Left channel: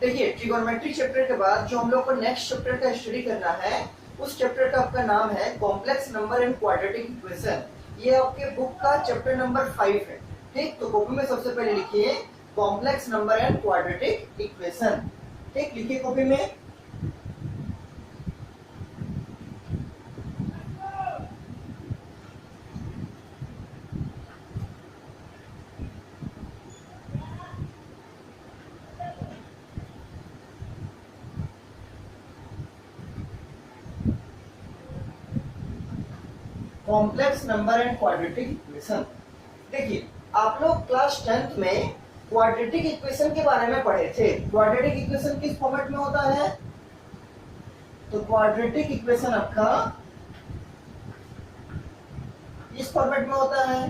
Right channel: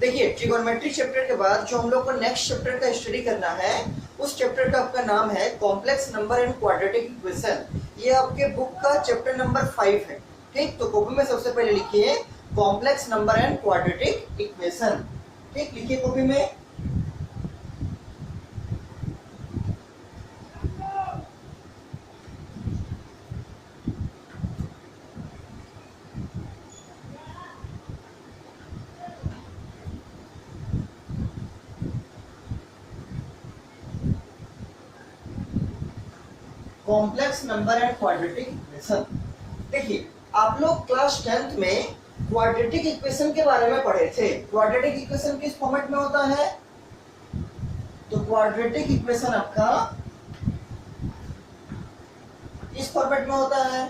देखिए trigonometry chapter के बाद जो हम लोग को नेक्स्ट चैप्टर का स्टडी करना है, उस चैप्टर का आपका नाम है complex number and quadratic equation. ये आपके बुक का चैप्टर नंबर 5 है। ठीक, तो कॉपी में सबसे पहले लिखिए complex number and quadratic equation. ठीक, लिखिए कॉपी में। Complex number and quadratic equation. देखिए आप लोग क्लास 10th में क्वाड्रेटिक इक्वेशन के बारे में पढ़े थे। क्वाड्रेटिक इक्वेशन किस फॉर्मेट में होता है? तो क्वाड्रेटिक इक्वेशन आपका इस फॉर्मेट में होता है,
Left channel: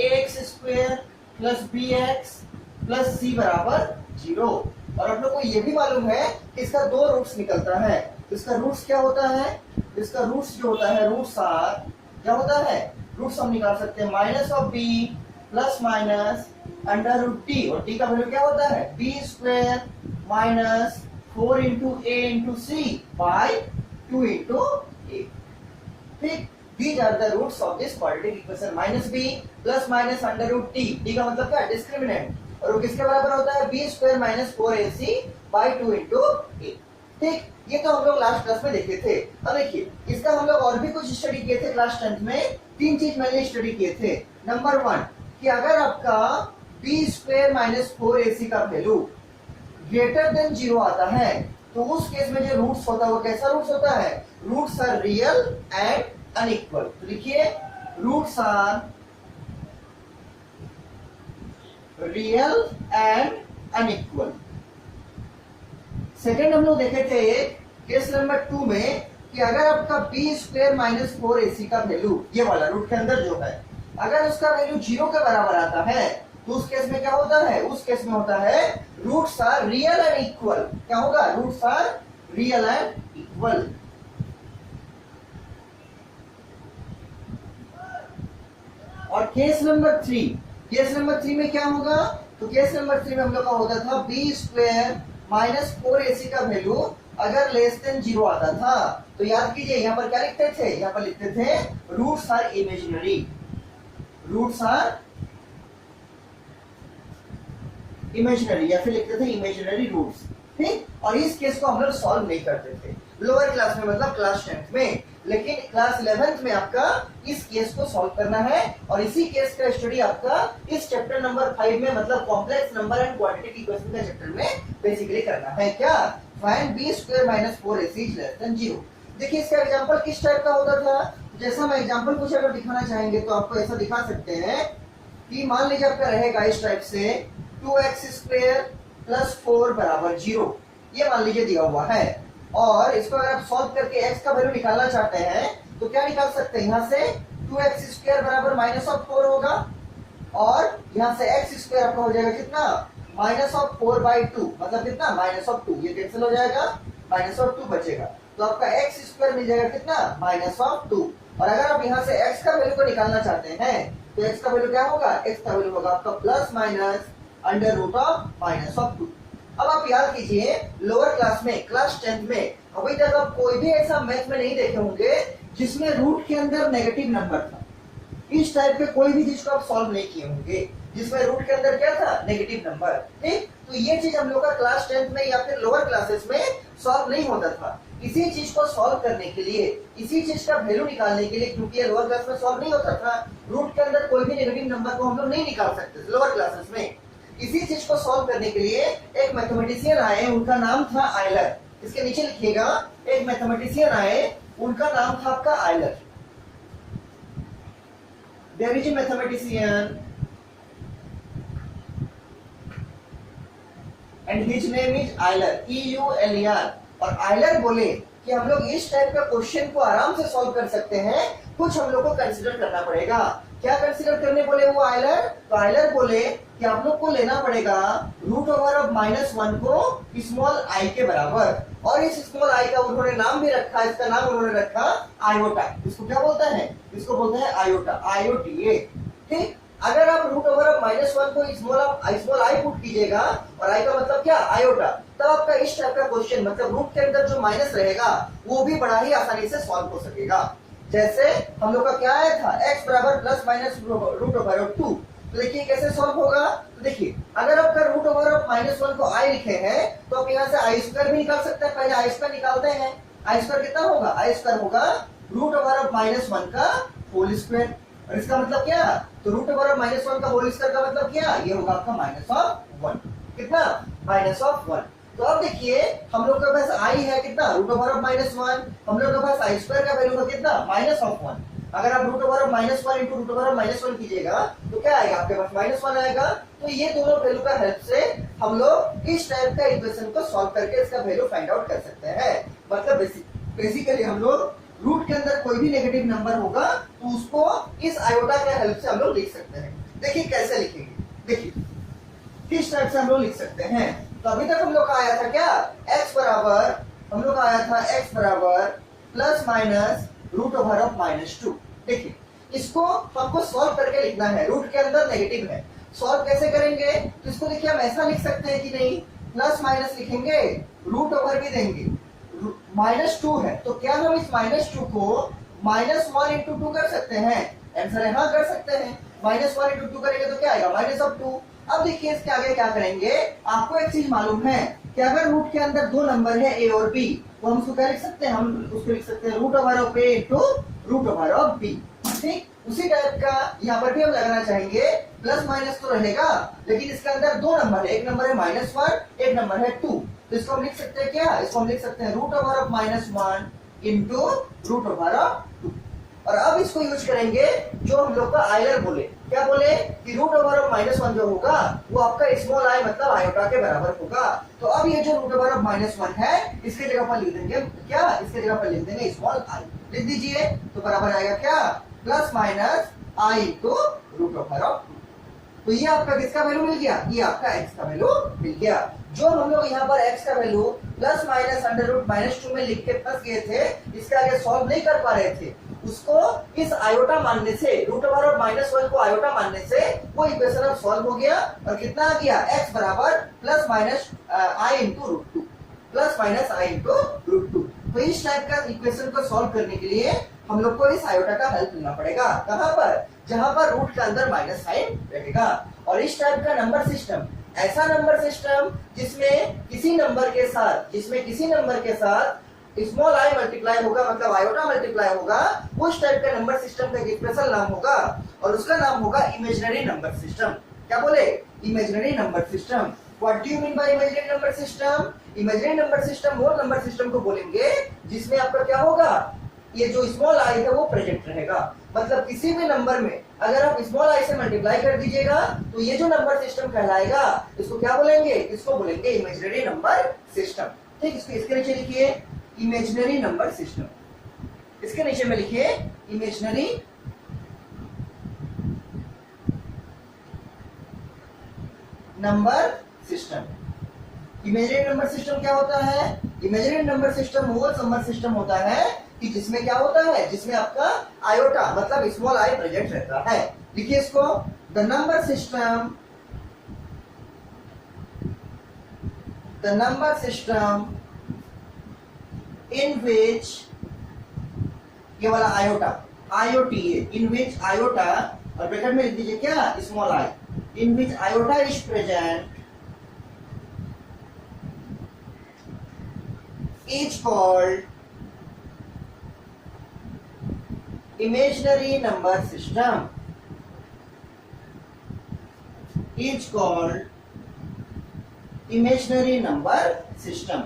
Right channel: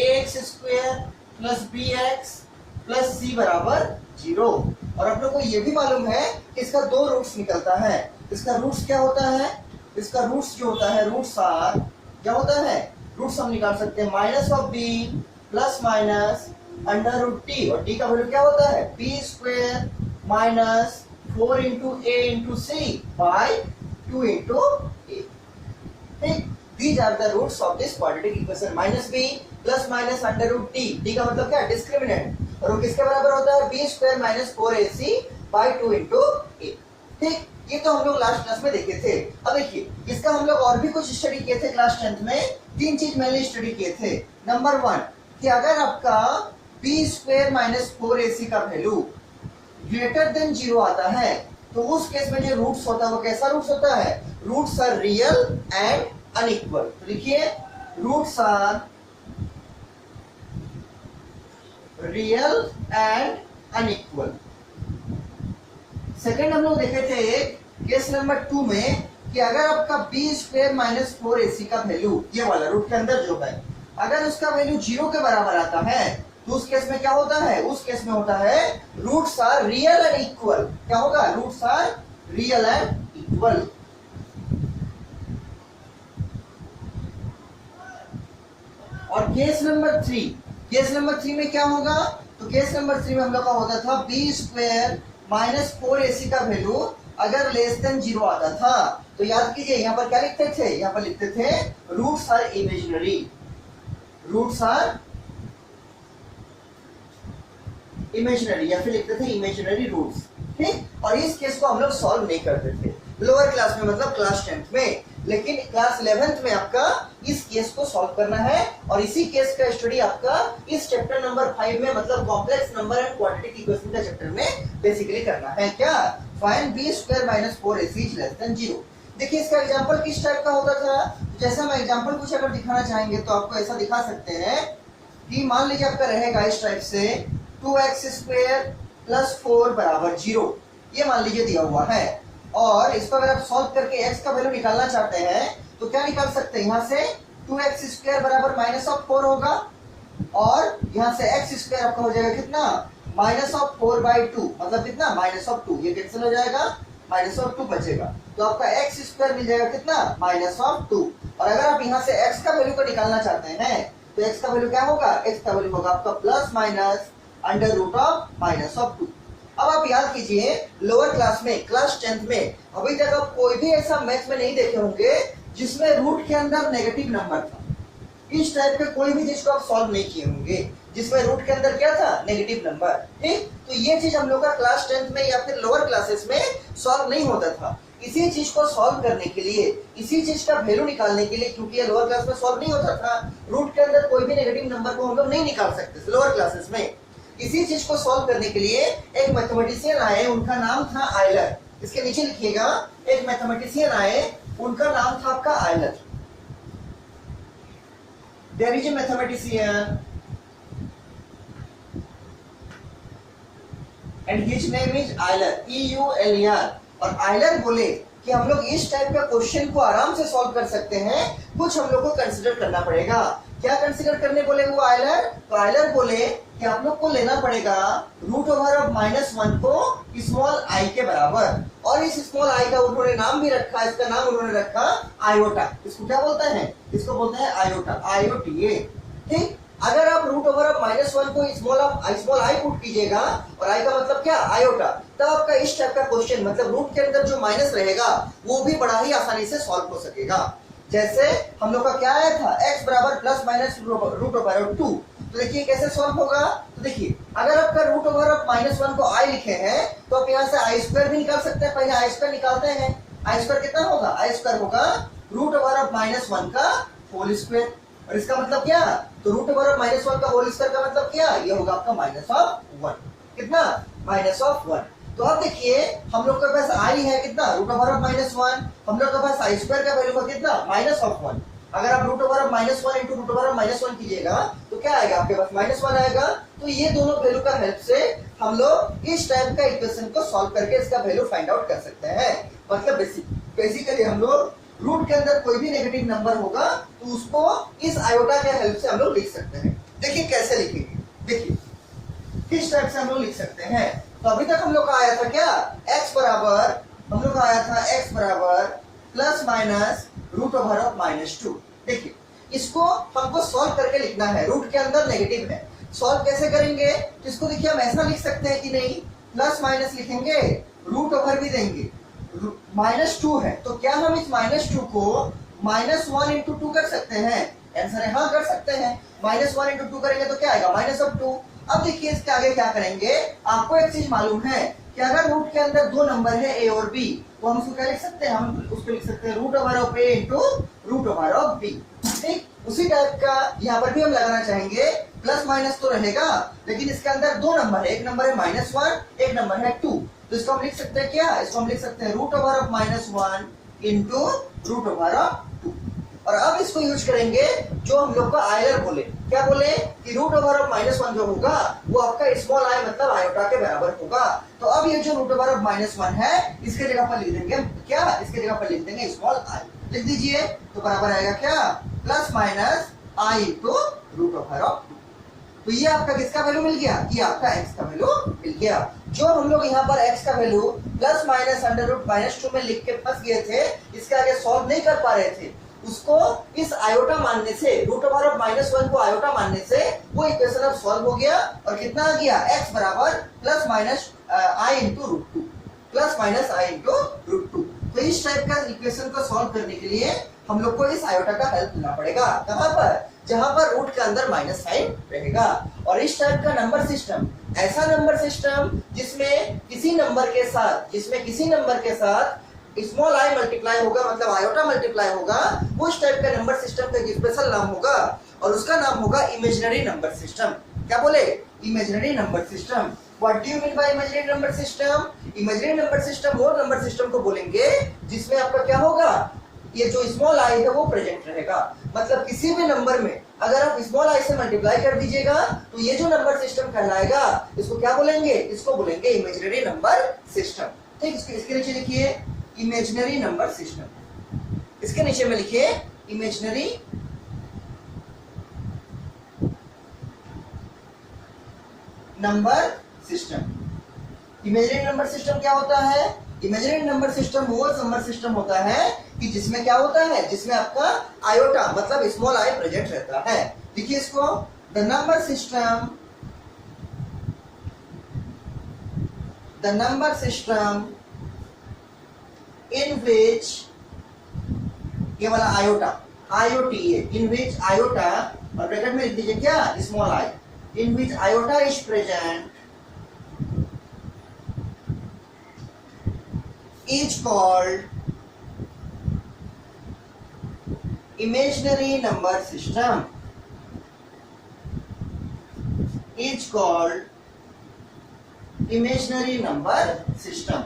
ax square plus bx plus c बराबर 0। और आप लोग को ये भी मालूम है कि इसका दो रूट्स निकलता है। इसका रूट्स क्या होता है? इसका रूट्स जो होता है, रूट्स आर क्या होता है, रूट्स हम निकाल सकते हैं minus of b plus minus under root t, और टी का वैल्यू क्या होता है b square minus 4 into a into c by 2 into a. ठीक, these are the roots of this quadratic equation. Minus b plus minus under root t, t का मतलब क्या है डिस्क्रिमिनेंट, और वो किसके बराबर होता है b square minus 4ac by 2 into a. ठीक, ये तो हम लोग लास्ट क्लास में देखे थे। अब देखिए इसका हम लोग और भी कुछ स्टडी किए थे क्लास 10th में। तीन चीज मैंने स्टडी किए थे। नंबर 1 कि अगर आपका बी स्क्वायर माइनस 4ac का वैल्यू ग्रेटर देन 0 आता है तो उस केस में जो रूट्स होता है वो कैसा रूट्स होता है? Roots are real and unequal. तो लिखिए roots are real and unequal. Second हम लोग देखे थे केस नंबर 2 में कि अगर आपका बी स्क्वायर माइनस 4ac का वैल्यू, ये वाला रूट के अंदर जो है, अगर उसका वैल्यू 0 के बराबर आता है तो उस केस में क्या होता है? उस केस में होता है roots are real and equal. क्या होगा? Roots are real and equal. और केस नंबर 3 में क्या होगा? तो केस नंबर 3 में हम लोग का होता था बी स्क्वायर माइनस 4ac का वैल्यू अगर लेस देन 0 आता था तो याद कीजिए यहाँ पर क्या लिखते थे? यहाँ पर लिखते थे roots are imaginary, roots are imaginary, या फिर लिखते थे इमेजिनरी रूट्स। ठीक, और इस केस को हम लोग सॉल्व नहीं करते थे लोअर क्लास में, मतलब क्लास 10th में। लेकिन क्लास 11th में आपका इस केस को सॉल्व करना है, और इसी केस का स्टडी आपका इस चैप्टर नंबर 5 में, मतलब complex number and quadratic equation का चैप्टर में बेसिकली करना है। क्या? Find B square minus 4ac is less than 0। देखिए इसका एग्जांपल किस टाइप का होता था? जैसा हम एग्जांपल कुछ अगर दिखाना चाहेंगे तो आपको ऐसा दिखा सकते हैं कि मान लीजिए आपका रहेगा इस टाइप से 2x स्क्वायर प्लस 4 बराबर 0, ये मान लीजिए दिया हुआ है। और इसको अगर आप सॉल्व करके x का वैल्यू निकालना चाहते हैं तो क्या निकाल सकते हैं? यहाँ से 2x स्क्वायर बराबर माइनस ऑफ 4 होगा, और यहाँ से x स्क्वायर आपका हो जाएगा कितना? माइनस ऑफ 4/2, मतलब कितना? Minus of 2। ये कैंसिल हो जाएगा, माइनस ऑफ 2 बचेगा, तो आपका x स्क्वायर मिल जाएगा कितना? Minus of 2। और अगर आप यहाँ से x का वैल्यू को निकालना चाहते हैं तो x का वैल्यू क्या होगा? x का वैल्यू होगा आपका plus minus under root of minus of 2। अब आप याद कीजिए लोअर क्लास में, क्लास 10th में अभी तक आप कोई भी ऐसा मैथ में नहीं देखे होंगे जिसमें रूट के अंदर नेगेटिव नंबर था। इस टाइप के कोई भी चीज को आप सॉल्व नहीं किए होंगे जिसमें रूट के अंदर क्या था? Negative number. ठीक, तो ये चीज हम लोग का क्लास 10th में या फिर लोअर क्लासेस में सॉल्व नहीं होता था। इसी चीज को सॉल्व करने के लिए, इसी चीज का वैल्यू निकालने के लिए, क्योंकि ये लोअर क्लास में सॉल्व नहीं होता था, रूट के अंदर कोई भी नेगेटिव नंबर को हम लोग नहीं निकाल सकते लोअर क्लासेस में। इसी चीज को सॉल्व करने के लिए एक मैथमेटिशियन आए, उनका नाम था आयलर। इसके नीचे लिखिएगा, एक मैथमेटिशियन आए, उनका नाम था आपका Euler. There is a mathematician and his name is Euler, EULER। और आयलर बोले कि हम लोग इस टाइप का क्वेश्चन को आराम से सॉल्व कर सकते हैं, कुछ हम लोग को कंसीडर करना पड़ेगा। क्या कंसीडर करने बोले वो आयलर? तो आयलर बोले कि आप लोग को लेना पड़ेगा रूट ओवर ऑफ -1 को स्मॉल आई के बराबर, और इस स्मॉल आई का उन्होंने नाम भी रखा, इसका नाम उन्होंने रखा आयोटा। इसको क्या बोलते हैं? इसको बोलते हैं आयोटा, IOTA। ठीक, अगर आप रूट ओवर ऑफ -1 को स्मॉल आई पुट कीजिएगा, और आई का मतलब क्या? आयोटा, तब आपका इस टाइप का क्वेश्चन मतलब रूट के अंदर जो माइनस रहेगा वो भी बड़ा ही आसानी से सॉल्व हो सकेगा। जैसे हम लोग का क्या आया था, x बराबर प्लस माइनस रूट ओवर 2। तो देखिए कैसे सॉल्व होगा। तो देखिए अगर आपका रूट ओवर ऑफ -1 को i लिखे हैं तो आप यहाँ से आई स्क्वायर भी निकाल सकते हैं। पहले आई स्क्वायर निकालते हैं। आई स्क्वायर कितना होगा, आई स्क्वायर होगा रूट ओवर ऑफ -1 का होल स्क्वायर। और इसका मतलब क्या, तो रूट ओवर ऑफ -1 का होल स्क्वायर का मतलब क्या, ये होगा आपका -1। कितना, -1। तो अब देखिए हम लोग के पास i है कितना, रूट ओवर ऑफ -1। हम लोग के पास आई स्क्वायर का वैल्यू का कितना, -1। अगर आप root over of -1 into root over of -1 कीजिएगा तो क्या आएगा आपके पास, -1 आएगा। तो ये दोनों वैल्यू का हेल्प से हम लोग इस टाइप का इक्वेशन को सॉल्व करके इसका वैल्यू फाइंड आउट कर सकते हैं। मतलब बेसिकली हम लोग रूट के अंदर कोई भी नेगेटिव नंबर होगा तो उसको इस आयोटा के हेल्प से हम लोग लिख सकते हैं। देखिए कैसे लिखेंगे, देखिए किस टाइप से हम लोग लिख सकते हैं। तो अभी तक हम लोग का आया था क्या, x बराबर, हम लोग का आया था x बराबर plus minus root over of -2। देखिए इसको हमको सॉल्व करके लिखना है, रूट के अंदर नेगेटिव है। सॉल्व कैसे करेंगे, तो इसको देखिए हम ऐसा लिख सकते हैं कि नहीं, प्लस माइनस लिखेंगे, रूट ओवर भी देंगे, -2 है तो क्या हम इस -2 को -1 इंटू 2 कर सकते हैं, आंसर है हाँ कर सकते हैं। -1 इंटू 2 करेंगे तो क्या आएगा, -2। अब देखिए इसके आगे क्या करेंगे, आपको एक चीज मालूम है कि अगर रूट के अंदर दो नंबर है a और b तो हम उसको क्या लिख सकते हैं, हम उसको लिख सकते हैं root over of a into root over of b। ठीक उसी टाइप का यहाँ पर भी हम लगाना चाहेंगे, प्लस माइनस तो रहेगा लेकिन इसके अंदर दो नंबर है, एक नंबर है -1, एक नंबर है 2। तो इसको हम लिख सकते हैं क्या, इसको हम लिख सकते हैं root over of -1 into root over of 2। और अब इसको यूज करेंगे जो हम लोग का आयलर बोले, क्या बोले कि रूट ओवर ऑफ -1 जो होगा वो आपका स्मॉल आई मतलब आयोटा के बराबर होगा। तो अब ये जो रूट ओवर ऑफ -1 है इसके जगह पर लिख देंगे क्या, इसके जगह पर लिख देंगे स्मॉल आई, लिख दीजिए। तो बराबर आएगा क्या, plus minus i two root over of 2। तो ये आपका किसका वैल्यू मिल गया, ये आपका x का वैल्यू मिल गया। जो हम लोग यहाँ पर x का वैल्यू प्लस माइनस √-2 में लिख के फंस गए थे, इसके आगे सॉल्व नहीं कर पा रहे थे, उसको इस आयोटा मानने से, रूट ओवर ऑफ -1 को आयोटा मानने से वो इक्वेशन अब सॉल्व हो गया। और कितना आ गया, x बराबर प्लस माइनस आई इंटू √2, प्लस माइनस आई इंटू √2। तो इस टाइप का इक्वेशन को सॉल्व करने के लिए हम लोग को इस आयोटा का हेल्प लेना पड़ेगा। कहां पर, जहां पर रूट के अंदर माइनस साइन रहेगा। और इस टाइप का नंबर सिस्टम, ऐसा नंबर सिस्टम जिसमें किसी नंबर के साथ स्मॉल आई मल्टीप्लाई होगा मतलब आयोटा मल्टीप्लाई होगा, उस टाइप का नंबर सिस्टम का एक स्पेशल नाम होगा और उसका नाम होगा इमेजिनरी नंबर सिस्टम। क्या बोले, imaginary number system. What do you mean by imaginary number system, imaginary number system वो नंबर सिस्टम को बोलेंगे जिसमें आपका क्या होगा, ये जो स्मॉल आई है वो प्रेजेंट रहेगा। मतलब किसी भी नंबर में अगर आप स्मॉल आई से मल्टीप्लाई कर दीजिएगा तो ये जो नंबर सिस्टम कहलाएगा, इसको क्या बोलेंगे, इसको बोलेंगे इमेजिनरी नंबर सिस्टम। ठीक, इसके नीचे लिखिए इमेजिनरी नंबर सिस्टम, इसके नीचे में लिखिए imaginary number system. Imaginary number system क्या होता है, इमेजिनरी नंबर सिस्टम वो नंबर सिस्टम होता है कि जिसमें क्या होता है, जिसमें आपका आयोटा मतलब स्मॉल आई प्रेजेंट रहता है। देखिए इसको, the number system in which, ये वाला iota IOTA, in which iota, और ब्रैकेट में लिख दीजिए क्या, small I, in which iota is present is called imaginary number system, is called imaginary number system।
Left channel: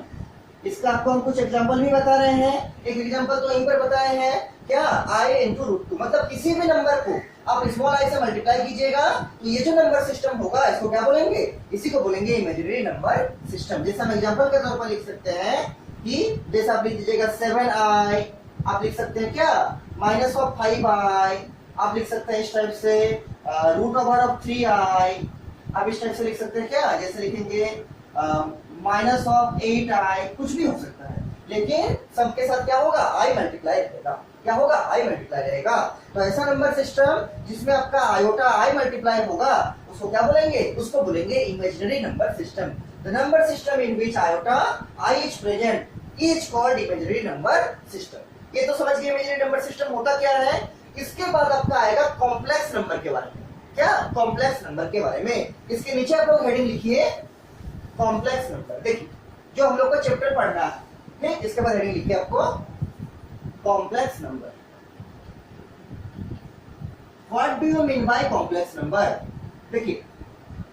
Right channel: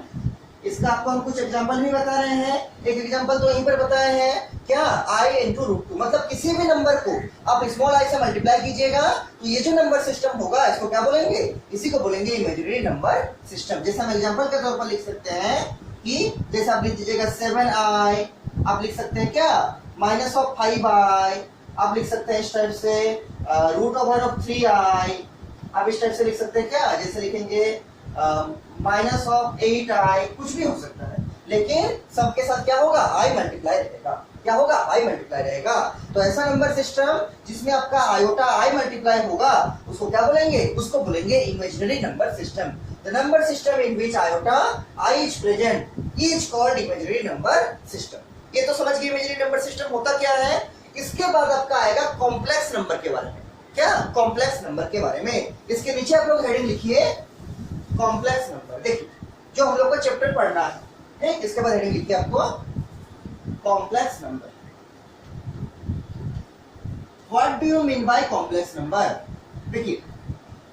इसका आपको हम कुछ एग्जांपल भी बता रहे हैं। एक एग्जांपल तो यहीं पर बताया है क्या, i इंटू √2, मतलब किसी भी नंबर को आप स्मॉल आई से मल्टीप्लाई कीजिएगा तो ये जो नंबर सिस्टम होगा इसको क्या बोलेंगे, इसी को बोलेंगे इमेजिनरी नंबर सिस्टम। जैसे हम एग्जांपल के तौर पर लिख सकते हैं कि जैसे आप लिख दीजिएगा 7i, आप लिख सकते हैं क्या -5i, आप लिख सकते हैं इस टाइप से रूट ओवर ऑफ 3i, आप इस टाइप से लिख सकते हैं क्या, जैसे लिखेंगे -8i, कुछ भी हो सकता है। लेकिन सबके साथ क्या होगा, आई मल्टीप्लाई रहेगा। क्या होगा, आई मल्टीप्लाई रहेगा। तो ऐसा नंबर सिस्टम जिसमें आपका आयोटा आई मल्टीप्लाई होगा उसको क्या बोलेंगे, उसको बोलेंगे imaginary number system. The number system in which iota I is present is called imaginary number system. ये तो समझ गए इमेजिनरी नंबर सिस्टम होता क्या है। इसके बाद आपका आएगा कॉम्प्लेक्स नंबर के बारे में। क्या, कॉम्प्लेक्स नंबर के बारे में। इसके नीचे आप लोग हेडिंग लिखिए कॉम्प्लेक्स नंबर। देखिए जो हम लोग को चैप्टर पढ़ना है, ठीक, इसके बाद हेडिंग लिखिए आपको complex number. What do you mean by complex number. देखिए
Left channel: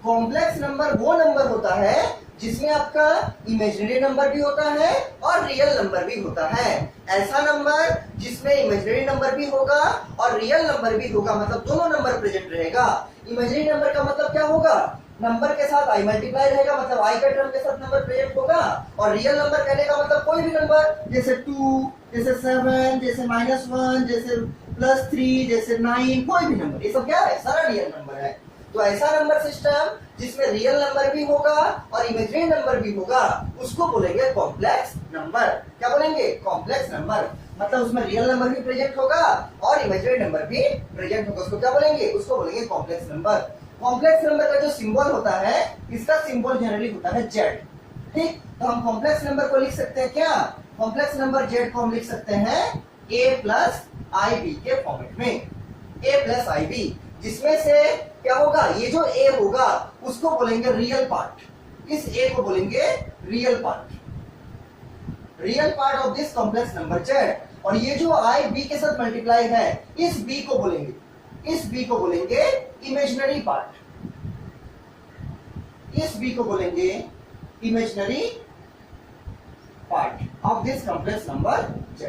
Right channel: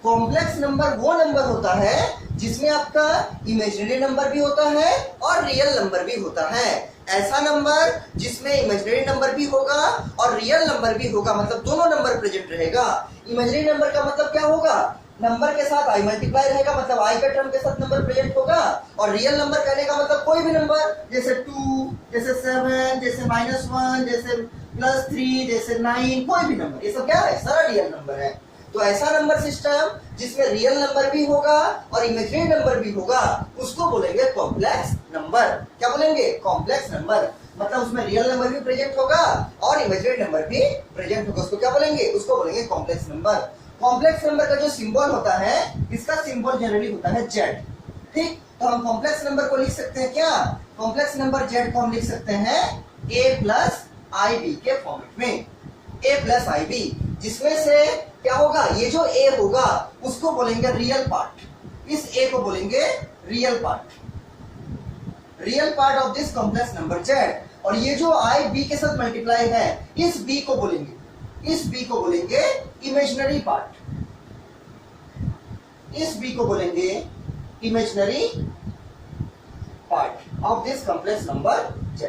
कॉम्प्लेक्स नंबर वो नंबर होता है जिसमें आपका इमेजिनरी नंबर भी होता है और रियल नंबर भी होता है। ऐसा नंबर जिसमें इमेजिनरी नंबर भी होगा और रियल नंबर भी होगा, मतलब दोनों नंबर प्रेजेंट रहेगा। इमेजिनरी नंबर का मतलब क्या होगा, नंबर के साथ आई मल्टीप्लाई रहेगा, मतलब आई का टर्म के साथ नंबर प्रेजेंट होगा। और रियल नंबर कहने का मतलब कोई भी नंबर, जैसे 2, जैसे 7, जैसे -1, जैसे +3, जैसे 9, कोई भी नंबर, ये सब क्या है, सारा रियल नंबर है। तो ऐसा नंबर सिस्टम जिसमें रियल नंबर भी होगा और इमेजिनरी नंबर भी होगा उसको बोलेंगे कॉम्प्लेक्स नंबर। क्या बोलेंगे, कॉम्प्लेक्स नंबर। मतलब उसमें रियल नंबर भी प्रेजेंट होगा और इमेजिनरी नंबर भी प्रेजेंट होगा, उसको क्या बोलेंगे, उसको बोलेंगे कॉम्प्लेक्स नंबर। कॉम्प्लेक्स नंबर का जो सिंबल होता है, इसका सिंबल जनरली होता है जेड। ठीक, तो हम कॉम्प्लेक्स नंबर को लिख सकते हैं क्या, कॉम्प्लेक्स नंबर जेड को हम लिख सकते हैं a प्लस आई बी के फॉर्मेट में। a प्लस आई बी, जिसमें से क्या होगा, ये जो a होगा उसको बोलेंगे रियल पार्ट। इस a को बोलेंगे real part, real part of this complex number Z. और ये जो आई बी के साथ मल्टीप्लाई है, इस b को बोलेंगे, इस b को बोलेंगे इमेजिनरी पार्ट, इस b को बोलेंगे imaginary part of this complex number z।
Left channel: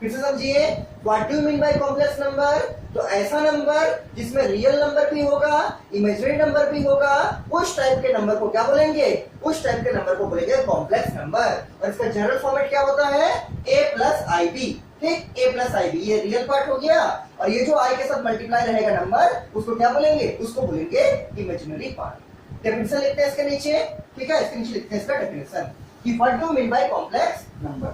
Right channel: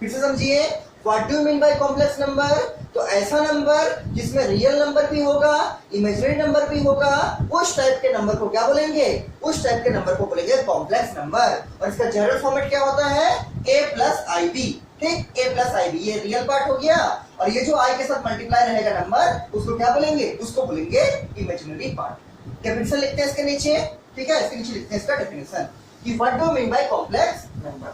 फिर से समझिए, what do you mean by complex number. तो ऐसा नंबर जिसमें रियल नंबर भी होगा, इमेजिनरी नंबर भी होगा, उस टाइप के नंबर को क्या बोलेंगे, उस टाइप के नंबर को बोलेंगे कॉम्प्लेक्स नंबर। और इसका जनरल फॉर्मेट क्या होता है, a प्लस आई बी। ठीक, a प्लस आई बी, ये रियल पार्ट हो गया। और ये जो i के साथ मल्टीप्लाई रहेगा नंबर, उसको क्या बोलेंगे, उसको बोलेंगे इमेजिनरी पार्ट। डेफिनेशन लिखते हैं इसके नीचे, ठीक है, इसके नीचे लिखते हैं इसका डेफिनेशन कि what do mean by complex number.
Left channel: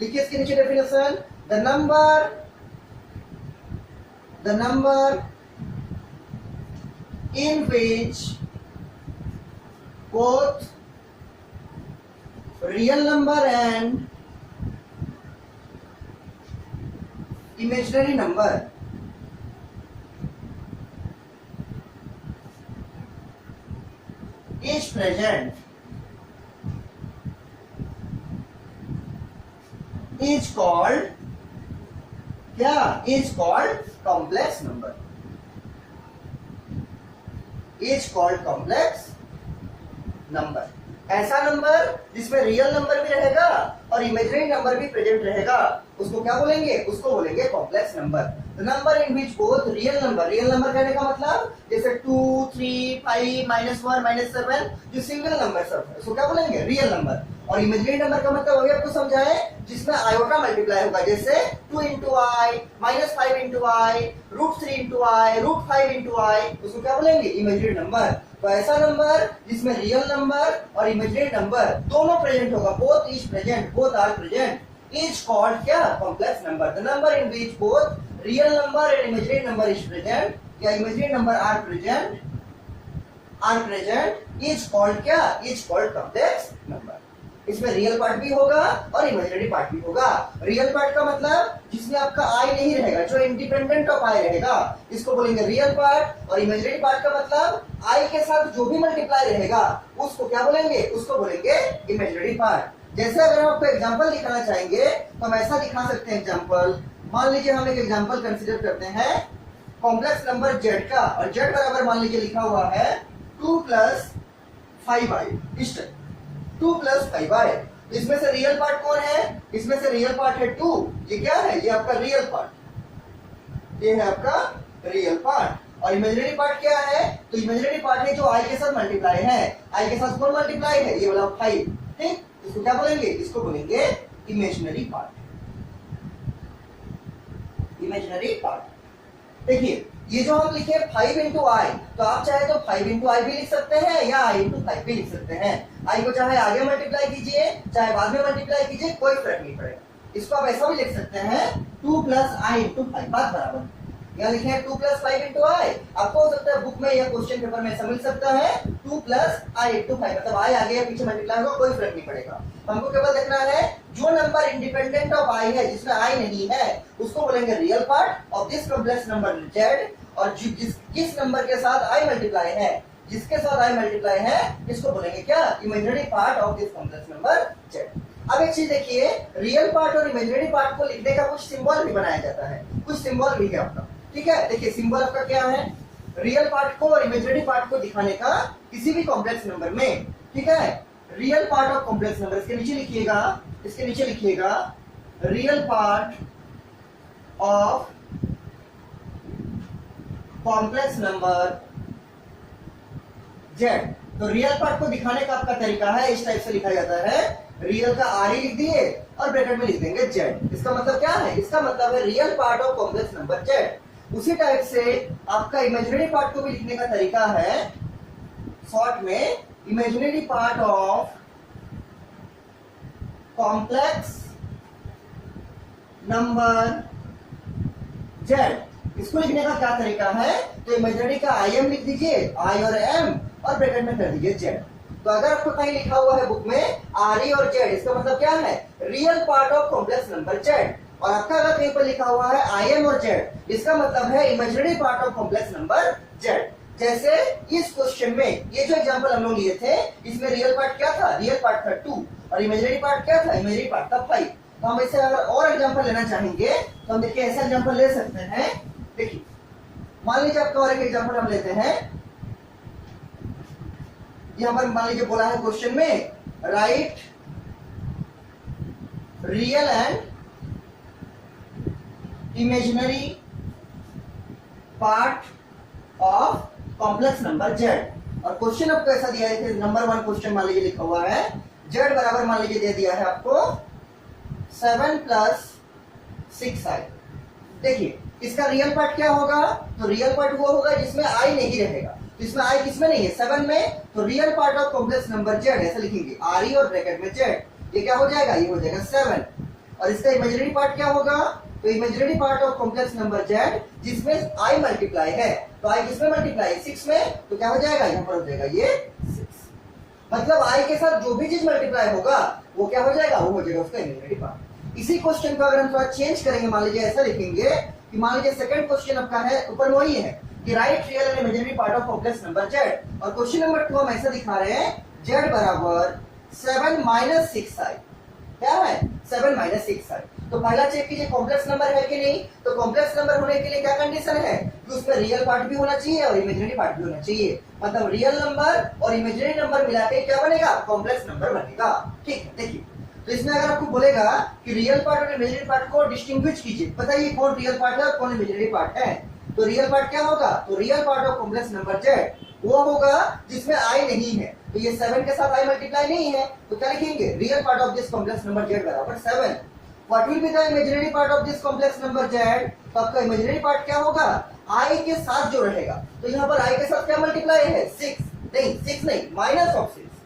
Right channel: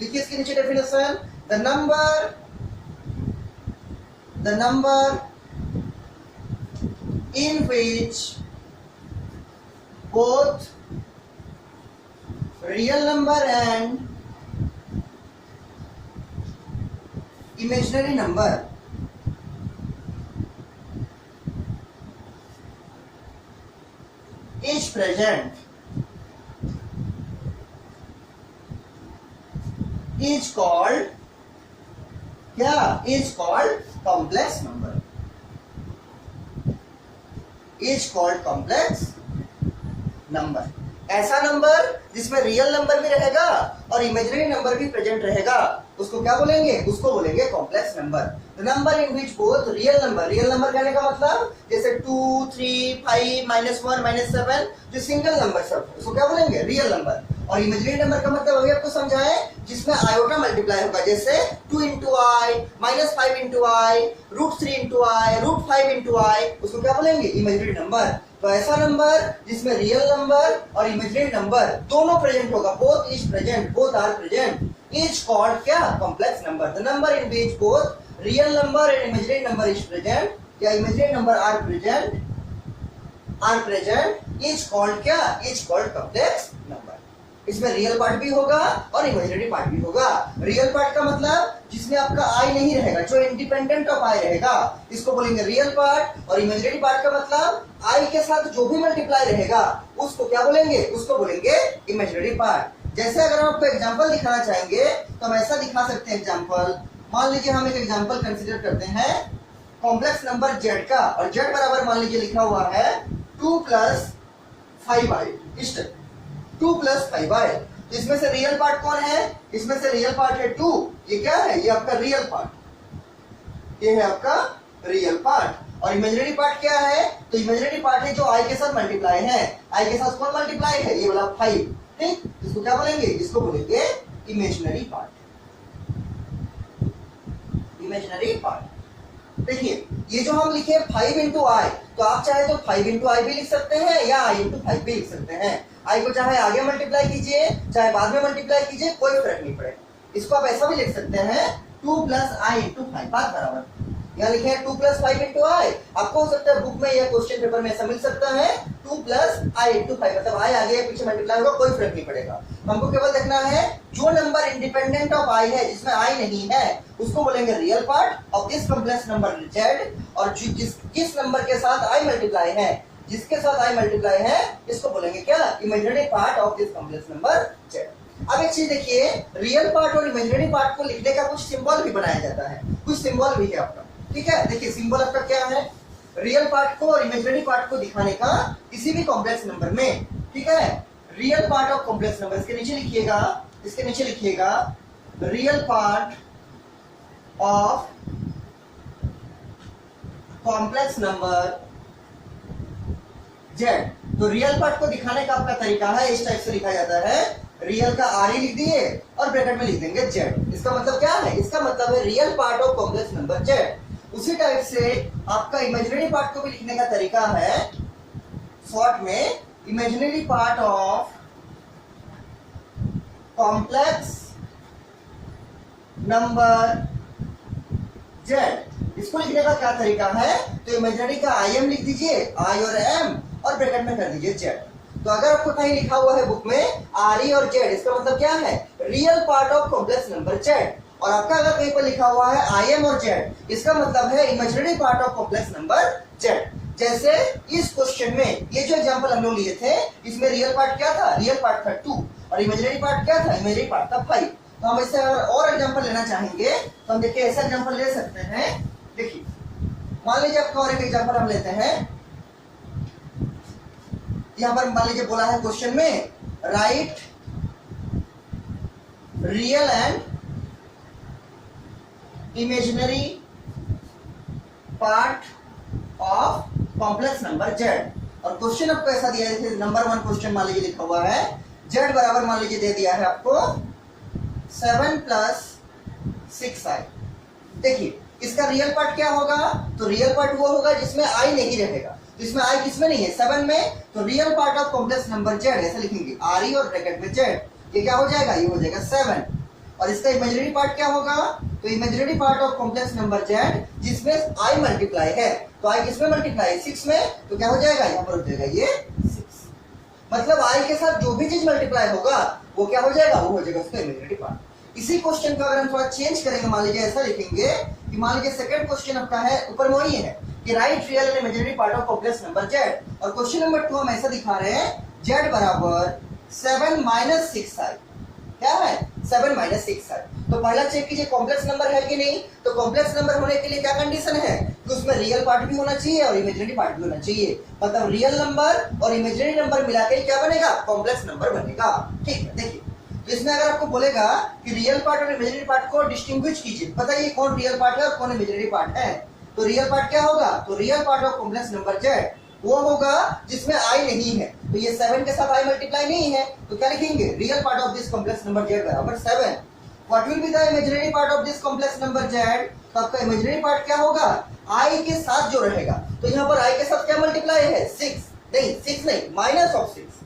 लिखिए इसके नीचे definition, the number in which both real number and imaginary number is present is called क्या, is called complex number, is called complex number। ऐसा नंबर जिसमें real number भी रहेगा और imaginary number भी प्रेजेंट रहेगा उसको क्या बोलेंगे, उसको बोलेंगे complex number. The number in which both real number कहने का मतलब जैसे 2, 3, 5, -1, -7 जो सिंगल नंबर सब है उसको क्या बोलेंगे, रियल नंबर। और इमेजिनरी नंबर का मतलब अभी आपको समझाए जिसमें आयोटा मल्टीप्लाई होगा, जैसे 2 into i, -5 into i, √3 into i, √5 into i, उसको क्या बोलेंगे, इमेजिनरी नंबर। तो ऐसा नंबर जिसमें रियल नंबर और इमेजिनरी नंबर दोनों प्रेजेंट होगा, both is present, both are present, is called क्या, complex number. The number in which both real number and imaginary number is present या imaginary number are present is called क्या, is called complex number. इसमें real part भी होगा और imaginary part भी होगा। Real part का मतलब जिसमें आपका आई नहीं रहेगा, जो इंडिपेंडेंट ऑफ आई रहेगा, इसको बोलेंगे रियल पार्ट। और इमेजिनरी पार्ट का मतलब आई के साथ जो भी मल्टीप्लाई रहेगा उसको क्या बोलेंगे, उसको बोलेंगे इमेजिनरी पार्ट। जैसे अगर हम आपको एग्जांपल दिखाना चाहेंगे तो हम ऐसा दिखा सकते हैं एग्जांपल। मान लीजिए हम एक एग्जांपल कंसीडर करते हैं कॉम्प्लेक्स नंबर जेड का, और जेड बराबर मान लीजिए लिखा हुआ है 2 + 5i, इस 2 + 5i। इसमें से रियल पार्ट कौन है, इसमें से रियल पार्ट है 2, ये क्या है, ये आपका रियल पार्ट, ये है आपका रियल पार्ट। और इमेजिनरी पार्ट क्या है, तो इमेजिनरी पार्ट है जो आई के साथ मल्टीप्लाई है, आई के साथ कौन मल्टीप्लाई है, ये वाला 5। ठीक, इसको क्या बोलेंगे, इसको बोलेंगे इमेजिनरी पार्ट, इमेजिनरी पार्ट। देखिए ये जो हम लिखे 5 इंटू आई, तो आप चाहे तो 5 इंटू आई भी लिख सकते हैं या आई इंटू 5 भी लिख सकते हैं। आई को चाहे आगे मल्टीप्लाई कीजिए चाहे बाद में मल्टीप्लाई कीजिए, कोई फर्क नहीं पड़ेगा। इसको आप ऐसा भी लिख सकते हैं 2 प्लस आई इंटू 5, बात बराबर। यहाँ लिखे हैं 2 प्लस 5 इंटू आई, आपको हो सकता है बुक में या क्वेश्चन पेपर में ऐसा मिल सकता है 2 प्लस आई इंटू 5, मतलब आई आगे या पीछे मल्टीप्लाई होगा, कोई फर्क नहीं पड़ेगा। हमको केवल देखना है जो नंबर इंडिपेंडेंट ऑफ आई है, जिसमें आई नहीं है, उसको बोलेंगे real part of this complex number Z, और जिस नंबर के साथ आई मल्टीप्लाई है, जिसके साथ आई मल्टीप्लाई है, इसको बोलेंगे क्या, imaginary part of this complex number Z. अब एक चीज देखिए, रियल पार्ट और इमेजिनरी पार्ट को लिखने का कुछ सिंबल भी बनाया जाता है, कुछ सिंबल भी है अपना, ठीक है। देखिए सिंबल आपका क्या है, रियल पार्ट को और इमेजिनरी पार्ट को दिखाने का किसी भी कॉम्प्लेक्स नंबर में, ठीक है। Real part of complex number, इसके नीचे लिखिएगा, इसके नीचे लिखिएगा real part of complex number Z. तो रियल पार्ट को दिखाने का आपका तरीका है, इस टाइप से लिखा जाता है, रियल का आर ही लिख दिए और ब्रैकेट में लिख देंगे जेड। इसका मतलब क्या है, इसका मतलब है real part of complex number Z. उसी टाइप से आपका इमेजिनरी पार्ट को भी लिखने का तरीका है, शॉर्ट में imaginary part of complex number Z. इसको लिखने का क्या तरीका है, तो इमेजिनरी का आई एम लिख दीजिए, आई और एम, और ब्रैकेट में कर दीजिए जेड। तो अगर आपको कहीं लिखा हुआ है बुक में आर ई और जेड, इसका मतलब क्या है, real part of complex number Z. और आपका अगर कहीं पर लिखा हुआ है आई एम और जेड, इसका मतलब है imaginary part of complex number Z. जैसे इस क्वेश्चन में ये जो एग्जांपल हम लोग लिए थे, इसमें रियल पार्ट क्या था, रियल पार्ट था 2, और इमेजिनरी पार्ट क्या था, इमेजिनरी पार्ट था 5। तो हम इससे अगर और एग्जांपल लेना चाहेंगे तो हम देखिए ऐसा एग्जांपल ले सकते हैं। देखिए मान लीजिए आपका और एक एग्जांपल हम लेते हैं, यहां पर मान लीजिए बोला है क्वेश्चन में right real and imaginary part of complex number Z. और क्वेश्चन आपको ऐसा दिया है, नंबर 1 क्वेश्चन मान लीजिए लिखा हुआ है, जेड बराबर मान लीजिए दे दिया है आपको 7 प्लस 6i। देखिए इसका रियल पार्ट क्या होगा, तो रियल पार्ट वो होगा जिसमें आई नहीं रहेगा। इसमें आई किसमें नहीं है, 7 में, तो real part of complex number Z ऐसे लिखेंगे, आर ई और ब्रैकेट में जेड। ये क्या हो जाएगा, ये हो जाएगा 7। और इसका इमेजिनरी पार्ट क्या होगा, तो imaginary part of complex number Z जिसमें आई मल्टीप्लाई है, तो आई किसमें मल्टीप्लाई है, 6 में, तो क्या हो जाएगा, यहाँ पर हो जाएगा ये 6। मतलब आई के साथ जो भी चीज मल्टीप्लाई होगा वो क्या हो जाएगा, वो हो जाएगा उसका इमेजिनरी पार्ट। इसी क्वेश्चन को अगर हम थोड़ा चेंज करेंगे, मान लीजिए ऐसा लिखेंगे कि मान लीजिए सेकंड क्वेश्चन आपका है, ऊपर में वही है कि right real and imaginary part of complex number Z. और क्वेश्चन नंबर 2 हम ऐसा दिखा रहे हैं, जेड बराबर 7 माइनस 6i। क्या है, 7 माइनस 6i। तो पहला चेक कीजिए कॉम्प्लेक्स नंबर है कि नहीं, तो कॉम्प्लेक्स नंबर होने के लिए क्या कंडीशन है कि उसमें रियल पार्ट भी होना चाहिए और इमेजिनरी पार्ट भी होना चाहिए। मतलब रियल नंबर और इमेजिनरी नंबर मिलाकर क्या बनेगा, कॉम्प्लेक्स नंबर बनेगा। ठीक है, देखिए तो इसमें अगर आपको बोलेगा कि रियल पार्ट और इमेजिनरी पार्ट को डिस्टिंग्विश कीजिए, बताइए कौन रियल पार्ट है और कौन इमेजिनरी पार्ट है। तो रियल पार्ट क्या होगा, तो real part of complex number Z वो होगा जिसमें आई नहीं है, तो ये 7 के साथ आई मल्टीप्लाई नहीं है, तो क्या लिखेंगे, real part of this complex number Z बराबर 7। What will be the imaginary part of this complex number Z, तो आपका इमेजिनरी पार्ट क्या होगा, आई के साथ जो रहेगा। तो यहाँ पर आई के साथ क्या मल्टीप्लाई है, 6 नहीं, 6 नहीं, माइनस ऑफ 6,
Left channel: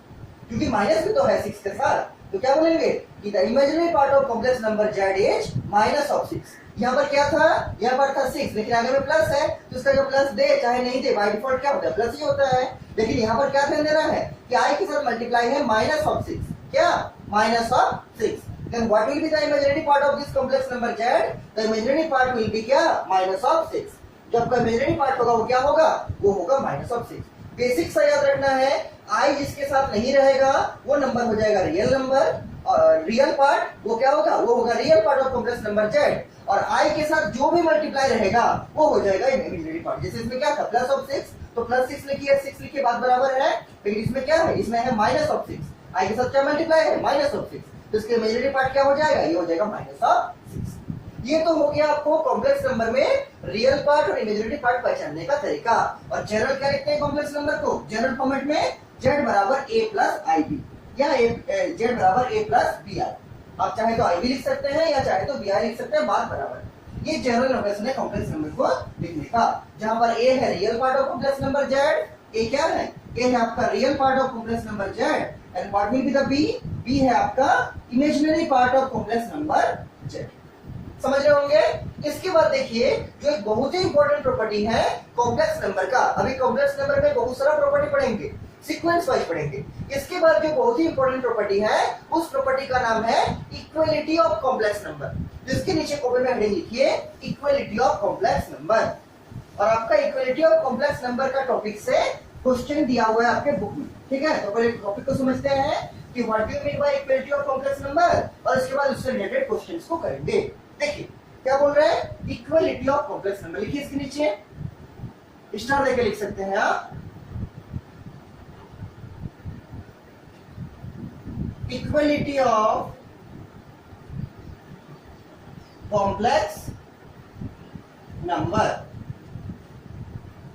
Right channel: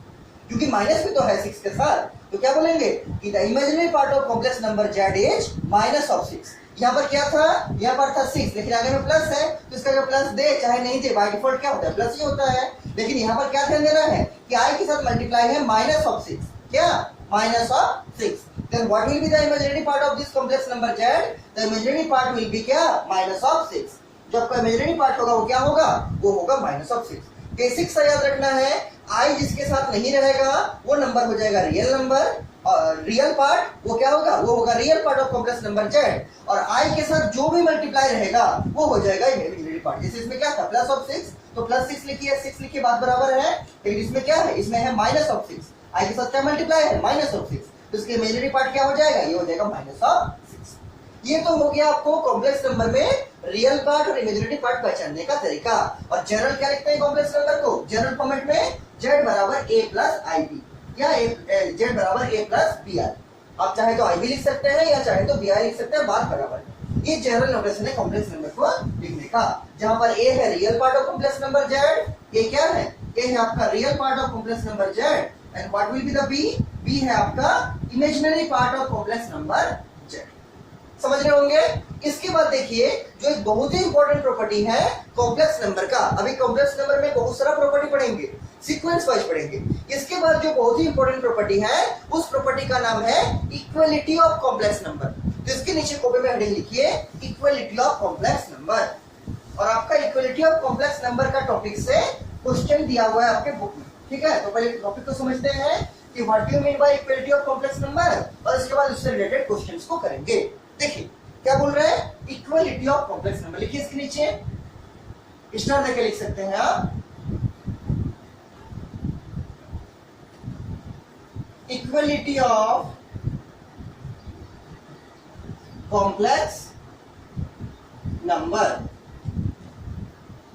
क्योंकि माइनस भी तो है 6 के साथ, तो क्या बोलेंगे कि the imaginary part of complex number Z is minus of 6। यहाँ पर क्या था, यहाँ पर था 6, लेकिन आगे में प्लस है, तो इसका जो प्लस दे चाहे नहीं दे, बाय डिफॉल्ट क्या होता है, प्लस ही होता है। लेकिन यहाँ पर क्या ध्यान देना है कि आई के साथ मल्टीप्लाई है माइनस ऑफ 6, क्या, minus of 6। Then what will be the imaginary part of this complex number z, the imaginary part will be क्या, माइनस ऑफ 6। जब का इमेजिनरी पार्ट होगा वो क्या होगा, वो होगा माइनस ऑफ 6। बेसिक सा याद रखना है, आई जिसके साथ नहीं रहेगा वो नंबर हो जाएगा रियल नंबर, और रियल पार्ट वो क्या होगा, वो होगा real part of complex number Z, और आई के साथ जो भी मल्टीप्लाई रहेगा वो हो जाएगा इमेजिनरी पार्ट। जैसे इसमें क्या था, प्लस ऑफ 6, तो प्लस 6 लिखिए, 6 लिखिए, बात बराबर है। लेकिन इसमें क्या है, इसमें है माइनस ऑफ 6, आई के साथ क्या मल्टीप्लाई है, माइनस ऑफ 6, तो इसके इमेजिनरी पार्ट क्या हो जाएगा, ये हो जाएगा माइनस ऑफ 6। ये तो हो गया आपको कॉम्प्लेक्स नंबर में रियल पार्ट और इमेजिनरी पार्ट पहचानने का तरीका। और जनरल क्या लिखते हैं कॉम्प्लेक्स नंबर को, जनरल फॉर्मेट में जेड बराबर a प्लस आई बी, या जेड बराबर a प्लस बी आई। आप चाहे तो आई भी लिख सकते हैं या चाहे तो बी आई लिख सकते हैं, बात बराबर। ये जनरल नोटेशन है कॉम्प्लेक्स नंबर को लिखने का, जहां पर ए है real part of complex number z, a क्या है, ए है आपका real part of complex number z, and what will be the b, b है आपका imaginary part of complex number z. समझ रहे होंगे। इसके बाद देखिए जो एक बहुत ही इंपॉर्टेंट प्रॉपर्टी है कॉम्प्लेक्स नंबर का, अभी कॉम्प्लेक्स नंबर में बहुत सारा प्रॉपर्टी पढ़ेंगे, सीक्वेंस वाइज पढ़ेंगे। इसके बाद जो बहुत ही इंपॉर्टेंट प्रॉपर्टी है उस प्रॉपर्टी का नाम है इक्वलिटी ऑफ कॉम्प्लेक्स नंबर। जिसके नीचे कॉपी में हेडिंग लिखिए इक्वलिटी ऑफ कॉम्प्लेक्स नंबर, और आपका इक्वलिटी ऑफ कॉम्प्लेक्स नंबर का टॉपिक से क्वेश्चन दिया हुआ है आपके बुक में, ठीक है। तो पहले टॉपिक को समझते हैं कि what do you mean by equality of complex number, और इसके बाद उससे रिलेटेड क्वेश्चंस को करेंगे। देखिए क्या बोल रहे हैं, इक्वलिटी ऑफ कॉम्प्लेक्स नंबर, लिखिए इसके नीचे स्टार देके लिख सकते हैं आप। Equality of complex number.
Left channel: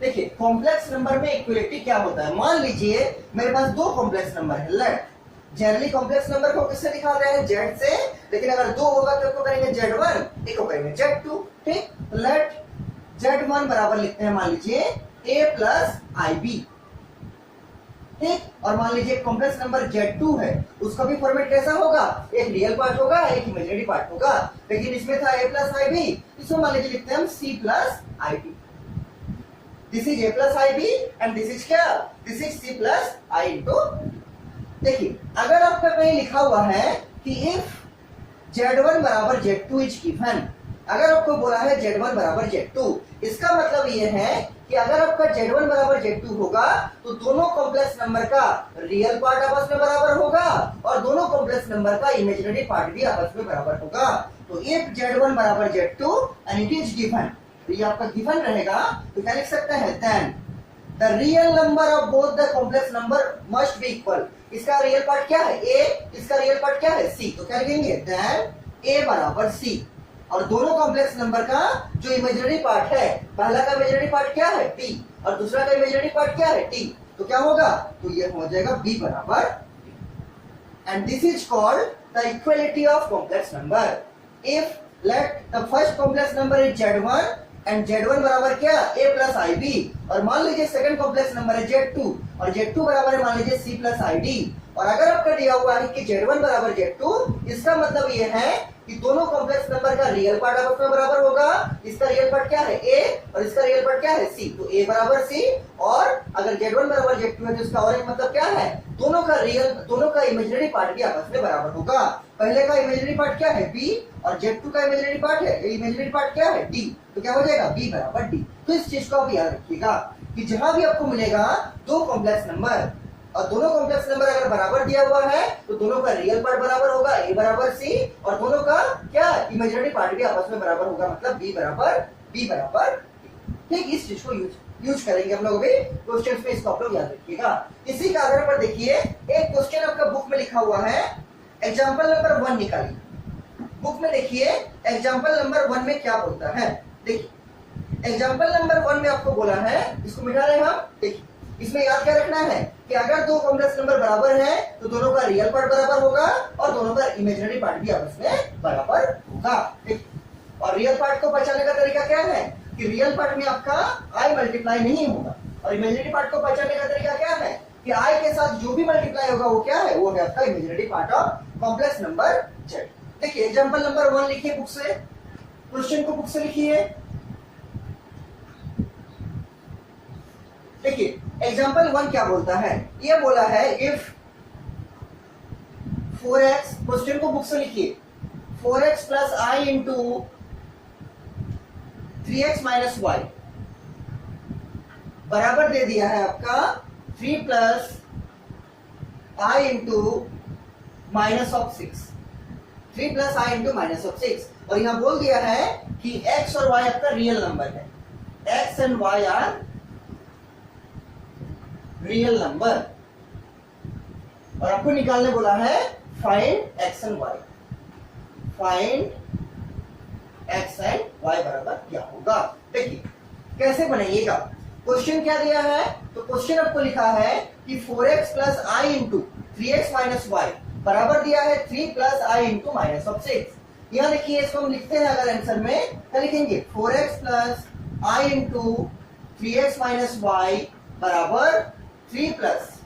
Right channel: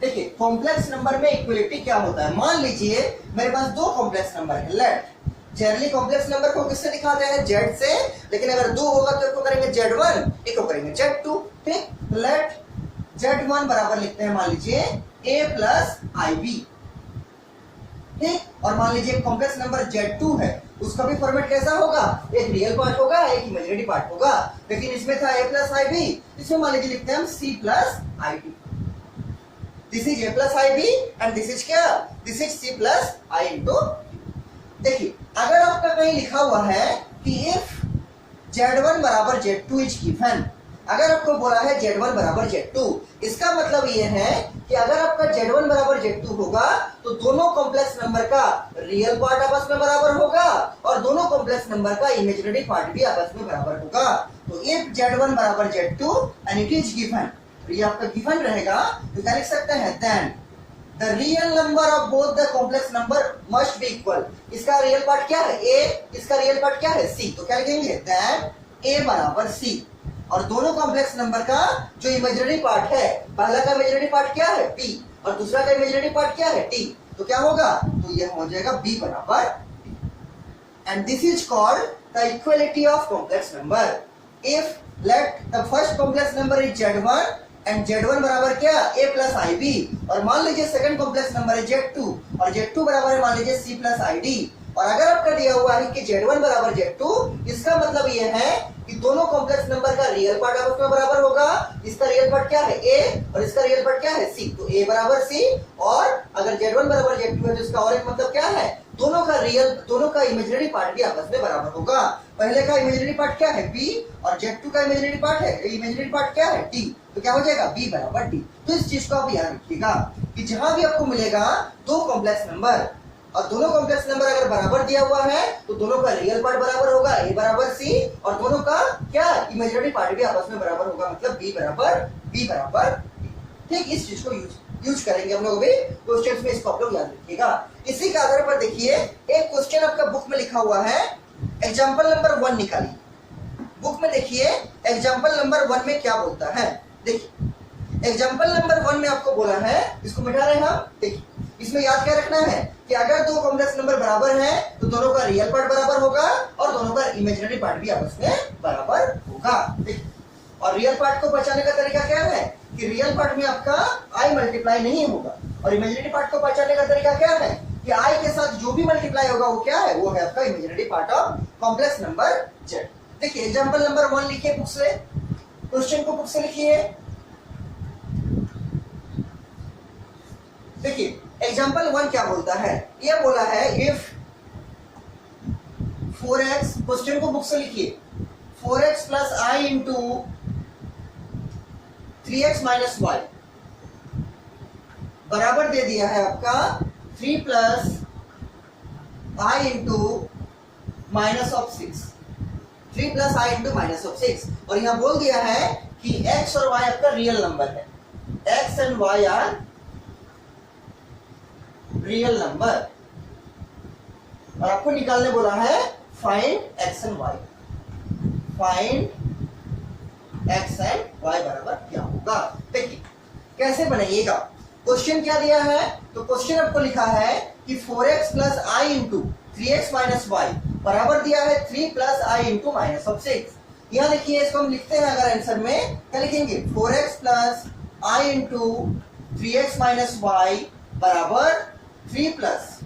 देखिए कॉम्प्लेक्स नंबर में इक्वलिटी क्या होता है, मान लीजिए मेरे पास दो कॉम्प्लेक्स नंबर है, लेट जनरली कॉम्प्लेक्स नंबर को किससे दिखाते हैं, जेड से, लेकिन अगर दो होगा तो एक को करेंगे z1, एक को करेंगे z2, ठीक। लेट z1 बराबर लिखते हैं मान लीजिए a प्लस IB, ठीक। और मान लीजिए कॉम्प्लेक्स नंबर z2 है, उसका भी फॉर्मेट कैसा होगा, एक रियल पार्ट होगा एक इमेजिनरी पार्ट होगा, लेकिन इसमें था a प्लस IB, इसमें मान लीजिए लिखते हैं हम c plus IB। This is a plus IB and this is क्या, this is c plus I into. देखिए अगर आपका कहीं लिखा हुआ है कि इफ z1 बराबर z2 इज गिवन, अगर आपको बोला है z1 बराबर z2, इसका मतलब ये है कि अगर आपका z1 बराबर z2 होगा तो दोनों कॉम्प्लेक्स नंबर का रियल पार्ट आपस में बराबर होगा और दोनों कॉम्प्लेक्स नंबर का इमेजिनरी पार्ट भी आपस में बराबर होगा। तो इफ z1 बराबर z2 and it is given, तो ये आपका गिवन रहेगा, तो क्या लिख सकते हैं, then the real number of both the complex number must be equal. इसका रियल पार्ट क्या है a, इसका रियल पार्ट क्या है c, तो क्या लिखेंगे, देन a बराबर c। और दोनों कॉम्प्लेक्स नंबर का जो इमेजिनरी पार्ट है, पहला का इमेजिनरी पार्ट क्या है b, और दूसरा का इमेजिनरी पार्ट क्या है t, तो क्या होगा, तो ये हो जाएगा b बराबर, and this is called the equality of complex number. If let the first complex number is z1 and z1 बराबर क्या, a प्लस IB, और मान लीजिए सेकंड कॉम्प्लेक्स नंबर है z2 और z2 बराबर है मान लीजिए c प्लस ID, और अगर आपका दिया हुआ है कि z1 बराबर z2, इसका मतलब ये है कि दोनों कॉम्प्लेक्स नंबर का रियल पार्ट आपस में बराबर होगा। इसका रियल पार्ट क्या है a और इसका रियल पार्ट क्या है c, तो a बराबर c, और अगर z1 बराबर z2 है तो इसका और एक मतलब क्या है, दोनों का इमेजिनरी पार्ट भी आपस में बराबर होगा। पहले का इमेजिनरी पार्ट क्या है b, और z2 का इमेजिनरी पार्ट है, इमेजिनरी पार्ट क्या है d, तो क्या हो जाएगा b बराबर d। तो इस चीज को आप याद रखिएगा कि जहां भी आपको मिलेगा दो कॉम्प्लेक्स नंबर और दोनों कॉम्प्लेक्स नंबर अगर बराबर दिया हुआ है तो दोनों का रियल पार्ट बराबर होगा a बराबर c, और दोनों का क्या इमेजिनरी पार्ट भी आपस में बराबर होगा, मतलब b बराबर d। ठीक, इस चीज को यूज करेंगे हम लोग भी क्वेश्चंस में, इसको आप लोग याद रखिएगा। इसी के आधार पर देखिए एक क्वेश्चन आपका बुक में लिखा हुआ है, एग्जाम्पल नंबर 1 निकालिए। बुक में देखिए एग्जाम्पल नंबर 1 में क्या बोलता है। देखिए एग्जाम्पल नंबर 1 में आपको बोला है, इसको मिटा रहे हैं हम। देखिए इसमें याद क्या रखना है कि अगर दो कॉम्प्लेक्स नंबर बराबर हैं तो दोनों का रियल पार्ट बराबर होगा और दोनों का इमेजिनरी पार्ट भी आपस में बराबर होगा। देखिए और रियल पार्ट को पहचानने का तरीका क्या है कि रियल पार्ट में आपका i मल्टीप्लाई नहीं होगा, और इमेजिनरी पार्ट को पहचानने का तरीका क्या है कि i के साथ जो भी मल्टीप्लाई होगा वो क्या है, वो है आपका imaginary part of complex number z। देखिए एग्जांपल नंबर 1 लिखिए बुक से, क्वेश्चन को बुक से लिखिए। देखिए एग्जांपल 1 क्या बोलता है, ये बोला है इफ 4x, क्वेश्चन को बुक से लिखिए, 4x plus i into 3x minus y बराबर दे दिया है आपका 3 plus i into minus of 6, 3 plus i into minus of 6, और यहां बोल दिया है कि x और y आपका रियल नंबर है, x and y are real number, और आपको निकालने बोला है find x and y, find x and y बराबर क्या होगा। देखिए कैसे बनाइएगा, क्वेश्चन क्या दिया है, तो क्वेश्चन आपको लिखा है कि 4x plus i into 3x minus y बराबर दिया है 3 plus i into minus of 6। यहाँ देखिए इसको हम लिखते हैं अगर आंसर में क्या लिखेंगे 4x प्लस आई इंटू 3x माइनस वाई बराबर 3 plus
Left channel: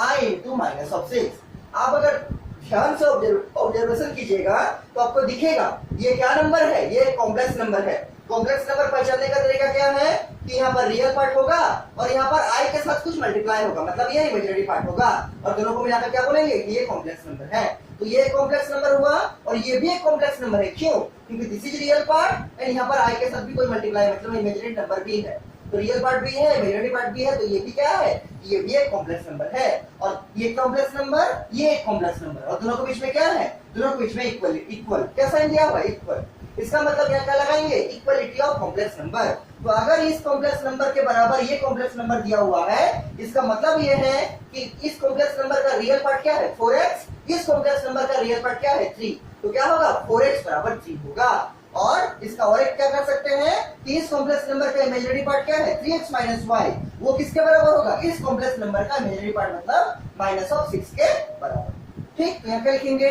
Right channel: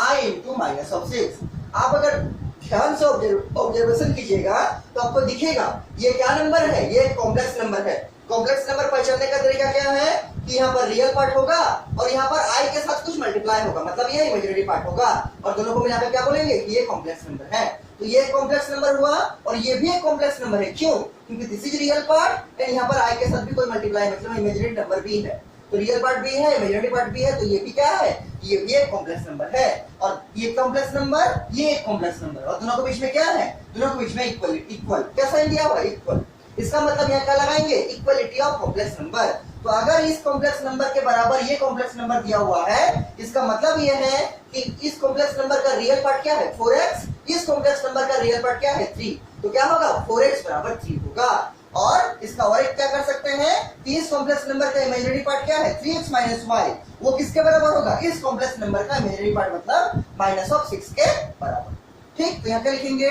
I into minus of 6। आप अगर ध्यान से ऑब्जर्वेशन कीजिएगा तो आपको दिखेगा ये क्या नंबर है, ये कॉम्प्लेक्स नंबर है। कॉम्प्लेक्स नंबर पहचानने का तरीका क्या है कि यहाँ पर रियल पार्ट होगा और यहाँ पर आई के साथ कुछ मल्टीप्लाई होगा, मतलब ये इमेजिनरी पार्ट होगा और दोनों को मिलाकर क्या बोलेंगे कि ये कॉम्प्लेक्स नंबर है। तो ये कॉम्प्लेक्स नंबर हुआ और ये भी एक कॉम्प्लेक्स नंबर है। क्यों? क्योंकि this is real part and यहाँ पर आई के साथ भी कोई मल्टीप्लाई मतलब इमेजिनरी नंबर भी है। तो रियल पार्ट भी है, इमेजिनरी पार्ट भी है, तो ये भी क्या है, ये भी एक कॉम्प्लेक्स नंबर है। और ये कॉम्प्लेक्स नंबर, ये एक कॉम्प्लेक्स नंबर, और दोनों के बीच में क्या है, दोनों के बीच में इक्वल। इक्वल क्या साइन दिया हुआ है, इक्वल। इसका मतलब यहाँ क्या लगाएंगे, इक्वलिटी ऑफ कॉम्प्लेक्स नंबर। तो अगर इस कॉम्प्लेक्स नंबर के बराबर ये कॉम्प्लेक्स नंबर दिया हुआ है, इसका मतलब ये है कि इस कॉम्प्लेक्स नंबर का रियल पार्ट क्या है 4x, इस कॉम्प्लेक्स नंबर का रियल पार्ट क्या है 3। तो क्या होगा 4x बराबर 3 होगा। और इसका और एक क्या कर सकते हैं कि इस कॉम्प्लेक्स नंबर का इमेजिनरी पार्ट क्या है 3x माइनस वाई, वो किसके बराबर होगा, इस कॉम्प्लेक्स नंबर का इमेजिनरी पार्ट मतलब माइनस ऑफ 6 के बराबर। ठीक, तो यहाँ क्या लिखेंगे,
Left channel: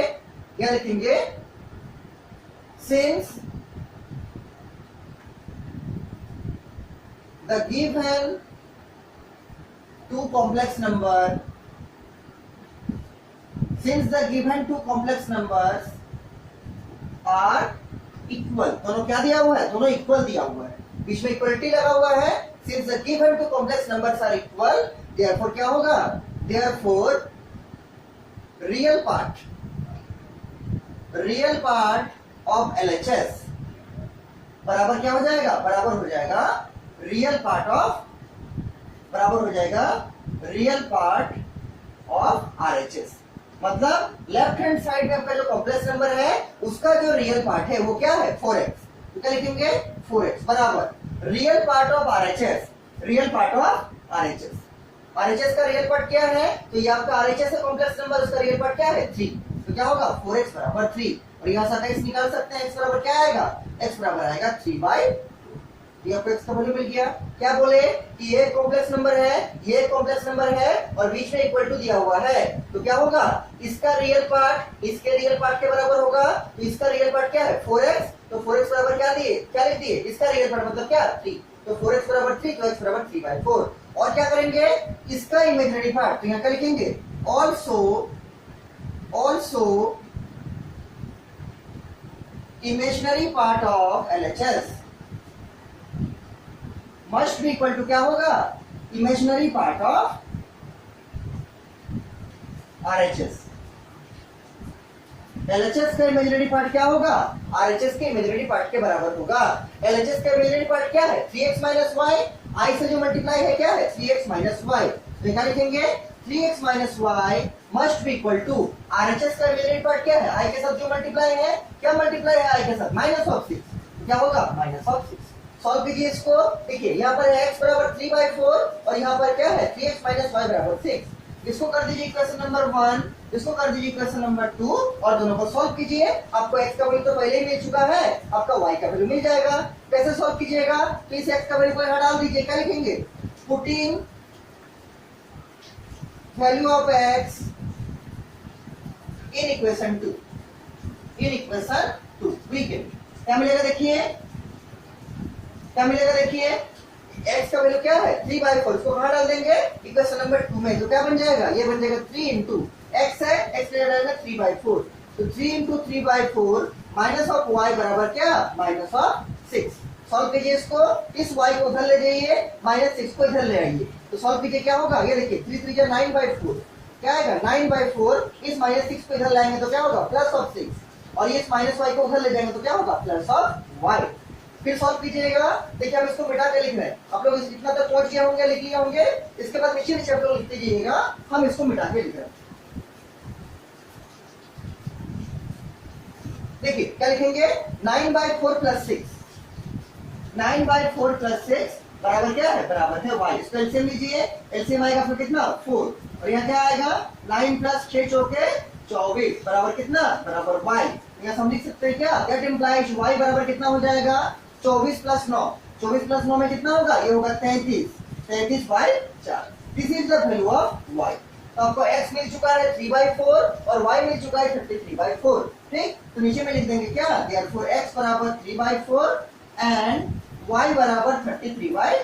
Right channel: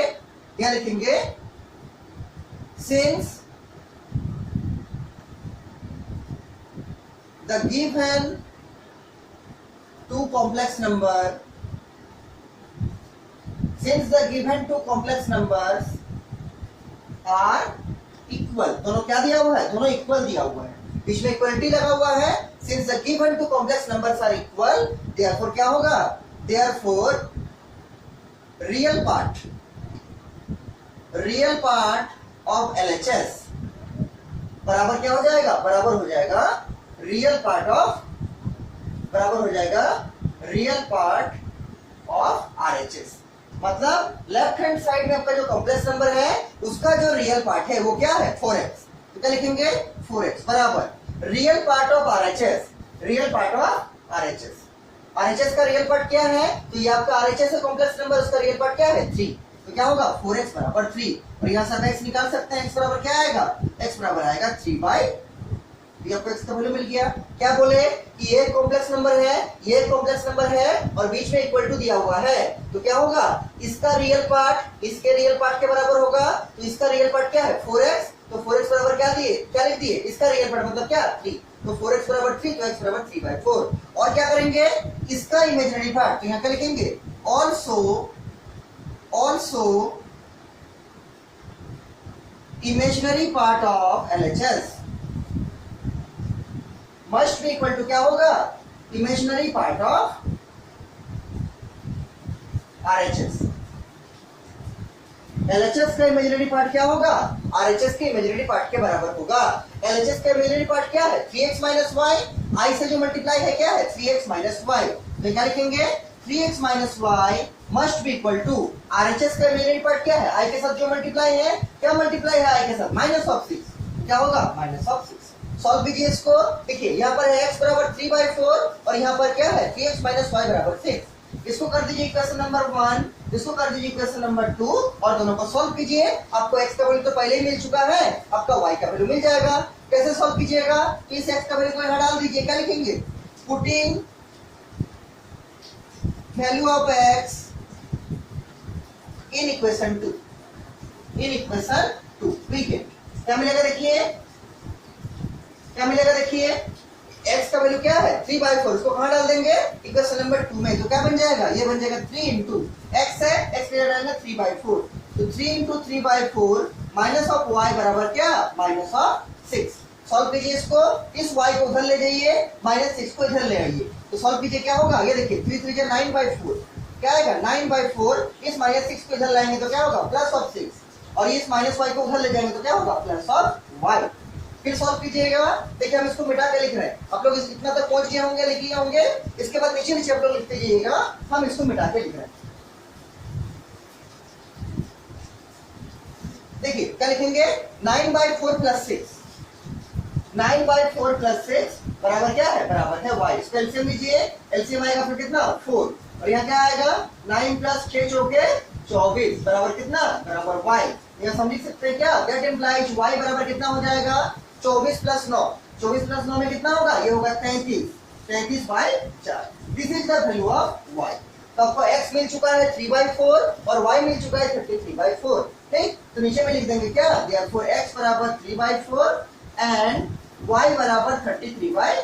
यहाँ लिखेंगे since the given two complex number, since the given two complex numbers are equal, दोनों क्या दिया हुआ है, दोनों इक्वल दिया हुआ है, बीच में इक्वलिटी लगा हुआ है। since the given two complex numbers are equal, therefore क्या होगा, therefore real part of LHS बराबर क्या हो जाएगा, बराबर हो जाएगा रियल पार्ट ऑफ, बराबर हो जाएगा रियल पार्ट ऑफ RHS। मतलब लेफ्ट हैंड साइड में आपका जो कॉम्प्लेक्स नंबर है उसका जो रियल पार्ट है वो क्या है 4x। तो क्या लिखेंगे 4x बराबर real part of RHS, real part of RHS। RHS का रियल पार्ट क्या है, तो ये आपका RHS है कॉम्प्लेक्स नंबर, उसका रियल पार्ट क्या है 3। तो क्या होगा 4x बराबर 3, और यहाँ से आप x निकाल सकते हैं, x बराबर क्या आएगा, x बराबर आएगा 3/, ये आपको x का वैल्यू मिल गया। क्या बोले कि ये कॉम्प्लेक्स नंबर है, ये कॉम्प्लेक्स नंबर है और बीच में इक्वल टू दिया हुआ है, तो क्या होगा इसका रियल पार्ट इसके रियल पार्ट के बराबर होगा। तो इसका रियल पार्ट क्या है 4x, तो 4x बराबर क्या दिए, क्या लिख दिए, इसका रियल पार्ट मतलब क्या 3, तो 4x बराबर 3, तो x बराबर 3/4। और क्या करेंगे इसका इमेजिनरी पार्ट, तो यहाँ क्या लिखेंगे also imaginary part of LHS must be equal to क्या होगा, imaginary part of RHS। LHS का इमेजिनरी पार्ट क्या होगा, RHS के इमेजिनरी पार्ट के बराबर होगा। LHS का इमेजिनरी पार्ट क्या है 3x माइनस वाई, आई से जो मल्टीप्लाई है क्या है 3x माइनस वाई, तो क्या लिखेंगे 3x minus y must be equal to RHS का इमेजिनरी पार्ट क्या है, आई के साथ जो मल्टीप्लाई है, क्या मल्टीप्लाई है आई के साथ माइनस ऑफ 6, क्या होगा माइनस ऑफ 6। सॉल्व कीजिए इसको, देखिए यहाँ पर है x बराबर 3/4 और यहाँ पर क्या है 3x माइनस वाई बराबर 6। इसको कर दीजिए इक्वेशन नंबर 1, इसको कर दीजिए इक्वेशन नंबर 2 और दोनों को सॉल्व कीजिए। आपको x का वैल्यू तो पहले ही मिल चुका है, आपका y का वैल्यू मिल जाएगा। कैसे सॉल्व कीजिएगा, तो इस x का वैल्यू को यहाँ डाल दीजिए, क्या लिखेंगे putting value of x in equation 2, in equation 2 we get क्या मिलेगा, देखिए क्या मिलेगा, देखिए x का वैल्यू क्या है 3/4, इसको कहां डाल देंगे इक्वेशन नंबर 2 में, तो क्या बन जाएगा, ये बन जाएगा 3 इंटू x है, x ले जाएगा 3/4, तो 3 इंटू 3/4 माइनस ऑफ y बराबर क्या माइनस ऑफ 6। सॉल्व कीजिए इसको, इस y को उधर ले जाइए, माइनस 6 को इधर ले आइए, तो सॉल्व कीजिए क्या होगा, ये देखिए 3 3 9/4 क्या आएगा 9/4, इस माइनस 6 को इधर लाएंगे तो क्या होगा प्लस ऑफ 6, और इस माइनस y को उधर ले जाएंगे तो क्या होगा प्लस ऑफ y। फिर सॉल्व कीजिएगा, देखिए हम इसको मिटा के लिख रहे हैं, आप लोग इतना तक पहुंच गए होंगे, लिख लिए होंगे, इसके बाद नीचे नीचे आप लोग लिखते जाइएगा, हम इसको मिटा के लिख रहे हैं। देखिए क्या लिखेंगे 9/4 प्लस 6, 9/4 प्लस 6 बराबर क्या है, बराबर है y। इसको एलसीएम लीजिए, एलसीएम आएगा फिर कितना 4, और यहाँ क्या आएगा 9 प्लस 6 चौके 24 बराबर कितना, बराबर y। यहाँ हम लिख सकते हैं क्या, दैट इंप्लाइज y बराबर कितना हो जाएगा 24 प्लस 9, 24 प्लस 9 में कितना होगा, ये होगा 33, 33/4। This is the value of y। तो आपको x मिल चुका है 3/4 और y मिल चुका है 33/4। ठीक, तो नीचे में लिख देंगे क्या, देयरफॉर x बराबर 3/4 एंड y बराबर 33/4।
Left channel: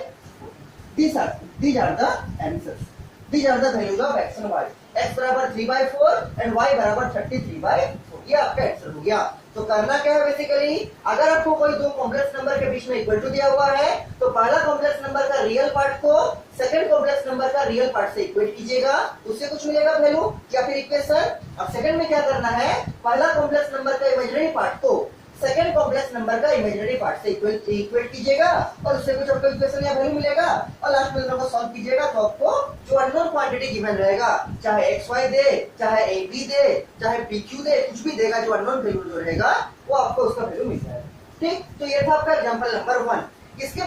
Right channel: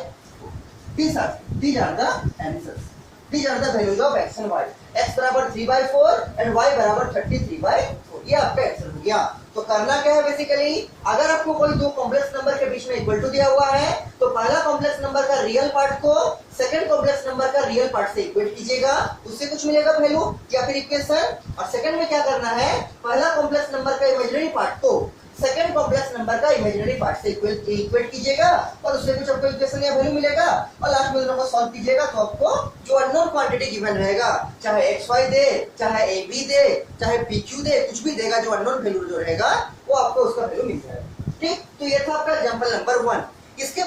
these are the answers, these are the values of x and y। x बराबर 3/4 एंड y बराबर 33/4, ये आपका आंसर हो गया। तो करना क्या है बेसिकली, अगर आपको कोई दो कॉम्प्लेक्स नंबर के बीच में इक्वल टू दिया हुआ है तो पहला कॉम्प्लेक्स नंबर का रियल पार्ट को सेकंड कॉम्प्लेक्स नंबर का रियल पार्ट से इक्वेट कीजिएगा, उससे कुछ मिलेगा वैल्यू या फिर इक्वेशन। और सेकंड में क्या करना है, पहला कॉम्प्लेक्स नंबर का इमेजिनरी पार्ट को सेकंड कॉम्प्लेक्स नंबर का इमेजिनरी पार्ट से इक्वेट कीजिएगा और उससे कुछ आपको इक्वेशन या वैल्यू मिलेगा और लास्ट में दोनों को सॉल्व कीजिएगा तो आपको जो अननोन क्वांटिटी गिवन रहेगा, चाहे xy दे, चाहे ab दे, चाहे pq दे, कुछ भी देगा, जो अननोन वैल्यू जो रहेगा वो आपको उसका वैल्यू मिल जाएगा। ठीक, तो ये था आपका एग्जांपल नंबर 1। इसके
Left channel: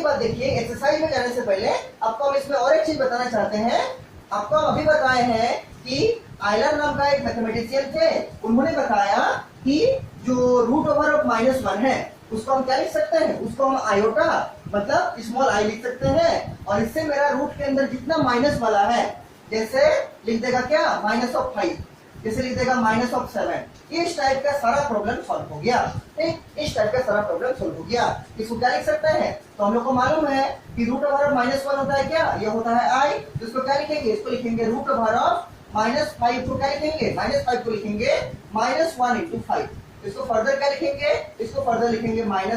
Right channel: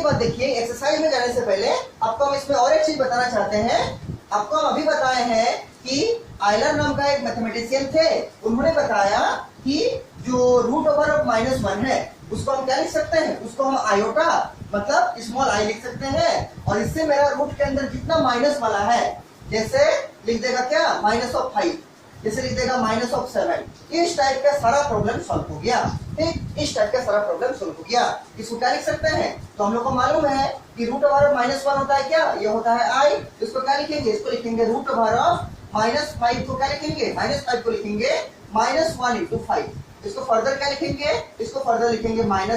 बाद देखिए एक्सरसाइज में जाने से पहले आपको हम इसमें और एक चीज बताना चाहते हैं। आपको हम अभी बताए हैं कि आयलर नाम का एक मैथमेटिशियन थे, उन्होंने बताया कि जो रूट ओवर ऑफ -1 है उसको हम क्या लिख सकते हैं, उसको हम आयोटा मतलब स्मॉल आई लिख सकते हैं और इससे मेरा रूट के अंदर जितना माइनस वाला है, जैसे लिख देगा क्या -5, जैसे लिख देगा -7, इस टाइप का सारा प्रॉब्लम सॉल्व हो गया। ठीक, इस टाइप का सारा प्रॉब्लम सॉल्व हो गया। इसको क्या लिख सकते हैं, तो हम लोग को मालूम है कि रूट ओवर ऑफ -1 होता है क्या, ये होता है आई। इसको क्या लिखेंगे, इसको लिखेंगे रूट ओवर ऑफ -5 को क्या लिखेंगे, -5 को लिखेंगे -1 × 5। इसको फर्दर क्या लिखेंगे, इसको फर्दर लिखेंगे -1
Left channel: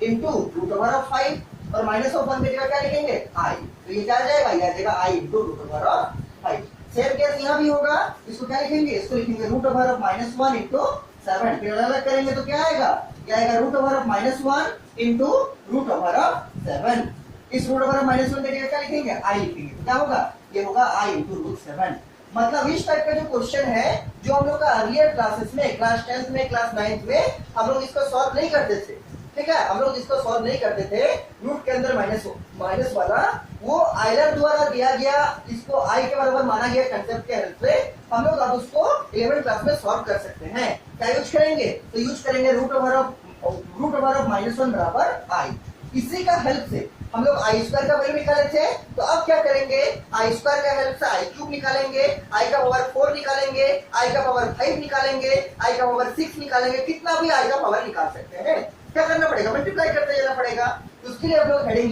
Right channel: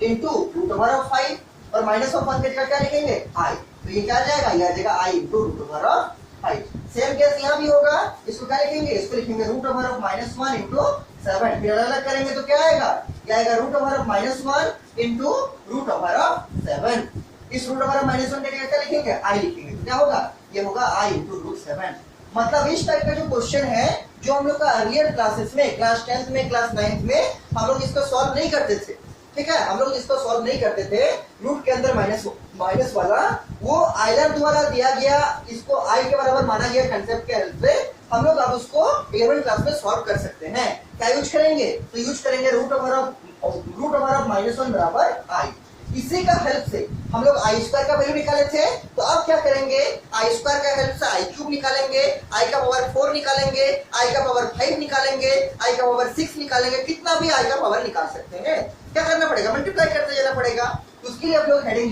× रूट ओवर ऑफ 5 और -1 की जगह क्या लिखेंगे आई, तो ये क्या आ जाएगा, ये आ जाएगा i × root over of 5। Same case यहाँ भी होगा, इसको क्या लिखेंगे, इसको लिखेंगे रूट ओवर ऑफ -1 × 7। फिर अलग करेंगे तो क्या आएगा, क्या आएगा root over of -1 × root over of 7। इस रूट ओवर ऑफ -1 की जगह क्या लिखेंगे, आई लिखेंगे, तो क्या होगा, ये होगा आई × √7। मतलब इस टाइप का जो क्वेश्चन है जो हम लोग का अर्लियर क्लासेस में, क्लास 10th में, क्लास 9th में हम लोग इसको सॉल्व नहीं करते थे। ठीक है, हम लोग इसको सॉल्व नहीं करते थे, रूट के अंदर माइनस वाला वो आयलर द्वारा दिया गया, इसको आई के बराबर माना गया कंसेप्ट के हेल्प से हम लोग अब उसको 11th क्लास में सॉल्व कर सकते हैं। क्या यूज करेंगे, तो यूज करेंगे रूट ओवर ऑफ -1 बराबर आई। इसी का हेल्प से हम लोग आई स्क्वायर का वैल्यू निकाले थे, तो अब क्या करेंगे, आई स्क्वायर का हेल्प से आई क्यूब निकालेंगे, आई का पावर 4 निकालेंगे, आई का पावर 5 निकालेंगे, आई का पावर 6 निकालेंगे, कितना भी आई का पावर निकाल सकते हैं। क्या करना पड़ेगा, मल्टीप्लाई करते जाना पड़ेगा। तो उसके लिए आप लोग हेडिंग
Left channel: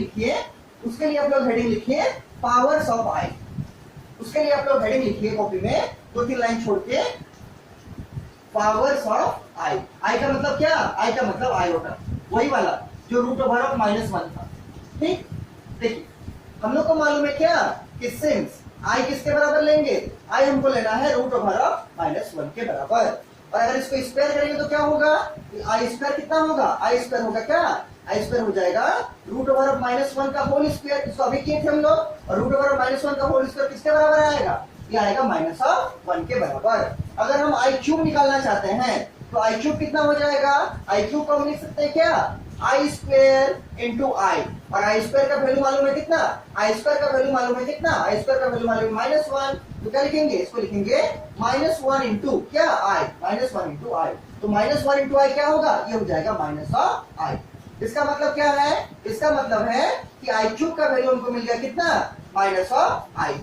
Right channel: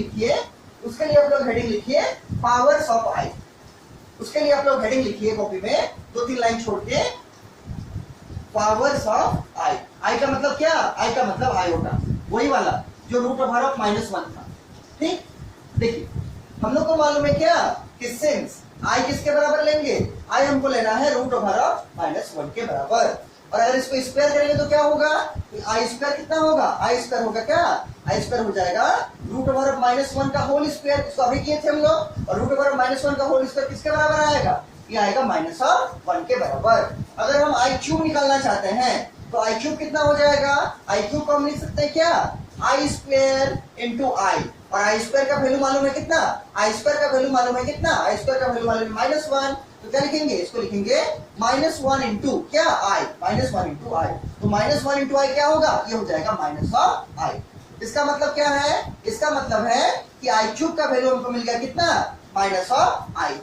लिखिए, पावर्स ऑफ आई। उसके लिए आप लोग हेडिंग लिखिए कॉपी में 2-3 लाइन छोड़ के, पावर्स ऑफ आई। आई का मतलब क्या, आई का मतलब आयोटा, वही वाला जो रूट ओवर ऑफ -1 था। ठीक, देखिए हम लोग को मालूम है क्या कि सिंस आई किसके बराबर लेंगे, आई हमको लेना है रूट ओवर ऑफ -1 के बराबर। और अगर इसको स्क्वायर करेंगे तो क्या होगा, आई स्क्वायर कितना होगा, आई स्क्वायर होगा क्या, आई स्क्वायर हो जाएगा रूट ओवर ऑफ -1 का होल स्क्वायर, इसको अभी किए थे हम लोग। और रूट ओवर ऑफ -1 का होल स्क्वायर किसके बराबर आएगा, ये आएगा -1 के बराबर। अगर हम आई क्यूब निकालना चाहते हैं तो आई क्यूब कितना हो जाएगा, आई क्यूब को हम लिख सकते हैं क्या, आई स्क्वायर × आई। और आई स्क्वायर का वैल्यू मालूम है कितना, आई स्क्वायर का वैल्यू मालूम है कितना, आई स्क्वायर का वैल्यू मालूम है -1, तो क्या लिखेंगे, इसको लिखेंगे -1 × क्या आई, -1 × आई। तो -1 × आई क्या होगा, ये हो जाएगा -आई। इसका मतलब क्या है, इसका मतलब है कि आई क्यूब का वैल्यू हमको मिल गया कितना, -आई।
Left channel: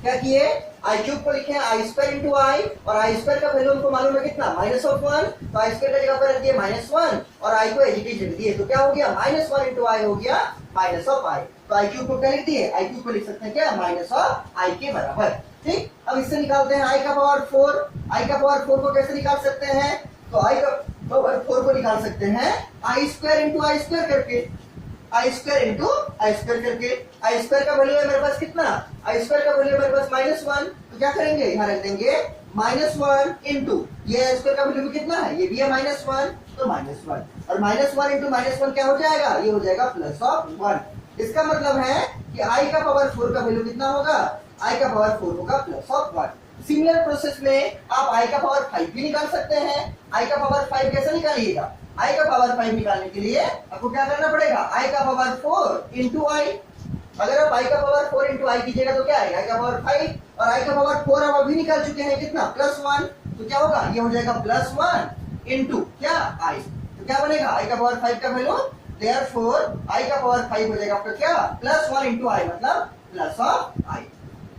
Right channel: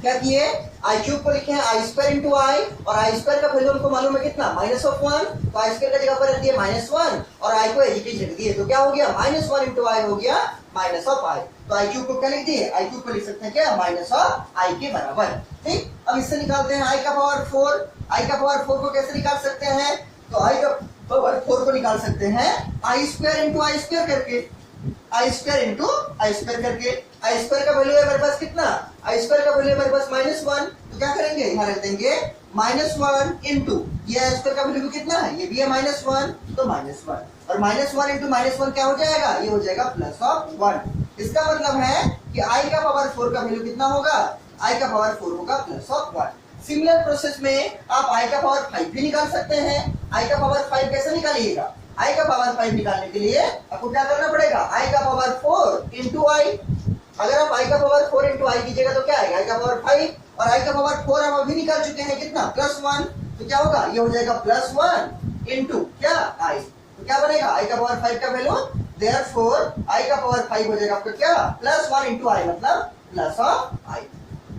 क्या किए, आई क्यूब को लिखे हैं आई स्क्वायर × आई और आई स्क्वायर का वैल्यू हमको मालूम है कितना, -1, तो आई स्क्वायर की जगह पर रख दिए -1 और आई को एज इट इज रख दिए, तो क्या हो गया, -1 × आई हो गया -आई। तो आई क्यूब को क्या लिख दिए, आई क्यूब को लिख सकते हैं क्या, -आई के बराबर। ठीक, अब इससे निकालते हैं आई का पावर 4। आई का पावर 4 को कैसे निकाल सकते हैं, तो आई का पावर 4 को निकाल सकते हैं आई स्क्वायर × आई स्क्वायर करके, आई स्क्वायर × आई स्क्वायर करके। आई स्क्वायर का वैल्यू है मेरे पास कितना, आई स्क्वायर का वैल्यू है मेरे पास -1, तो क्या करेंगे, यहाँ रख देंगे -1 × ये आई स्क्वायर का वैल्यू कितना है, ये भी है -1, तो -1 और -1 × -1 क्या हो जाएगा, ये हो जाएगा +1। इसका मतलब है कि आई का पावर 4 का वैल्यू कितना होगा, आई का पावर 4 होगा +1। सिमिलर प्रोसेस में आप आई का पावर 5 भी निकाल सकते हैं। आई का पावर 5 कैसे निकालिएगा, आई का पावर 5 निकालने के लिए आपको क्या करना पड़ेगा, आई का पावर 4 × आई। अगर आप आई का पावर 4 × आई कीजिएगा तो क्या आएगा, आई का पावर 5 और आई का पावर 4 आप अभी निकाल चुके हैं कितना, +1, तो क्या होगा, ये हो जाएगा +1 × क्या आई। तो क्या बनेगा, आई का पावर 5 का वैल्यू, देयरफॉर आई का पावर 5 हो जाएगा आपका क्या, +1 × आई मतलब +आई।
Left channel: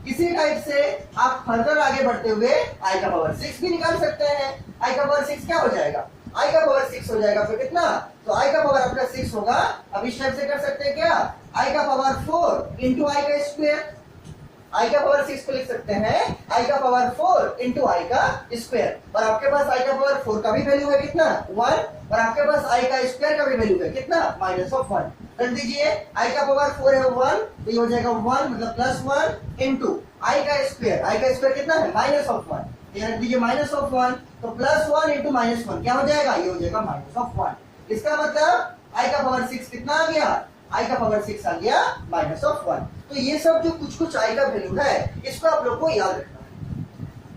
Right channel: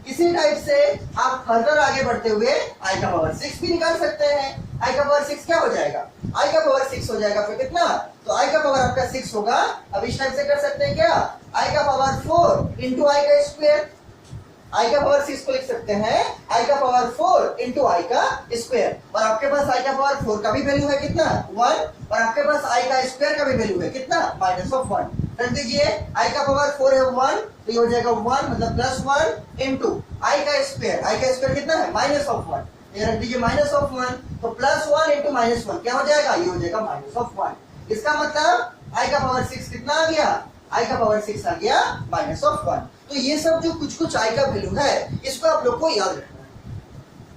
इसी टाइप से आप फर्दर आगे बढ़ते हुए आई का पावर 6 भी निकाल सकते हैं। आई का पावर 6 क्या हो जाएगा, आई का पावर 6 हो जाएगा फिर कितना, तो आई का पावर आपका 6 होगा। अब इस टाइप से कर सकते हैं क्या, आई का पावर 4 इंटू आई का स्क्वायर, आई का पावर 6 को लिख सकते हैं आई का पावर 4 इंटू आई का स्क्वायर, और आपके पास आई का पावर 4 का भी वैल्यू है कितना 1, और आपके पास आई का स्क्वायर का भी वैल्यू है कितना -1। रख दीजिए आई का पावर 4 है 1, तो ये हो जाएगा 1 मतलब +1 इंटू आई का स्क्वायर कितना है -1, ये रख दीजिए -1, तो +1 इंटू -1 क्या हो जाएगा, ये हो जाएगा -1। इसका मतलब आई का पावर 6 कितना आ गया, आई का पावर 6 आ गया -1। तो ये सब जो कुछ कुछ आई का वैल्यू है इसको आप लोग को याद रखना है।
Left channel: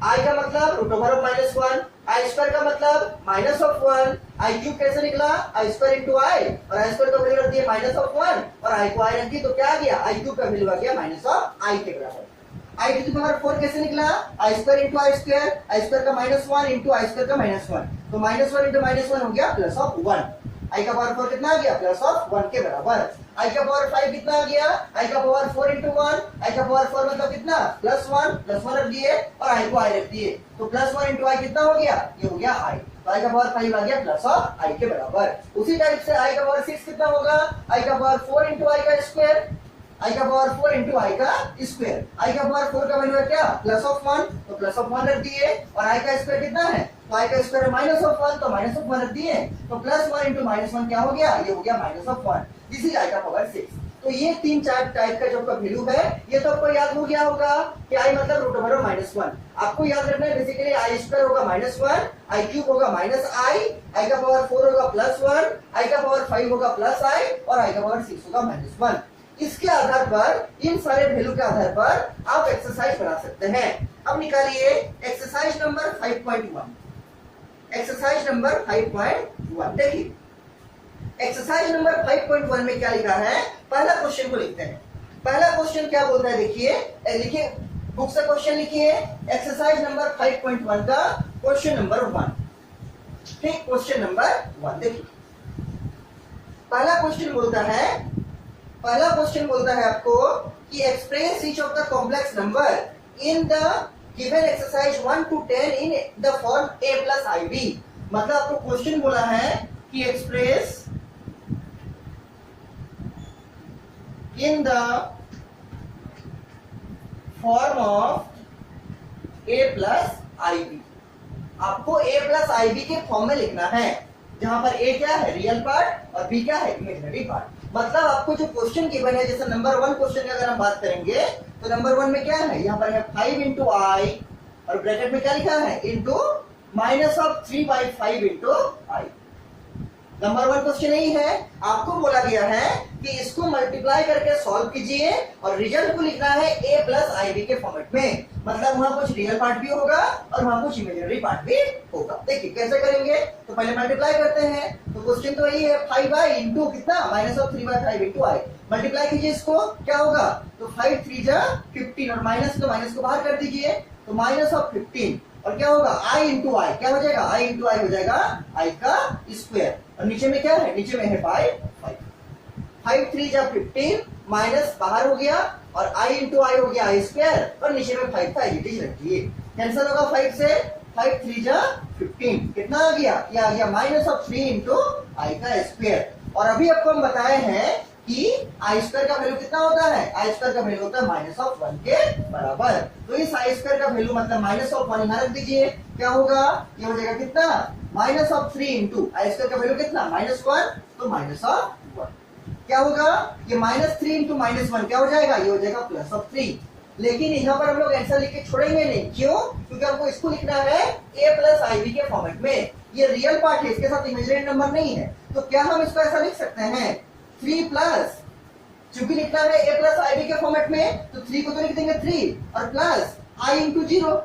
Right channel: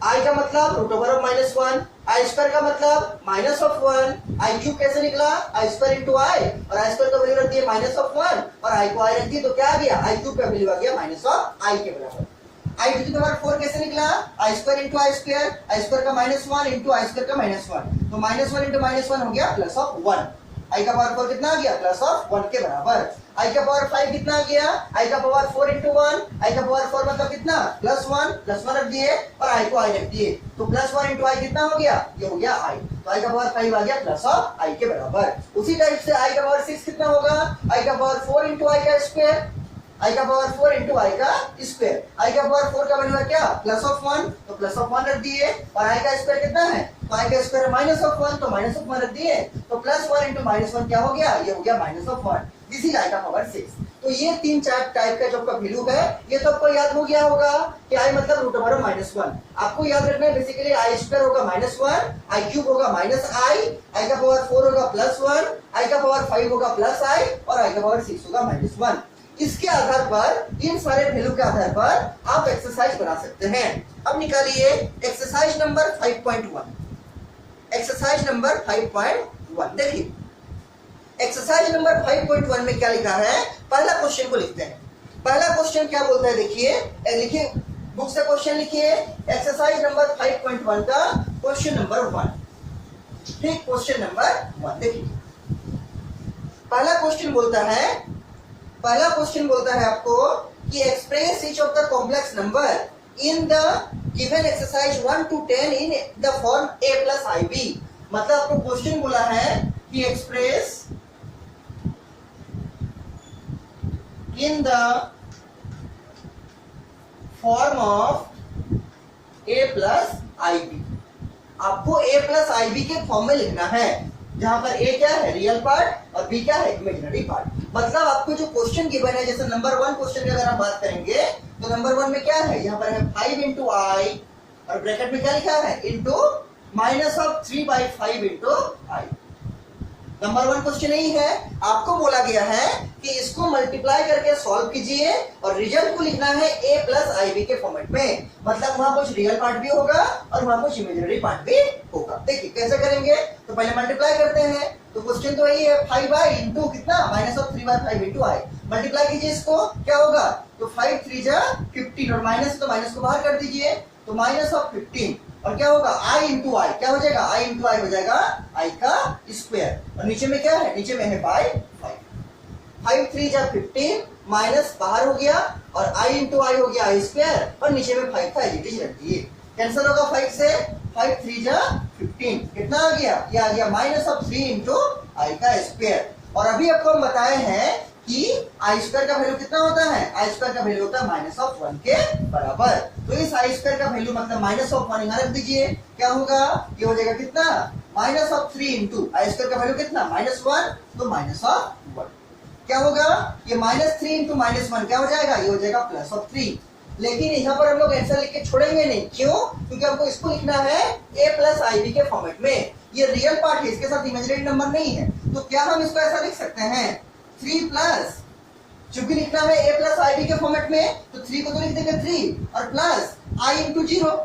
आई का मतलब √1, आई स्क्वायर का मतलब -1, आई क्यूब कैसे निकला, आई स्क्वायर इंटू आई, और आई स्क्वायर का वैल्यू रख दिया -1 और आई को आई रख दी, तो क्या आ गया आई क्यूब का वैल्यू आ गया -आई के बराबर। आई टू द पावर 4 कैसे निकला, आई स्क्वायर इंटू आई स्क्वायर का -1 इंटू आई स्क्वायर का -1, तो -1 इंटू -1 हो गया +1। आई का पावर 4 कितना आ गया +1 के बराबर। आई का पावर 5 कितना आ गया, आई का पावर 4 इंटू 1, आई का पावर 4 मतलब कितना +1 रख दिए और आई को आई रख दिए, तो +1 इंटू आई कितना हो गया, ये हो गया आई, तो आई का पावर 5 आ गया +आई के बराबर। उसी टाइप से आई का पावर 6 कितना होगा, आई का पावर 4 इंटू आई का स्क्वायर, आई का पावर 4 इंटू आई का स्क्वायर, आई का पावर 4 का वैल्यू है क्या +1, तो +1 रख दिए, और आई का स्क्वायर कितना है, तो आई का स्क्वायर -1, तो -1 रख दिए, तो +1 इंटू -1 क्या हो गया, ये हो गया -1। दिस इज आई का पावर 6। तो ये 3-4 टाइप का जो आपका वैल्यू है ये तो आपको याद हो गया होगा कि आई मतलब √1। आपको याद रखना है बेसिकली आई स्क्वायर होगा -1, आई क्यूब होगा -आई का पावर 4 होगा +1, आई का पावर 5 होगा +आई, और आई का पावर 6 होगा -1। इसके आधार पर, इन सारे वैल्यू के आधार पर आप एक्सरसाइज बना सकते हैं। अब निकालिए एक्सरसाइज नंबर 5.1। एक्सरसाइज नंबर 5.1 देखिए, एक्सरसाइज नंबर 5.1 में क्या लिखा है, पहला क्वेश्चन को लिखते हैं। पहला क्वेश्चन क्या बोलता है देखिए, लिखिए बुक से क्वेश्चन लिखिए, एक्सरसाइज नंबर 5.1 का क्वेश्चन नंबर 1। ठीक, क्वेश्चन नंबर 1 देखिए, पहला क्वेश्चन बोलता है आपको कि express each of the complex number in the given exercise 1 to 10 in the form a plus ib। मतलब आपको क्वेश्चन बोला है कि express in the form of a plus ib। आपको a plus ib के फॉर्म में लिखना है, जहां पर a क्या है रियल पार्ट और b क्या है इमेजिनरी पार्ट। मतलब आपको जो क्वेश्चन गिवन है, जैसे नंबर 1 क्वेश्चन की अगर हम बात करेंगे तो नंबर 1 में क्या है, यहाँ पर है 5 इंटू आई, और ब्रैकेट में क्या लिखा है इंटू -3/5 इंटू आई। नंबर 1 क्वेश्चन यही है, आपको बोला गया है कि इसको मल्टीप्लाई करके सॉल्व कीजिए और रिजल्ट को लिखना है a plus ib के फॉर्मेट में। मतलब वहां कुछ रियल पार्ट भी होगा और वहां कुछ इमेजिनरी पार्ट भी होगा। देखिए कैसे करेंगे, तो पहले मल्टीप्लाई करते हैं, तो क्वेश्चन तो यही है 5i इंटू कितना -3/5 इंटू आई। मल्टीप्लाई कीजिए इसको, क्या होगा, तो 5 3 जा 15, और माइनस तो माइनस को बाहर कर दीजिए, तो -15, और क्या होगा i इंटू आई, क्या हो जाएगा i इंटू आई हो जाएगा i का स्क्वायर, और नीचे में क्या है, नीचे में है 5 3 जा 15, माइनस बाहर हो गया, और i इंटू आई हो गया आई स्क्वायर, और नीचे में 5 था एज रख दिए, कैंसिल होगा 5 से, 5 3 जा 15, कितना आ गया, ये आ गया -3 इंटू आई का स्क्वायर। और अभी आपको हम बताए हैं कि आई स्क्वायर का वैल्यू कितना होता है, आई स्क्वायर का वैल्यू होता है -1 के बराबर। तो इस आई स्क्वायर का वैल्यू मतलब -1 यहाँ रख दीजिए, क्या होगा, ये हो जाएगा कितना -3 इंटू आई स्क्वायर का वैल्यू कितना -1, तो -1 क्या होगा, ये -3 इंटू -1 क्या हो जाएगा, ये हो जाएगा +3। लेकिन यहाँ पर हम लोग आंसर लिख के छोड़ेंगे नहीं, क्यों, क्योंकि हमको इसको लिखना है a plus ib के फॉर्मेट में। ये रियल पार्ट है, इसके साथ इमेजिनरी नंबर नहीं है, तो क्या हम इसको ऐसा लिख सकते हैं 3 प्लस, चूंकि लिखना है a plus ib के फॉर्मेट में, तो 3 को तो लिख देंगे 3 और प्लस i इंटू 0,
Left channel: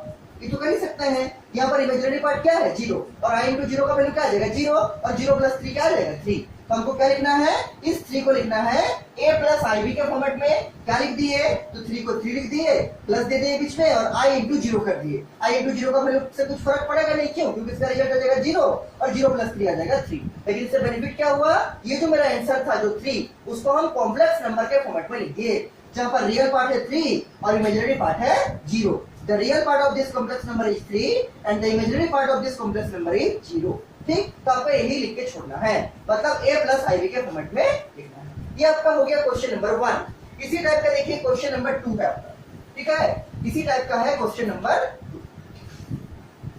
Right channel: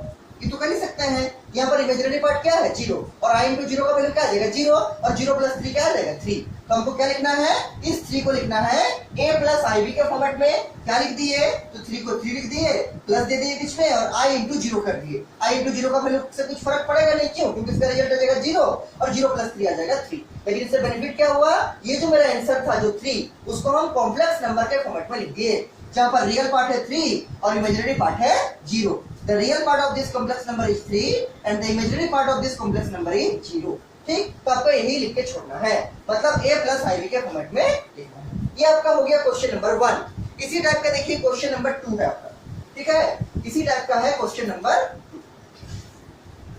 ये तो कर ही सकते हैं। यहाँ पर इमेजिनरी पार्ट क्या है 0, और i इंटू 0 का वैल्यू क्या आ जाएगा 0, और 0 प्लस 3 क्या आ जाएगा 3। तो हमको क्या लिखना है, इस 3 को लिखना है a plus ib के फॉर्मेट में, क्या लिख दिए, तो 3 को 3 लिख दिए, प्लस दे दिए बीच में, और i इंटू 0 कर दिए। i इंटू 0 का वैल्यू से कुछ फर्क पड़ेगा नहीं, क्यों, क्योंकि इसका रिजल्ट आ जाएगा 0, और 0 प्लस 3 आ जाएगा 3। लेकिन इससे बेनिफिट क्या हुआ, ये जो मेरा आंसर था जो 3, उसको हम कॉम्प्लेक्स नंबर के फॉर्मेट में लिख दिए। जहां पर रियल पार्ट है 3 और इमेजिनरी पार्ट है 0। The real part of this complex number is 3 and the imaginary part of this complex number is 0। ठीक, तो आपको यही लिख के छोड़ना है, मतलब a प्लस ib के फॉर्मेट में लिखना है। ये आपका हो गया क्वेश्चन नंबर 1। इसी टाइप का देखिए क्वेश्चन नंबर 2 है आपका, ठीक है, इसी टाइप का है क्वेश्चन नंबर 2।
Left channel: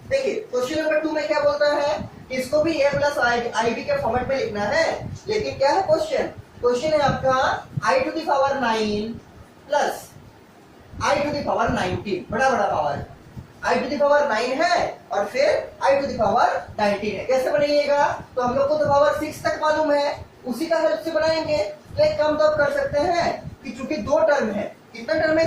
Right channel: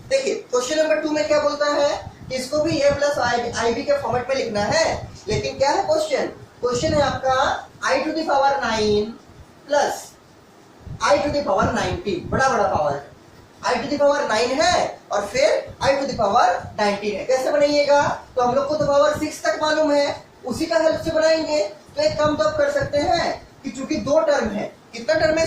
देखिए क्वेश्चन नंबर 2 में क्या बोलता है, इसको भी a प्लस ib के फॉर्मेट में लिखना है, लेकिन क्या है क्वेश्चन, क्वेश्चन है आपका i टू द पावर 9 प्लस i टू द पावर 19, बड़ा बड़ा पावर है, i टू द पावर 9 है और फिर i टू द पावर 19 है। कैसे बनाइएगा, तो हम लोग को तो पावर 6 तक मालूम है, उसी का हेल्प से बनाएंगे। तो एक काम तो आप कर सकते हैं कि चूंकि दो टर्म है, कितना टर्म है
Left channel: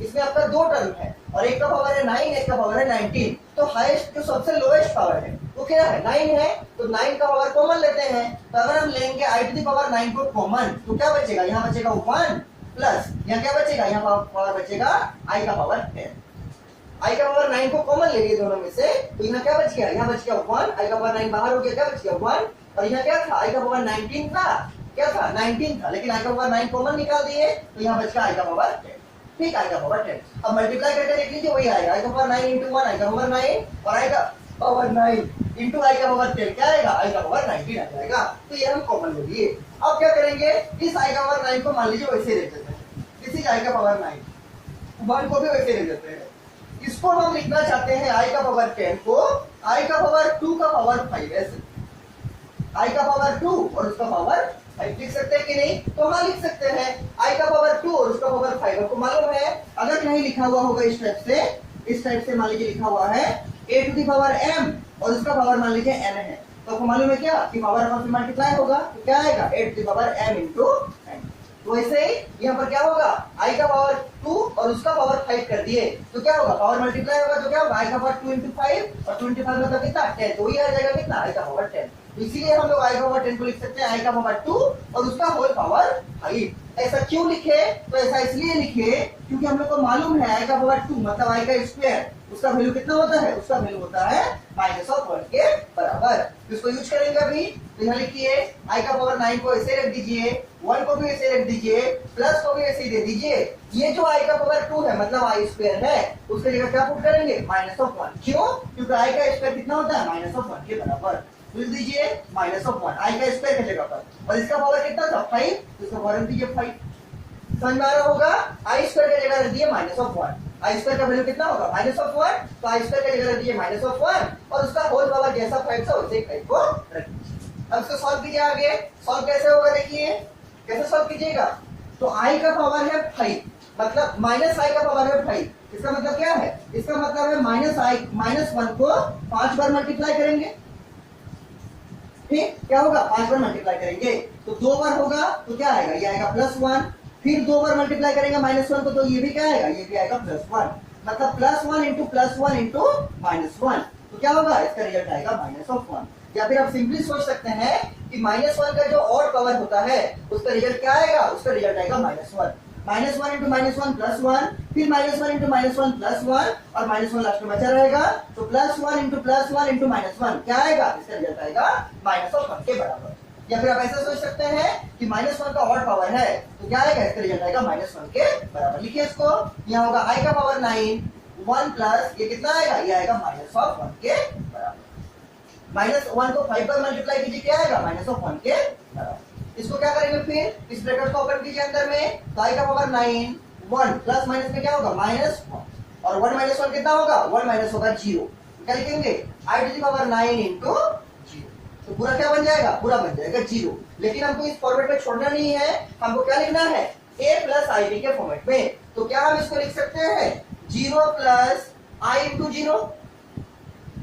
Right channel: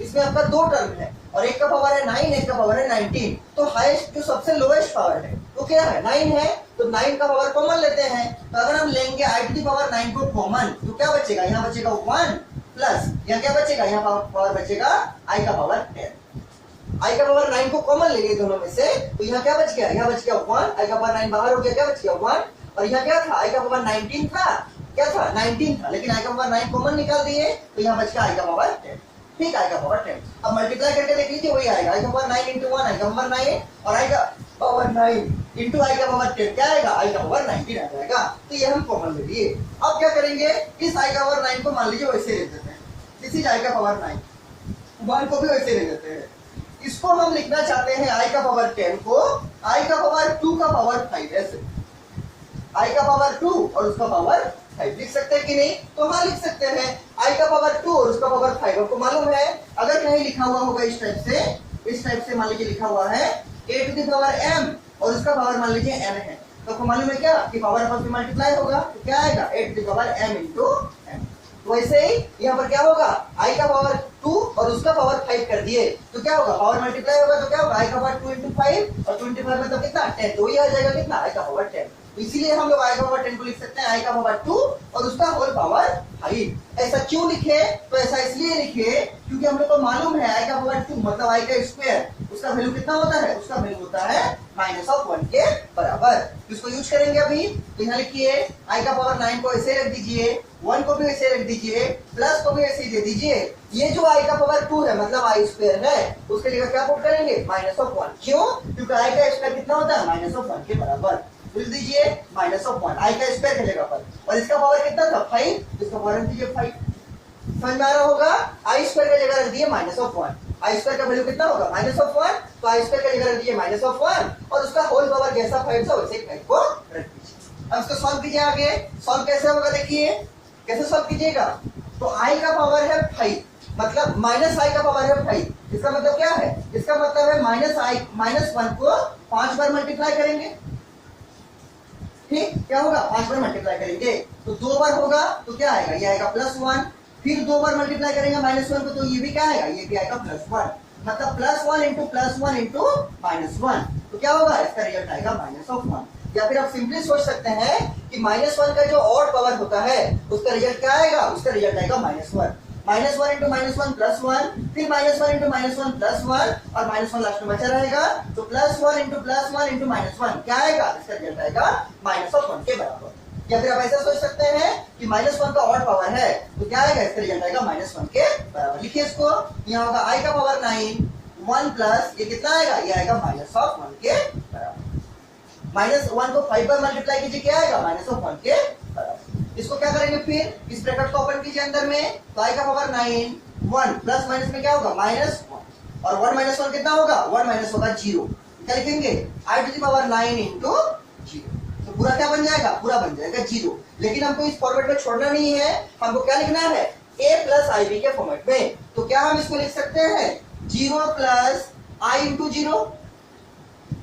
इसमें आपका दो टर्म है और एक का पावर है 9, एक का पावर है 19, तो हाईएस्ट जो सबसे लोएस्ट पावर है वो क्या है 9 है, तो 9 का पावर कॉमन लेते हैं। तो अगर हम लेंगे i टू द पावर 9 को कॉमन, तो क्या बचेगा, यहाँ बचेगा 1 प्लस यहाँ क्या बचेगा, यहाँ पावर बचेगा i का पावर 10। i का पावर 9 को कॉमन ले लिए दोनों में से, तो यहाँ क्या बच गया, यहाँ बच गया 1, i का पावर 9 बाहर हो गया, क्या बच गया 1, और यहाँ क्या था, i का पावर 19 था, क्या था 19 था, लेकिन i का पावर 9 कॉमन निकाल दिए, तो यहाँ बच गया i का पावर 10। ठीक, i का पावर 10। अब मल्टीप्लाई करके देख लीजिए, वही आएगा i का पावर 9 into 1, i का पावर 9 और i का पावर 9 into i का पावर 10 क्या आएगा, i का पावर 19 आ जाएगा। तो ये हम कॉमन ले लिए। अब क्या करेंगे, इस i का पावर 9 को मान लीजिए वैसे लिख देते हैं, दिस इज i का पावर 9, 1 को भी वैसे लिख देते हैं। इसको हम लिखना चाहते हैं i का पावर 10 को i का पावर 2 का पावर 5, ऐसे i का पावर 2 और उसका पावर 5 लिख सकते हैं कि नहीं, तो हाँ लिख सकते हैं। i का पावर 2 और उसका पावर 5 आपको मालूम है, अगर कहीं लिखा हुआ होगा इस टाइप से मान लीजिए लिखा हुआ है a to the power m और उसका पावर मान लीजिए n है, तो आपको मालूम है क्या कि पावर आपस में मल्टीप्लाई होगा, तो क्या आएगा a to the power m into n। तो वैसे ही यहाँ पर क्या होगा, i का पावर 2 और उसका पावर 5 कर दिए, तो क्या होगा, पावर मल्टीप्लाई होगा, तो क्या होगा i का पावर 2 into 5 और 25 मतलब कितना 10, तो ये आ जाएगा कितना i का पावर 10। तो इसीलिए हम लोग i का पावर 10 को लिख सकते हैं i का पावर 2 और उसका होल पावर 5। ऐसा क्यों लिखे, तो ऐसा इसलिए लिखे क्योंकि हम लोग को मालूम है i का पावर 2 मतलब i का स्क्वायर, उसका वैल्यू कितना होता है, उसका वैल्यू होता है -1 के बराबर। तो इसको यूज करेंगे अभी, तो यहाँ लिखिए i का पावर 9 को ऐसे रख दीजिए, 1 को भी ऐसे रख दीजिए, प्लस को भी ऐसे ही दे दीजिए। ये जो i का पावर 2 है मतलब i स्क्वायर है, उसके लिए क्या पुट करेंगे -1। क्यों, क्योंकि i का स्क्वायर कितना होता है -1 के बराबर। लिख दीजिए -1 i का स्क्वायर की जगह पर, और इसका पावर कितना था 5, इसका पावर रख दीजिए 5। समझ में आ रहा होगा, i स्क्वायर की जगह रख दिए -1, i स्क्वायर का वैल्यू कितना होगा -1, तो i स्क्वायर की जगह रख दिए -1 और उसका होल पावर जैसा 5 था वैसे 5 को रख दीजिए। अब इसको सॉल्व कीजिए, आगे सॉल्व कैसे होगा देखिए, कैसे सॉल्व कीजिएगा, तो i का पावर है 5 मतलब -i का पावर है 5, इसका मतलब क्या है, इसका मतलब है -1 को 5 बार मल्टीप्लाई करेंगे। ठीक, क्या होगा 5 बार मल्टीप्लाई करेंगे तो 2 बार होगा, तो क्या आएगा, ये आएगा +1, फिर 2 बार मल्टीप्लाई करेंगे -1 को, तो ये भी क्या आएगा, ये भी आएगा +1, मतलब +1 into +1 into -1, तो क्या होगा, इसका रिजल्ट आएगा -1। या फिर आप सिंपली सोच सकते हैं कि -1 का जो ऑड पावर होता है उसका रिजल्ट क्या आएगा, उसका रिजल्ट आएगा -1, -1 into -1 +1, फिर -1 into -1 +1 और -1 लास्ट में बचा रहेगा, तो +1 into +1 into -1 क्या आएगा, इसका रिजल्ट आएगा -1 के बराबर। या फिर आप ऐसा सोच सकते हैं कि -1 का ऑड पावर है, तो क्या आएगा, इसका रिजल्ट आएगा -1 के बराबर। लिखिए इसको, यहाँ होगा i का पावर 9 1 प्लस ये कितना आएगा, ये आएगा -1 के बराबर। -1 को 5 बार मल्टीप्लाई कीजिए, क्या आएगा -1 के बराबर। इसको क्या करेंगे, फिर इस ब्रैकेट को ओपन कीजिए अंदर में, तो i का पावर 9 1 प्लस माइनस में क्या होगा -1 और 1 -1 कितना होगा, 1 माइनस होगा 0, क्या लिखेंगे i to the power 9 into 0, तो पूरा क्या बन जाएगा, पूरा बन जाएगा 0। लेकिन हमको इस फॉर्मेट में छोड़ना नहीं है, हमको क्या लिखना है a प्लस ib के फॉर्मेट में। तो क्या हम इसको लिख सकते हैं 0 plus i into 0,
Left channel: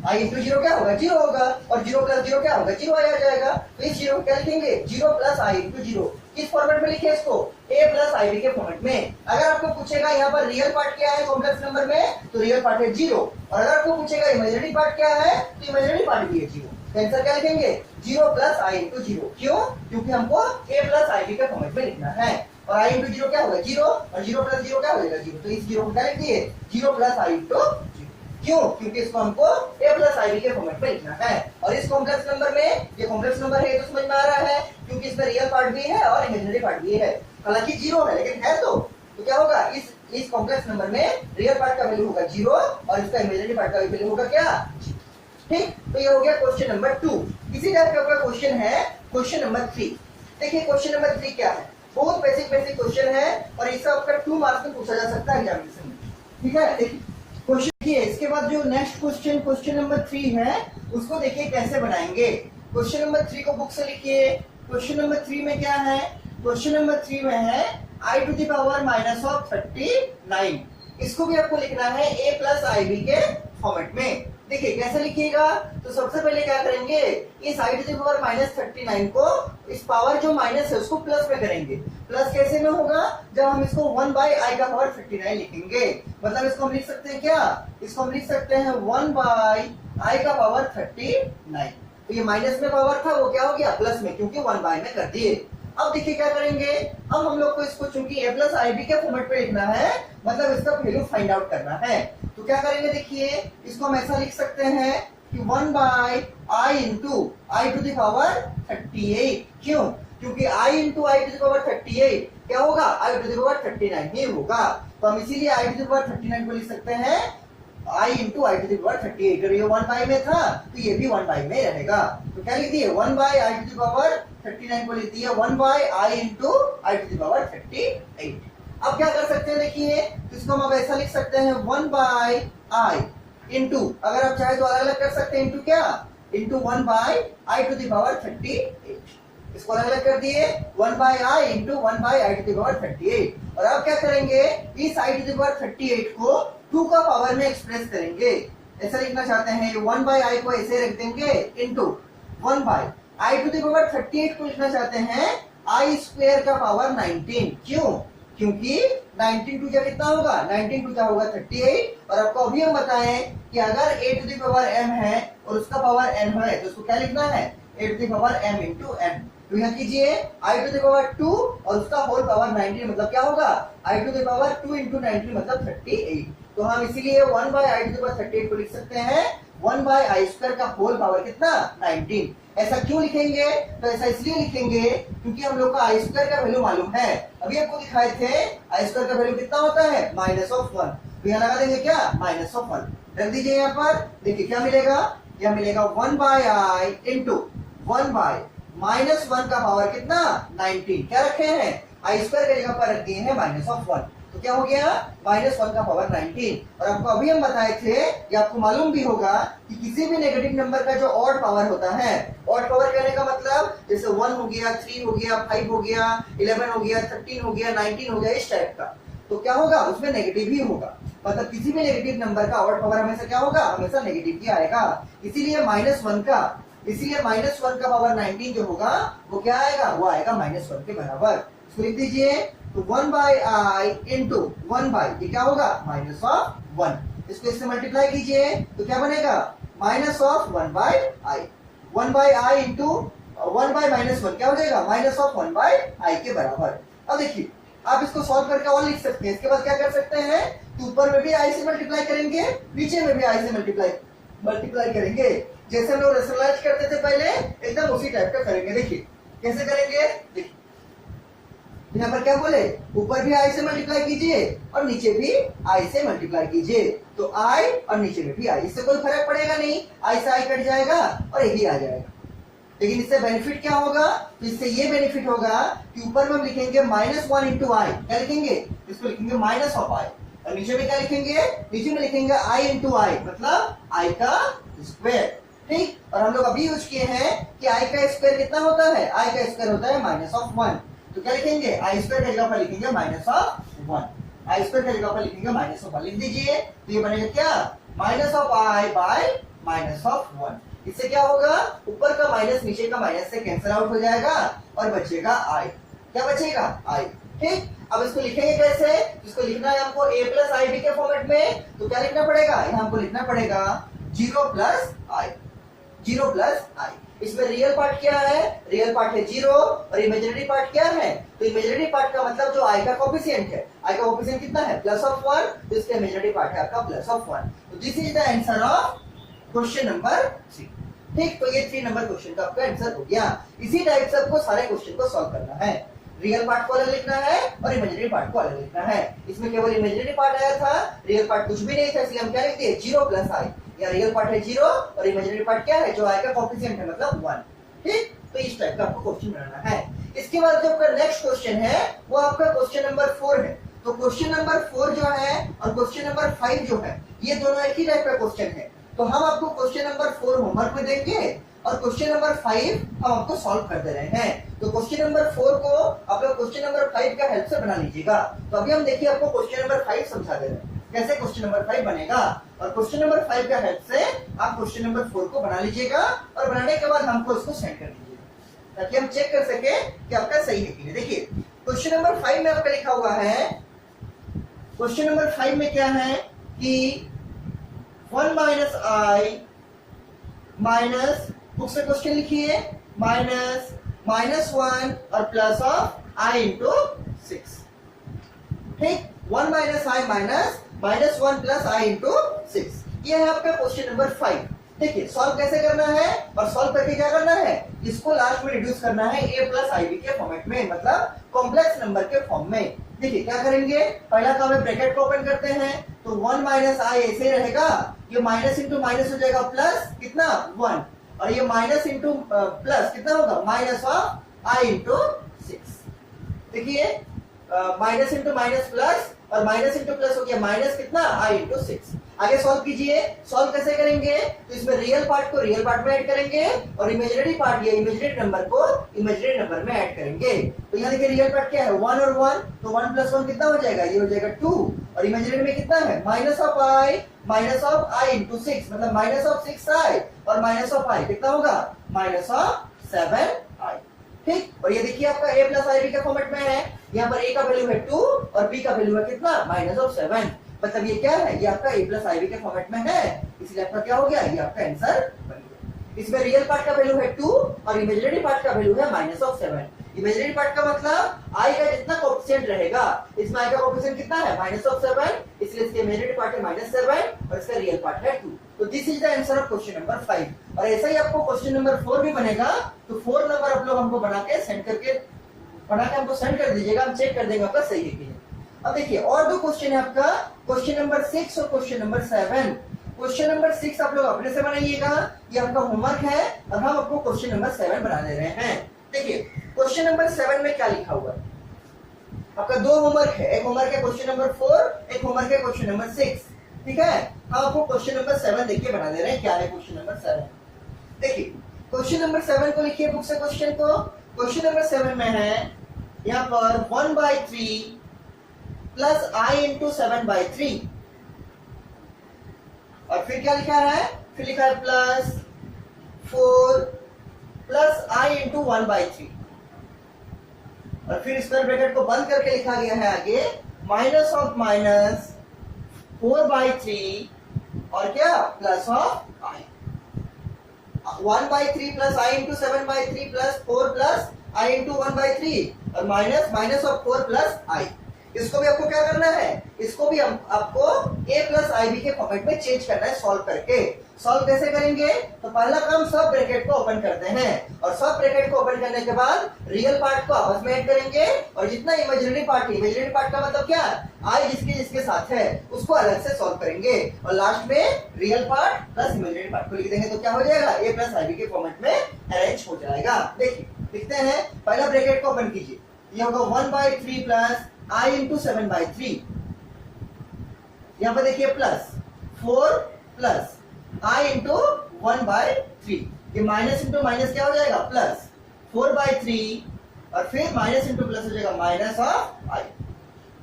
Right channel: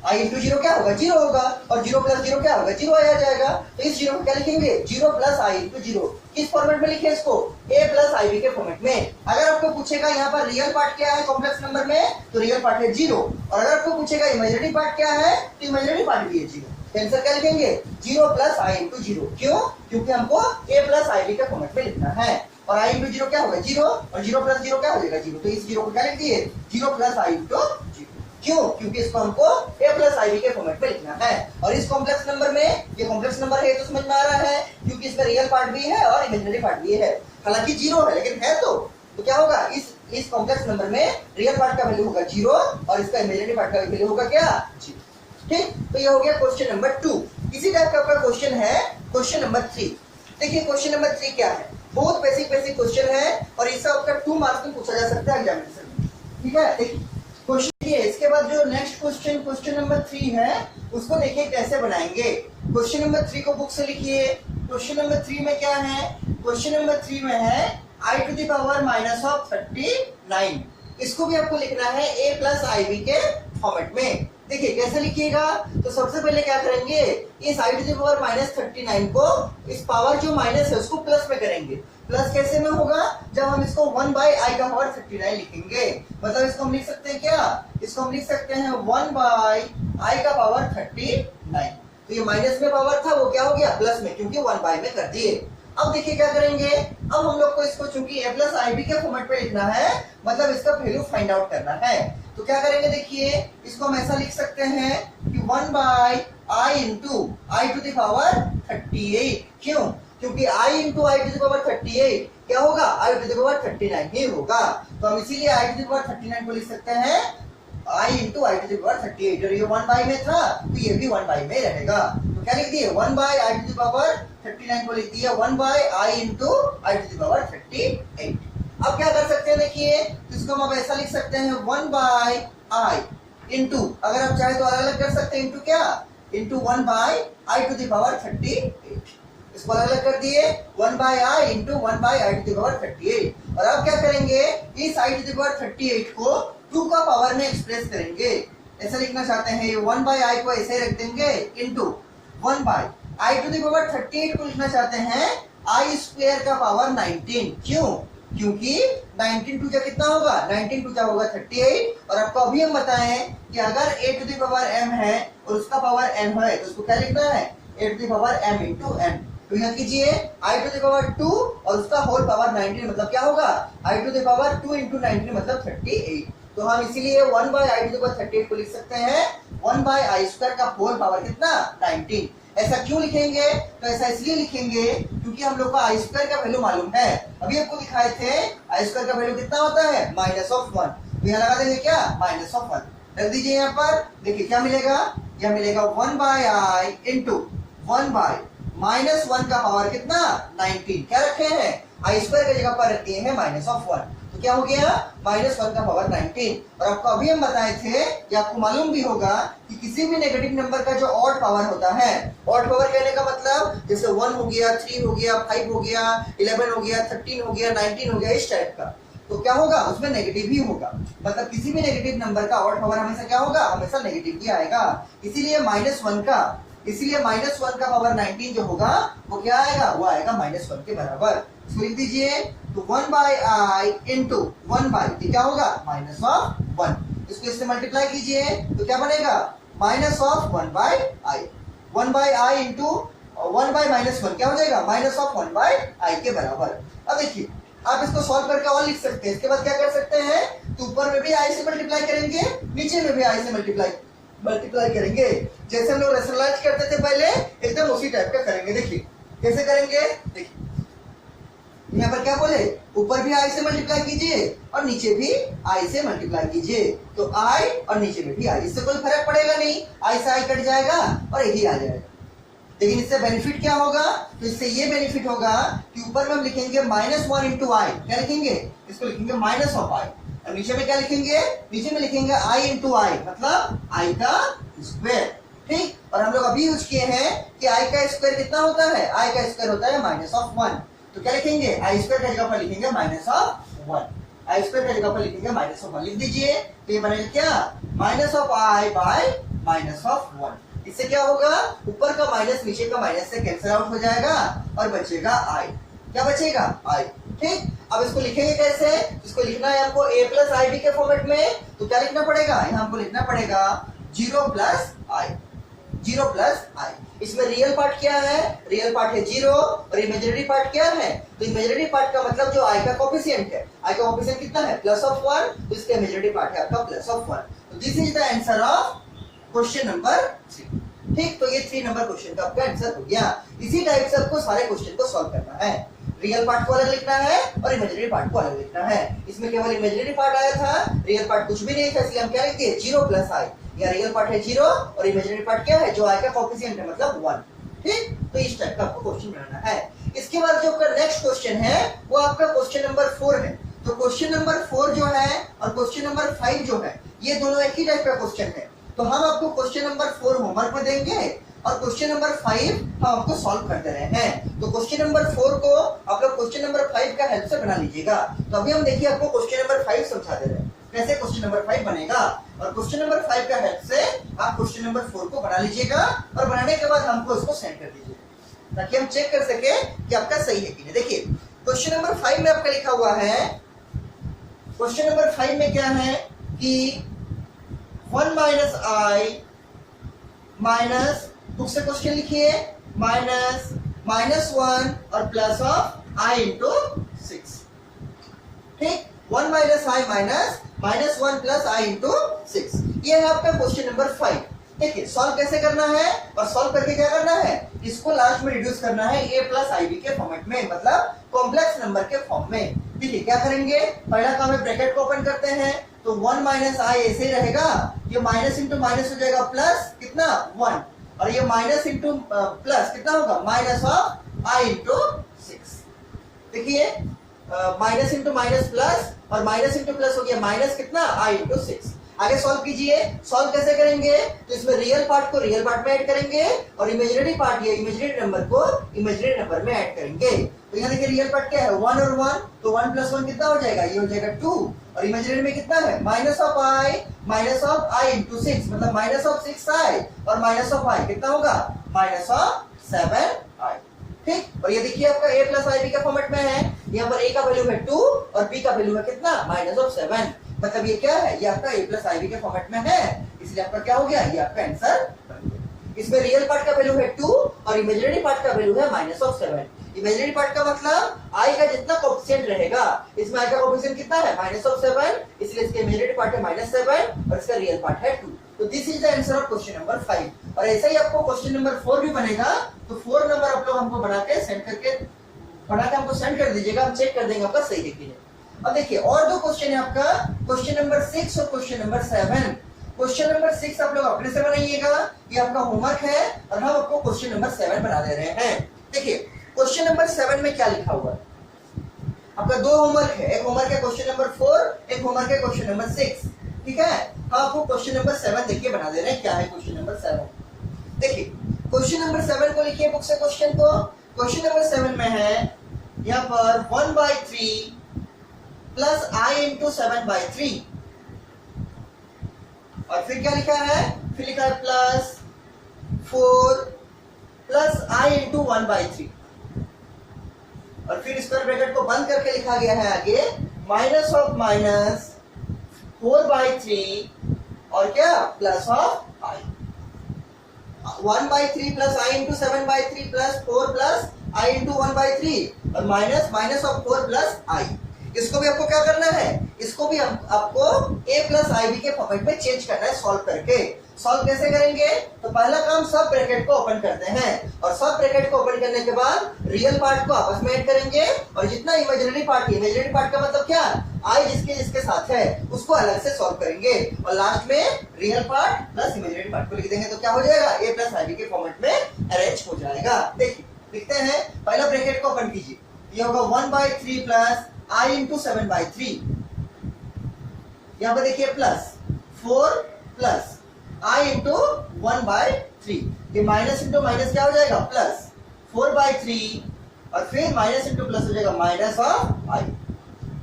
i into 0 क्या होगा 0 होगा, और 0 प्लस 0 क्या होगा 0 आ जाएगा। तो इस 0 को क्या लिखेंगे 0 प्लस i into 0, किस फॉर्मेट में लिखे इसको, a प्लस ib के फॉर्मेट में। अगर आपको पूछेगा यहाँ पर रियल पार्ट क्या है कॉम्प्लेक्स नंबर में, तो रियल पार्ट है 0, और अगर आपको पूछेगा इमेजिनरी पार्ट क्या है, तो इमेजिनरी पार्ट भी है 0। आंसर क्या लिखेंगे 0 प्लस i into 0, क्यों, क्योंकि हमको a प्लस ib के फॉर्मेट में लिखना है, और i into 0 क्या होगा 0, और 0 प्लस 0 क्या हो जाएगा 0, तो इस 0 को क्या लिख दिए 0 प्लस i into 0, क्यों, क्योंकि इसको हमको a प्लस ib के फॉर्मेट में लिखना है। और इस कॉम्प्लेक्स नंबर में, ये कॉम्प्लेक्स नंबर है तो समझ में आ रहा है, क्योंकि इसमें रियल पार्ट भी है और इमेजिनरी पार्ट भी है, हालांकि 0 है लेकिन है तो तो क्या होगा, इस कॉम्प्लेक्स नंबर में रियल पार्ट का वैल्यू होगा 0 और इसका इमेजिनरी पार्ट का वैल्यू होगा क्या 0। ठीक, तो ये हो गया क्वेश्चन नंबर 2। इसी टाइप का आपका क्वेश्चन है क्वेश्चन नंबर 3। देखिए क्वेश्चन नंबर 3 क्या है, बहुत बेसिक क्वेश्चन है और इसका आपका 2 मार्क्स में पूछा जा सकता है एग्जामिनेशन में। ठीक है, देखिए क्वेश्चन ये, इसके बाद जो नेक्स्ट क्वेश्चन नंबर 3 है उसको देखिए कैसे बनाएंगे। क्वेश्चन नंबर 3 को बुक से लिखिए। क्वेश्चन नंबर 3 में क्या है, क्वेश्चन नंबर 3 में है i to the power minus of 39। इसको भी आपको लिखना है a प्लस आई के फॉर्मेट में। देखिए कैसे लिखिएगा, तो सबसे पहले क्या करेंगे, इस i to the power minus 39 को इस पावर जो माइनस है उसको प्लस में करेंगे। प्लस कैसे में होगा, जब हम इसको 1 बाई आई का पावर 39 लिखेंगे, मतलब इसको हम लिख सकते हैं क्या, इसको हम लिख सकते हैं 1 बाई आई का पावर 39। तो ये माइनस में पावर था वो क्या हो गया प्लस में, क्योंकि 1 बाई में कर दिए। अब देखिए क्या करेंगे, अब हम लोग को इसको चूंकि a प्लस आई बी के फॉर्मेट पे लिखना है, मतलब इसका वैल्यू फाइंड आउट करना है। तो क्या करेंगे, देखिए इसको हम ऐसा लिख सकते हैं कि 1 by i into i to the power 38। क्यों, क्योंकि i into i to the power 38 क्या होगा, आई टू द पावर 39 ही होगा। तो हम इसीलिए आई टू द पावर 39 को लिख सकते हैं i into i to the power 38, और ये 1 बाई में था तो ये भी 1 बाई में रहेगा। तो क्या लिख दिए, 1 by i to the power 39 को लिख दिया 1 by i into i to the power 38। अब क्या कर सकते हैं, देखिए इसको हम अब ऐसा लिख सकते हैं 1 बाई आई इंटू, अगर आप चाहे तो अलग अलग कर सकते हैं, इंटू क्या, into 1 by i to the power 38। इसको अलग अलग कर दिए 1 by i into 1 by i to the power 38। और अब क्या करेंगे, इस आई टू द पावर 38 को 2 का पावर में एक्सप्रेस करेंगे। ऐसा लिखना चाहते हैं 1 बाई आई को ऐसे रख देंगे into 1 by i to the power 38 को लिखना चाहते हैं आई स्क्वायर का पावर 19। क्यों, क्योंकि 19 टू जा कितना होगा, 19 टू जा होगा 38। और आपको अभी हम बताएं कि अगर a to the power m है और उसका पावर n है तो उसको क्या लिखना है, a to the power m into n। तो यहाँ कीजिए i टू द पावर 2 और उसका होल पावर 19, मतलब क्या होगा i to the power 2 into 19 मतलब 38। तो हम इसीलिए 1 by i to the power 38 को लिख सकते हैं 1 बाई आई स्क्वायर का होल पावर कितना 19। ऐसा क्यों लिखेंगे, तो ऐसा इसलिए लिखेंगे क्योंकि हम लोग को आई स्क्वायर का वैल्यू मालूम है। अभी आपको दिखाए थे आई स्क्वायर का वैल्यू कितना होता है माइनस ऑफ 1। तो यहाँ लगा देंगे क्या माइनस ऑफ 1, रख दीजिए यहाँ पर। देखिए क्या मिलेगा, यह मिलेगा 1 by i into 1 by minus 1 का पावर कितना 19। क्या रखे हैं, आई स्क्वायर की जगह पर रख दिए हैं माइनस ऑफ 1। तो क्या हो गया माइनस 1 का पावर 19। और आपको अभी हम बताए थे, या आपको मालूम भी होगा कि किसी भी नेगेटिव नंबर का जो ऑड पावर होता है, ऑड पावर कहने का मतलब जैसे 1 हो गया, 3 हो गया, 5 हो गया, 11 हो गया, 13 हो गया, 19 हो गया, इस टाइप का, तो क्या होगा उसमें नेगेटिव ही होगा। मतलब किसी भी नेगेटिव नंबर का ऑड पावर हमेशा क्या होगा, हमेशा नेगेटिव ही आएगा। इसीलिए माइनस 1 का पावर 19 जो होगा वो क्या आएगा, वो आएगा माइनस 1 के बराबर। इसको लिख दीजिए, तो 1 बाई आई इंटू 1 बाई ये क्या होगा माइनस ऑफ 1। इसको इससे मल्टीप्लाई कीजिए तो क्या बनेगा minus of 1 by I. 1 by i into 1 by minus 1 क्या हो जाएगा माइनस ऑफ 1 बाई आई के बराबर। अब देखिए आप इसको सॉल्व करके और लिख सकते हैं। इसके बाद क्या कर सकते हैं, तो ऊपर में भी आई से मल्टीप्लाई करेंगे, नीचे में भी आई से मल्टीप्लाई करेंगे। जैसे हम लोग रेशनलाइज करते थे पहले, एकदम उसी टाइप का करेंगे। देखिए कैसे करेंगे, देखिए यहाँ पर क्या बोले, ऊपर भी आई से मल्टीप्लाई कीजिए और नीचे भी आई से मल्टीप्लाई कीजिए। तो आई और नीचे में भी आई, इससे कोई फर्क पड़ेगा नहीं, आई से आई कट जाएगा और यही आ जाएगा। लेकिन इससे बेनिफिट क्या होगा, तो इससे ये बेनिफिट होगा कि ऊपर में हम लिखेंगे माइनस 1 इंटू आई, क्या लिखेंगे, इसको लिखेंगे माइनस ऑफ आई। और नीचे में क्या लिखेंगे, नीचे में लिखेंगे आई इंटू आई, मतलब आई का स्क्वायर। ठीक, और हम लोग अभी यूज किए हैं कि आई का स्क्वायर कितना होता है, आई का स्क्वायर होता है माइनस ऑफ 1। तो क्या लिखेंगे, आई स्क्वायर की जगह पर लिखेंगे माइनस ऑफ 1, आई स्क्वायर की जगह पर लिखेंगे माइनस ऑफ 1 लिख दीजिए। तो ये बनेगा क्या minus of I bye minus of 1। इससे क्या होगा, ऊपर का माइनस नीचे का माइनस से कैंसिल आउट हो जाएगा और बचेगा आई। क्या बचेगा आई। ठीक, अब इसको लिखेंगे कैसे, इसको लिखना है हमको a प्लस आई बी के फॉर्मेट में। तो क्या लिखना पड़ेगा, यहाँ हमको लिखना पड़ेगा 0 प्लस आई, 0 प्लस आई। इसमें रियल पार्ट क्या है, रियल पार्ट है 0 और इमेजिनरी पार्ट क्या है, तो इमेजिनरी पार्ट का मतलब जो आई का कोफिशिएंट है, आई का कोफिशिएंट कितना है प्लस ऑफ 1, तो इसका इमेजिनरी पार्ट है आपका प्लस ऑफ 1। तो this is the answer of question number 3। ठीक, तो ये 3 नंबर क्वेश्चन का आपका आंसर हो गया। इसी टाइप से आपको सारे क्वेश्चन को सॉल्व करना है। रियल पार्ट को अलग लिखना है और इमेजिनरी पार्ट को अलग लिखना है। इसमें केवल इमेजिनरी पार्ट आया था, रियल पार्ट कुछ भी नहीं था, इसलिए हम क्या लिखते हैं 0 प्लस i। या रियल पार्ट है 0 और इमेजिनरी पार्ट क्या है, जो i का कोएफिशिएंट है, मतलब 1। ठीक, तो इस टाइप का आपको क्वेश्चन बनाना है। इसके बाद जो आपका नेक्स्ट क्वेश्चन है वो आपका क्वेश्चन नंबर 4 है। तो क्वेश्चन नंबर 4 जो है और क्वेश्चन नंबर 5 जो है, ये दोनों एक ही टाइप का क्वेश्चन है। तो हम आपको क्वेश्चन नंबर 4 होमवर्क में देंगे और क्वेश्चन नंबर 5 हम आपको सॉल्व कर दे रहे हैं। तो क्वेश्चन नंबर 4 को आप लोग क्वेश्चन नंबर 5 का हेल्प से बना लीजिएगा। तो अभी हम देखिए आपको क्वेश्चन नंबर 5 समझा दे रहे हैं कैसे क्वेश्चन नंबर 5 बनेगा, और क्वेश्चन नंबर 5 का हेल्प से आप क्वेश्चन नंबर 4 को बना लीजिएगा और बनाने के बाद हमको इसको सेंड कर दीजिएगा ताकि हम चेक कर सके कि आपका सही है कि नहीं। देखिए क्वेश्चन नंबर 5 में आपका लिखा हुआ है, क्वेश्चन नंबर 5 में क्या है कि 1 माइनस आई माइनस, बुक से क्वेश्चन लिखिए, -1 और प्लस ऑफ i इंटू 6। ठीक, 1 minus I minus -1 plus i into 6, ये है आपका क्वेश्चन नंबर 5। ठीक है, सॉल्व कैसे करना है और सॉल्व करके क्या करना है, इसको लास्ट में रिड्यूस करना है a प्लस ib के फॉर्मेट में, मतलब कॉम्प्लेक्स नंबर के फॉर्म में। देखिए क्या करेंगे, पहला काम है ब्रैकेट को ओपन करते हैं, तो 1 माइनस आई ऐसे ही रहेगा, ये माइनस इंटू माइनस हो जाएगा प्लस कितना 1, और ये माइनस इंटू प्लस कितना होगा माइनस ऑफ आई इंटू 6। देखिए माइनस इंटू माइनस प्लस और माइनस इंटू प्लस हो गया माइनस कितना आई इंटू 6। आगे सॉल्व कीजिए, सॉल्व कैसे करेंगे, तो इसमें रियल पार्ट को रियल पार्ट में ऐड करेंगे और इमेजिनरी पार्ट या इमेजिनरी नंबर को इमेजिनरी नंबर में ऐड करेंगे। तो यहाँ देखिए रियल पार्ट क्या है 1 और 1, तो 1 प्लस 1 कितना हो जाएगा, ये हो जाएगा 2, और इमेजिनरी में कितना है माइनस ऑफ आई इंटू 6, मतलब माइनस ऑफ 6i और माइनस ऑफ i कितना होगा माइनस ऑफ 7i। ठीक, और ये देखिए आपका a प्लस आई बी का फॉर्मेट में है, यहाँ पर a का वैल्यू है 2 और b का वैल्यू है कितना माइनस ऑफ 7, मतलब ये क्या है, ये आपका a प्लस आई बी के फॉर्मेट में है, इसलिए आपका क्या हो गया, ये आपका आंसर बन गया। इसमें रियल पार्ट का वैल्यू है 2 और इमेजिनरी पार्ट का वैल्यू है माइनस ऑफ 7। इमेजिनरी पार्ट का मतलब i का जितना कोएफिशिएंट रहेगा, इसमें i का कोएफिशिएंट कितना है माइनस ऑफ 7, इसलिए इसके इमेजिनरी पार्ट है -7 और इसका रियल पार्ट है 2। तो this is the answer of question number 5। और ऐसा ही आपको क्वेश्चन नंबर 4 भी बनेगा, तो 4 नंबर आप लोग हमको बना के हमको सेंड कर दीजिएगा, हम चेक कर देंगे आपका सही है कि नहीं। अब देखिए और दो क्वेश्चन है आपका, क्वेश्चन नंबर 6 और क्वेश्चन नंबर 7। क्वेश्चन नंबर 6 आप लोग अपने से बनाइएगा, ये आपका होमवर्क है, और हम आपको क्वेश्चन नंबर 7 बना दे रहे हैं। देखिए क्वेश्चन नंबर 7 में क्या लिखा हुआ है, आपका दो होमवर्क है, एक होमवर्क है क्वेश्चन नंबर 4, एक होमवर्क है क्वेश्चन नंबर 6। ठीक है, हम आपको क्वेश्चन नंबर 7 देखिए बना दे रहे हैं, क्या है क्वेश्चन नंबर 7। देखिए क्वेश्चन नंबर 7 को लिखिए बुक से क्वेश्चन को। क्वेश्चन नंबर 7 में है यहाँ पर 1/3 प्लस i इंटू 7/3, और फिर क्या लिखा है, फिर लिखा है प्लस 4 प्लस i इंटू 1/3, और फिर स्क्वायर ब्रैकेट को बंद करके लिखा गया है आगे माइनस ऑफ माइनस 4/3 और क्या plus of i, 1/3 plus i into 7/3 plus 4 plus i into 1/3 और माइनस ऑफ 4 प्लस i। इसको भी आपको क्या करना है, इसको भी आपको a प्लस आई बी के फॉर्मेट में चेंज करना है सॉल्व करके। सॉल्व कैसे करेंगे, तो पहला काम सब ब्रैकेट को ओपन करते हैं, और सब ब्रैकेट को ओपन करने के बाद रियल पार्ट को आपस में ऐड करेंगे, और जितना इमेजिनरी पार्ट है, इमेजिनरी पार्ट का मतलब क्या, आई जिसके साथ है उसको अलग से सॉल्व करेंगे, और लास्ट में real part plus imaginary part को लिख देंगे, तो क्या हो जाएगा a प्लस आई बी के फॉर्मेट में अरेंज हो जाएगा। देखिए लिखते हैं, पहला ब्रैकेट को ओपन कीजिए, ये होगा 1/3 प्लस i इंटू 7/3, यहां पर देखिए प्लस 4 प्लस i इंटू 1/3, ये माइनस इंटू माइनस क्या हो जाएगा प्लस 4/3 और फिर माइनस इंटू प्लस हो जाएगा माइनस ऑफ i।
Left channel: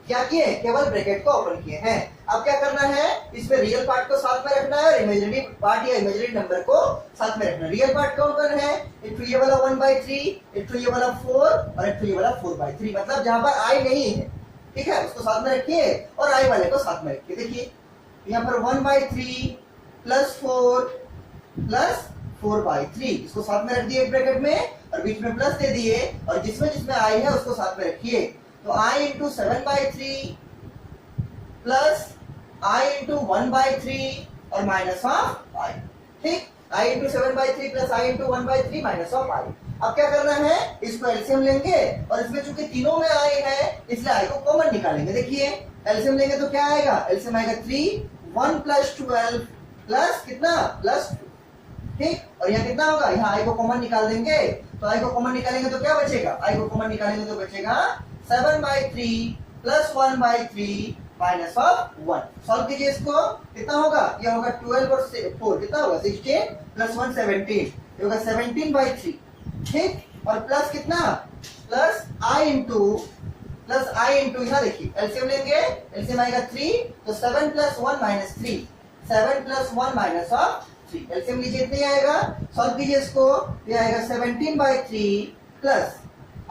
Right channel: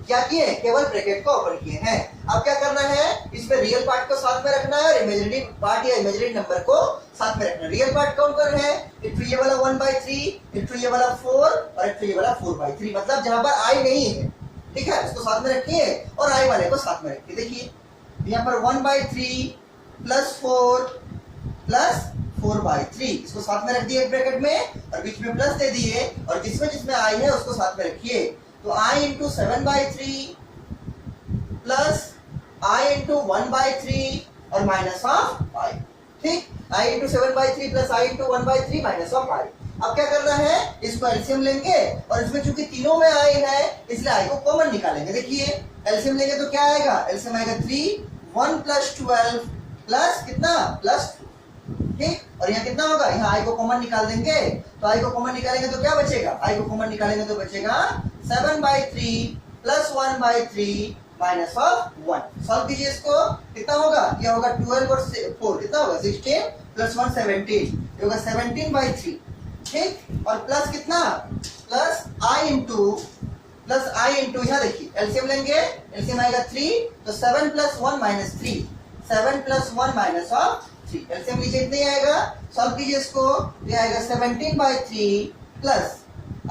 क्या किए, केवल ब्रैकेट को ओपन किए हैं। अब क्या करना है, इसमें रियल पार्ट को साथ में रखना है और इमेजिनरी पार्ट या इमेजिनरी नंबर को साथ में रखना है। रियल पार्ट कौन कौन है, एक तो ये वाला 1/3, एक तो ये वाला 4 और एक तो ये वाला 4/3, मतलब जहां पर i नहीं है, ठीक है, उसको साथ में रखिए और i वाले को साथ में रखिए। देखिए यहाँ पर 1/3 प्लस 4 प्लस 4/3, इसको साथ में रख दिए एक ब्रैकेट में और बीच में प्लस दे दिए, और जिसमें i है उसको साथ में रखिए, तो i into 7/3 plus i into 1/3 और माइनस ऑफ i। ठीक, i into 7/3 plus i into 1/3 minus of i। अब क्या करना है, इसको एलसीएम लेंगे और इसमें चूंकि तीनों में i है इसलिए i को कॉमन निकालेंगे। देखिए एलसीएम लेंगे तो क्या आएगा, एलसीएम आएगा 3, 1 प्लस 12 प्लस कितना प्लस 2। ठीक, और यहाँ कितना होगा, यहाँ i को कॉमन निकाल देंगे तो i को कॉमन निकालेंगे तो क्या बचेगा, i को कॉमन निकालेंगे तो बचेगा 7/3 प्लस 1/3 माइनस ऑफ 1। सॉल्व कीजिए इसको, कितना होगा, ये होगा 12 और 4 कितना होगा 16 प्लस 1 17, ये होगा 17/3। ठीक, और प्लस कितना प्लस i इंटू यहाँ देखिए एलसीएम लेंगे, एलसीएम आएगा 3 तो 7 plus 1 minus 3, 7 plus 1 minus of 3। LCM लीजिए इतना ही आएगा। सॉल्व कीजिए इसको, ये आएगा 17/3 प्लस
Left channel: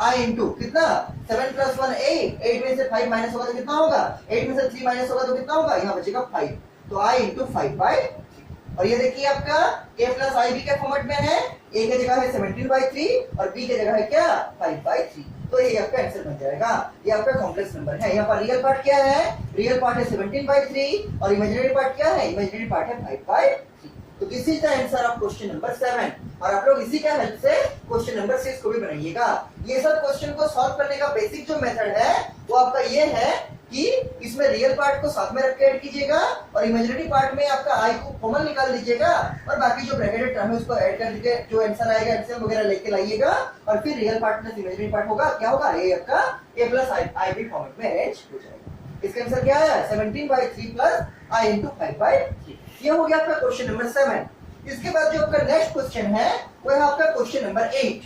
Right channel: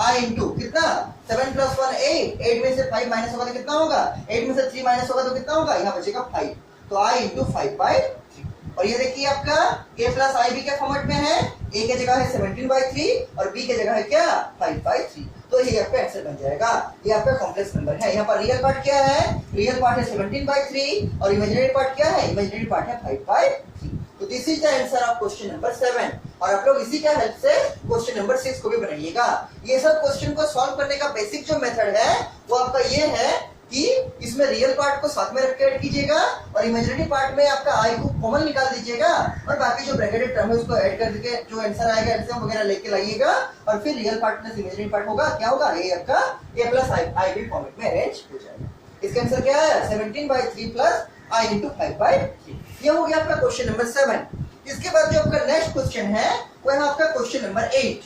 i इंटू कितना 7 प्लस 1 8, 8 में से 5 माइनस होगा तो कितना होगा, 8 में से 3 माइनस होगा तो कितना होगा, यहाँ बचेगा 5, तो i इंटू 5/3। और ये देखिए आपका a प्लस आई बी के फॉर्मेट में है, a के जगह है 17/3 और b के जगह है क्या 5/3, तो ये आपका आंसर बन जाएगा। ये आपका कॉम्प्लेक्स नंबर है। यहाँ पर रियल पार्ट क्या है, रियल पार्ट है 17/3 और इमेजिनरी पार्ट क्या है, इमेजिनरी पार्ट है 5/3। तो this is the answer of question number 7। और आप लोग इसी का हेल्प से क्वेश्चन नंबर 6 को भी बनाइएगा। ये सब क्वेश्चन को सॉल्व करने का बेसिक जो मेथड है वो आपका ये है कि इसमें रियल पार्ट को साथ में रख के ऐड कीजिएगा और इमेजिनरी पार्ट में आपका आई को कॉमन निकाल दीजिएगा और बाकी जो ब्रैकेटेड टर्म है उसको ऐड कर के जो आंसर आएगा एलसीएम वगैरह लेके लाइएगा और फिर real part plus imaginary part होगा, क्या होगा, ये आपका a plus i b format में अरेंज हो जाएगा। इसका आंसर क्या है 17/3 प्लस i इंटू 5/3। ये हो गया आपका क्वेश्चन नंबर 7। इसके बाद जो आपका नेक्स्ट क्वेश्चन है वो है आपका क्वेश्चन नंबर 8।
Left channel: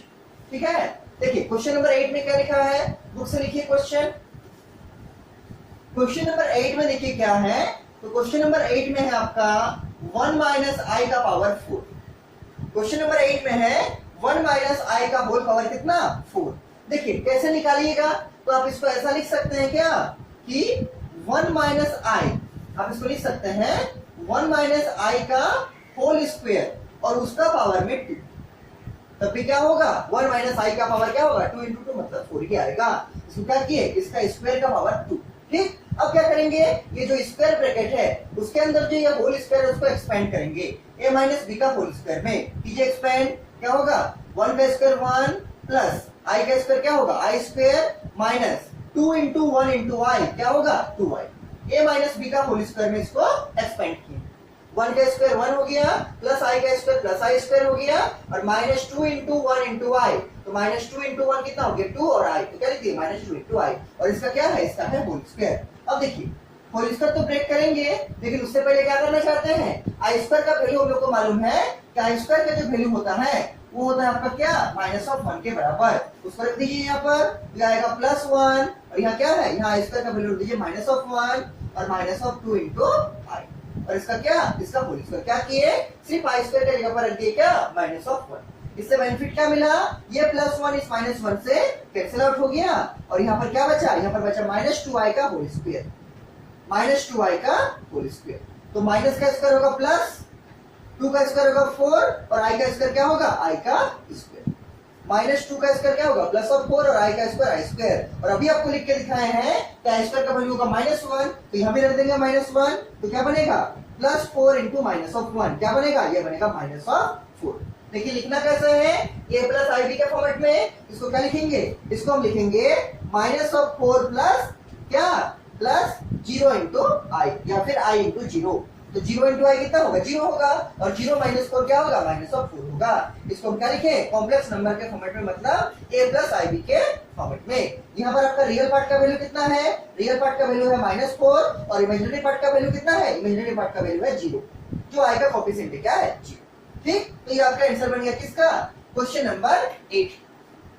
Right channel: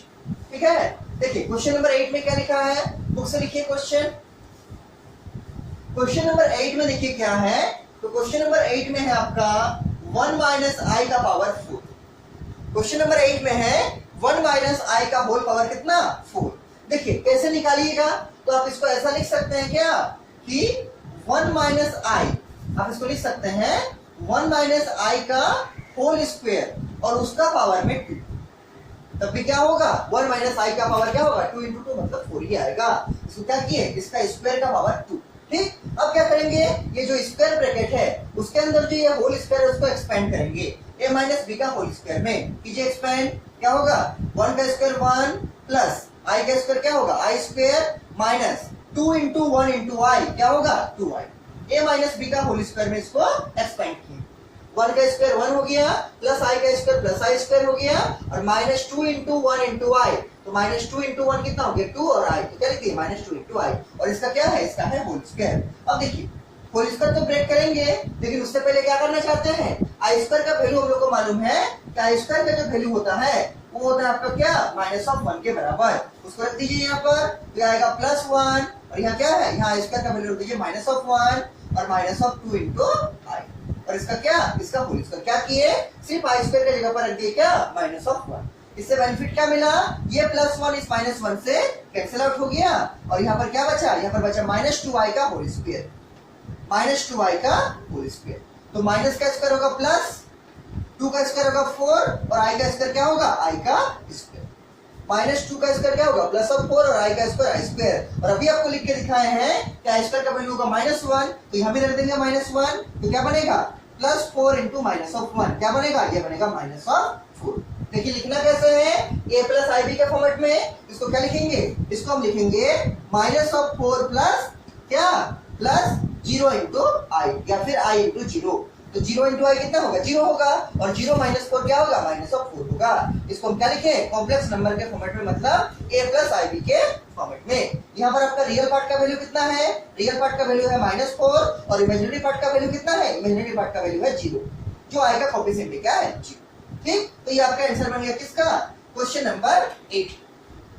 ठीक है, देखिए क्वेश्चन नंबर 8 में क्या लिखा है, बुक से लिखिए क्वेश्चन। क्वेश्चन नंबर 8 में देखिए क्या है, तो क्वेश्चन नंबर 8 में है आपका 1 माइनस आई का पावर 4। क्वेश्चन नंबर 8 में है 1 माइनस आई का होल पावर कितना 4। देखिए कैसे निकालिएगा, तो आप इसको ऐसा लिख सकते हैं क्या कि 1 माइनस आई, आप इसको लिख सकते हैं 1 माइनस आई का होल स्क्वायर और उसका पावर में 2। तब भी क्या होगा, 1 माइनस आई का पावर क्या होगा 2 इंटू 2 मतलब 4 ही आएगा। इसको क्या किए, इसका स्क्वायर का पावर 2। ठीक, अब क्या करेंगे, ये जो स्क्वायर ब्रैकेट है उसके अंदर जो ये होल स्क्वायर है उसको एक्सपेंड करेंगे a माइनस बी का होल स्क्वायर में। कीजिए एक्सपेंड, क्या होगा 1 का स्क्वायर 1 प्लस i का स्क्वायर क्या होगा i square minus 2 into 1 into i क्या होगा 2i। a माइनस बी का होल स्क्वायर में इसको एक्सपेंड किए, 1 का स्क्वायर 1 हो गया प्लस i का स्क्वायर प्लस i स्क्वायर हो गया और माइनस 2 इंटू 1 इंटू आई, तो माइनस 2 इंटू 1 कितना हो गया 2 और i, तो क्या लिखिए माइनस 2 इंटू आई और इसका क्या है, इसका है होल स्क्वायर। अब देखिए होल स्क्वायर तो ब्रेक करेंगे लेकिन उससे पहले क्या करना चाहते हैं, आई स्क्वायर का वैल्यू हम लोग को मालूम है कि आई स्क्वायर का जो वैल्यू होता है वो होता है आपका क्या माइनस ऑफ 1 के बराबर। उसको रख दीजिए यहाँ पर, तो आएगा प्लस 1 और यहाँ क्या है, यहाँ आई स्क्वायर का वैल्यू रख दीजिए माइनस ऑफ 1 और माइनस ऑफ 2 इंटू आई और इसका क्या, इसका होल स्क्वायर। क्या किए, सिर्फ आई स्क्वायर की जगह पर रख दिए क्या माइनस ऑफ 1। इससे बेनिफिट क्या मिला, ये प्लस 1 इस माइनस 1 से कैंसिल आउट हो गया और यहाँ पर क्या बचा, यहाँ पर बचा माइनस 2i का होल स्क्वायर, माइनस 2i का होल स्क्वायर। तो माइनस का स्क्वायर होगा प्लस, 2 का स्क्वायर होगा 4 और i का स्क्वायर क्या होगा i का स्क्वायर, माइनस 2 का स्क्वायर क्या होगा प्लस ऑफ 4 और i का स्क्वायर i स्क्वायर। और अभी आपको लिख के दिखाए हैं कि i स्क्वायर का वैल्यू होगा माइनस 1, तो यहाँ भी रख देंगे माइनस 1, तो क्या बनेगा प्लस 4 इंटू माइनस ऑफ 1, क्या बनेगा, ये बनेगा माइनस ऑफ 4। देखिए लिखना कैसे है, a प्लस आई बी के फॉर्मेट में इसको क्या लिखेंगे, इसको हम लिखेंगे माइनस ऑफ 4 प्लस क्या प्लस 0 इंटू आई या फिर i इंटू 0। तो 0 इंटू आई कितना होगा 0 होगा और 0 माइनस 4 क्या होगा माइनस ऑफ 4 होगा। इसको हम क्या लिखें कॉम्प्लेक्स नंबर के फॉर्मेट में, मतलब a प्लस आई बी के फॉर्मेट में। यहाँ पर आपका रियल पार्ट का वैल्यू कितना है, रियल पार्ट का वैल्यू है माइनस 4 और इमेजिनरी पार्ट का वैल्यू कितना है, इमेजिनरी पार्ट का वैल्यू है 0, जो i का कोएफिशिएंट क्या है 0। ठीक, तो ये आपका आंसर बन गया किसका, क्वेश्चन नंबर 8।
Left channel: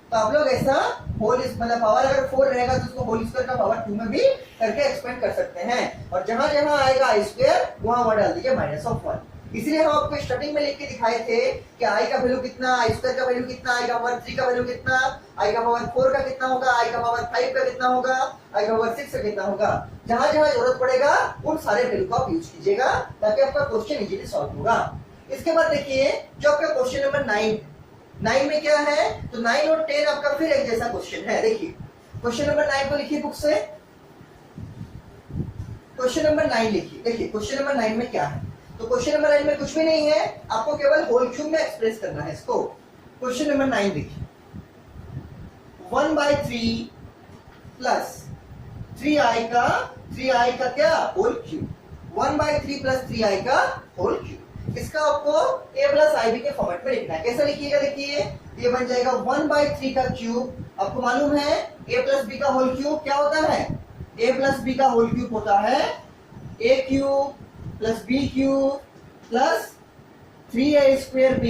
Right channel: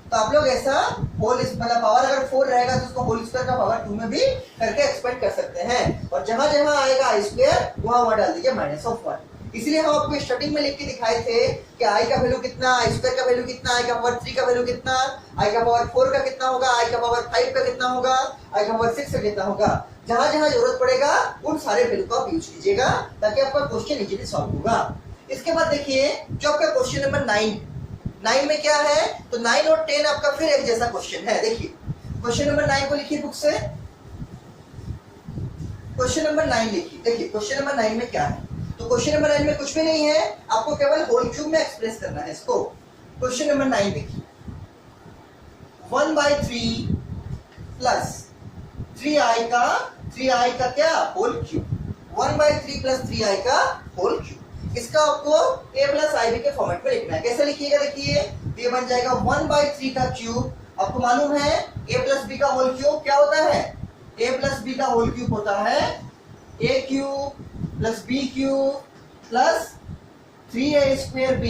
तो आप लोग ऐसा होल मतलब पावर अगर 4 रहेगा तो उसको होल स्क्वायर का पावर 2 में भी करके एक्सपेंड कर सकते हैं और जहां जहां आएगा आई स्क्वायर वहां वहां डाल दीजिए माइनस ऑफ 1। इसलिए हम आपको स्टार्टिंग में लिख के दिखाए थे कि आई का वैल्यू कितना, आई स्क्वायर का वैल्यू कितना, आई का पावर 3 का वैल्यू कितना, आई का पावर 4 का कितना होगा, आई का पावर 5 का कितना होगा, आई का पावर 6 का कितना होगा। जहां जहां जरूरत पड़ेगा उन सारे वैल्यू को आप यूज कीजिएगा ताकि आपका क्वेश्चन इजीली सॉल्व होगा। इसके बाद देखिए जो आपका क्वेश्चन नंबर 9 में क्या है, तो 9 और 10 आपका फिर एक जैसा क्वेश्चन है। देखिए क्वेश्चन नंबर 9 को लिखिए बुक से, क्वेश्चन नंबर 9 लिखिए। देखिए क्वेश्चन नंबर 9 में क्या है, तो क्वेश्चन नंबर 9 में कुछ भी नहीं है, आपको केवल होल क्यूब में एक्सप्रेस करना है इसको। क्वेश्चन नंबर 9 देखिए, 1/3 प्लस 3i का क्या होल क्यूब, 1/3 प्लस 3i का होल क्यूब। इसका आपको a प्लस आई बी के फॉर्मेट में लिखना है। कैसे लिखिएगा, देखिए ये बन जाएगा 1/3 का क्यूब। आपको मालूम है a प्लस बी का होल क्यूब क्या होता है, a प्लस बी का होल क्यूब होता है a cube plus b cube plus 3a² b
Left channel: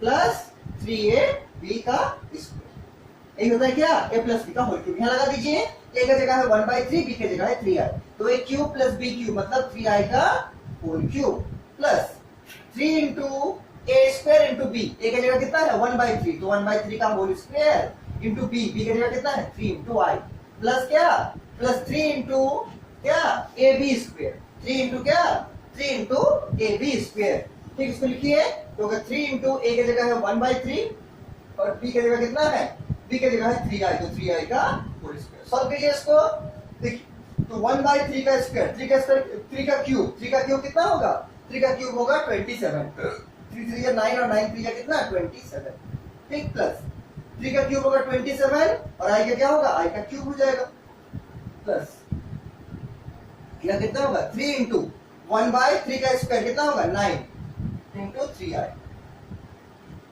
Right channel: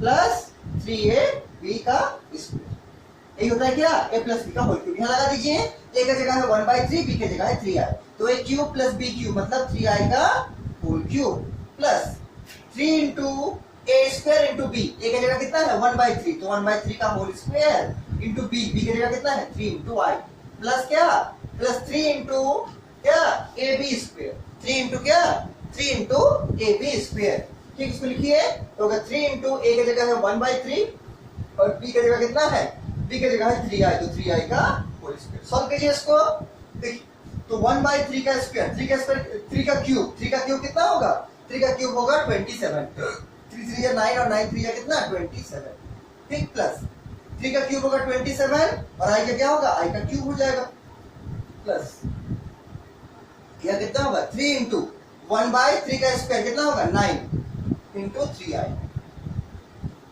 plus 3ab का स्क्वायर। यही होता है क्या, a प्लस बी का होल क्यूब। यहाँ लगा दीजिए, a का जगह है 1/3, b की जगह है 3i, तो a cube plus b cube मतलब 3i का whole cube plus 3 into a² into b, a की जगह कितना है 1/3, तो 1/3 का होल स्क्वायर इंटू b की जगह कितना है 3 इंटू i प्लस क्या, प्लस 3 इंटू क्या ab², 3 इंटू क्या 3 इंटू ab²। ठीक, इसको लिखिए, तो अगर 3 इंटू a की जगह है 1/3 और b की जगह कितना है, b की जगह है 3i, तो 3i का होल स्क्वायर। सॉल्व कीजिए इसको, देखिए तो 1/3 का स्क्वायर, 3 का क्यूब, 3 का क्यूब कितना होगा, 3 का क्यूब होगा 27, 3 3 या 9 और 9 3 या कितना 27। ठीक, प्लस 3 का क्यूब होगा 27 और i का क्या होगा, i का क्यूब हो जाएगा, प्लस यह कितना होगा 3 इंटू 1/3 का स्क्वायर कितना होगा 9 इंटू 3i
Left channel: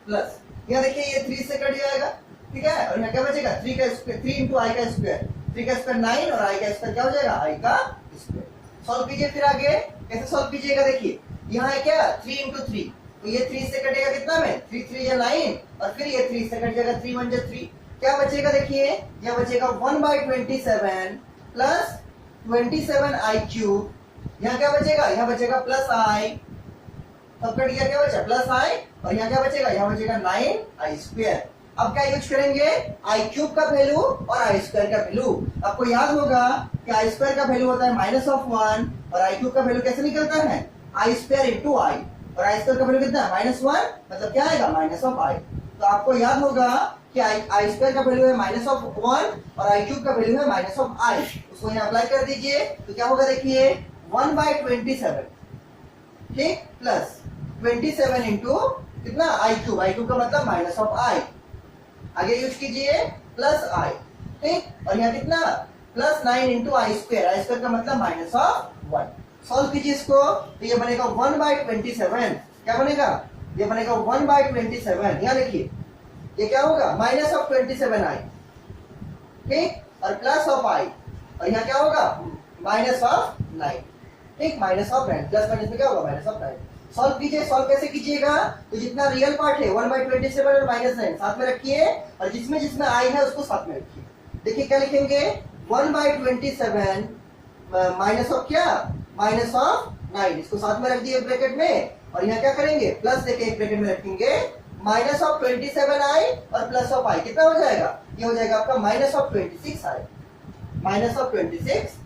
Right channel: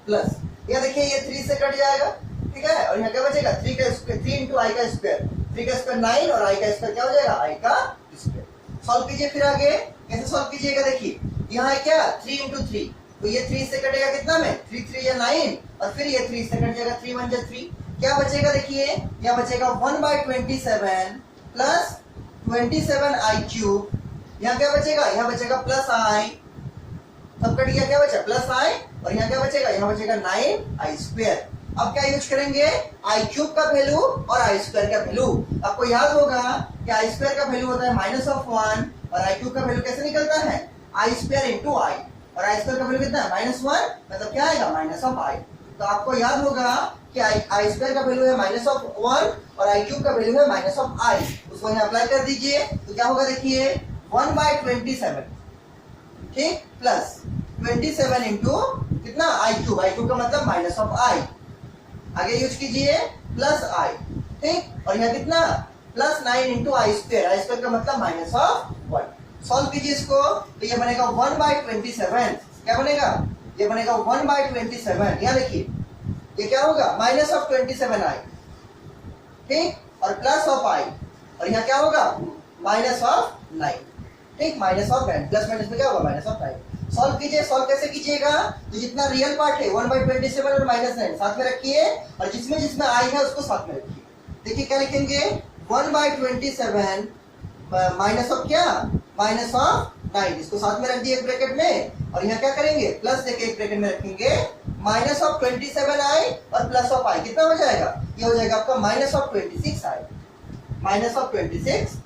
प्लस यह देखिए ये 3 से कट जाएगा, ठीक है, और यहाँ क्या बचेगा 3 का स्क्वायर, 3 इंटू i का स्क्वायर, 3 का स्क्वायर 9 और i का स्क्वायर क्या हो जाएगा i का स्क्वायर। सॉल्व कीजिए फिर आगे, कैसे सॉल्व कीजिएगा, देखिए यहाँ है क्या 3 इंटू 3, तो ये 3 से कटेगा कितना में 3 3 या 9 और फिर ये 3 से कट जाएगा 3 1 3, क्या बचेगा, देखिए यह बचेगा 1/27 प्लस 27i क्यूब, यहाँ क्या बचेगा, यहाँ बचेगा प्लस i, सब कट गया, क्या बचा प्लस i, और यहाँ क्या बचेगा, यहाँ बचेगा 9i²। अब क्या यूज करेंगे, i क्यूब का वैल्यू और i² का वैल्यू। आपको याद होगा कि i² का वैल्यू होता है -1 और i क्यूब का वैल्यू कैसे निकलता है i² इंटू i, और i² का वैल्यू कितना है -1, मतलब क्या आएगा -i। तो आपको याद होगा कि i² का वैल्यू है -1 और i क्यूब का वैल्यू है -i, उसको यहाँ अप्लाई कर दीजिए, तो क्या होगा, देखिए 1/27, ठीक, प्लस 27 इंटू कितना i क्यूब का मतलब -i, आगे यूज कीजिए प्लस i, ठीक, और यहाँ कितना प्लस 9 इंटू i² का मतलब -1। सॉल्व कीजिए इसको, तो ये बनेगा 1/27, क्या बनेगा, ये बनेगा 1/27, यहाँ देखिए ये क्या होगा -27i, ठीक, और प्लस ऑफ i, और यहाँ क्या होगा -9, ठीक, -9, प्लस माइनस में क्या होगा -9। सॉल्व कीजिए, सॉल्व कैसे कीजिएगा, तो जितना रियल पार्ट है 1/27 और -9 साथ में रखिए, और जिसमें जिसमें i है उसको साथ में रखिए। देखिए क्या लिखेंगे 1/27 माइनस ऑफ क्या, -9, इसको साथ में रख दिए ब्रैकेट में, और यहाँ क्या करेंगे प्लस देके एक ब्रैकेट में रखेंगे -27i और प्लस ऑफ i, कितना हो जाएगा, ये हो जाएगा आपका -26i, -27i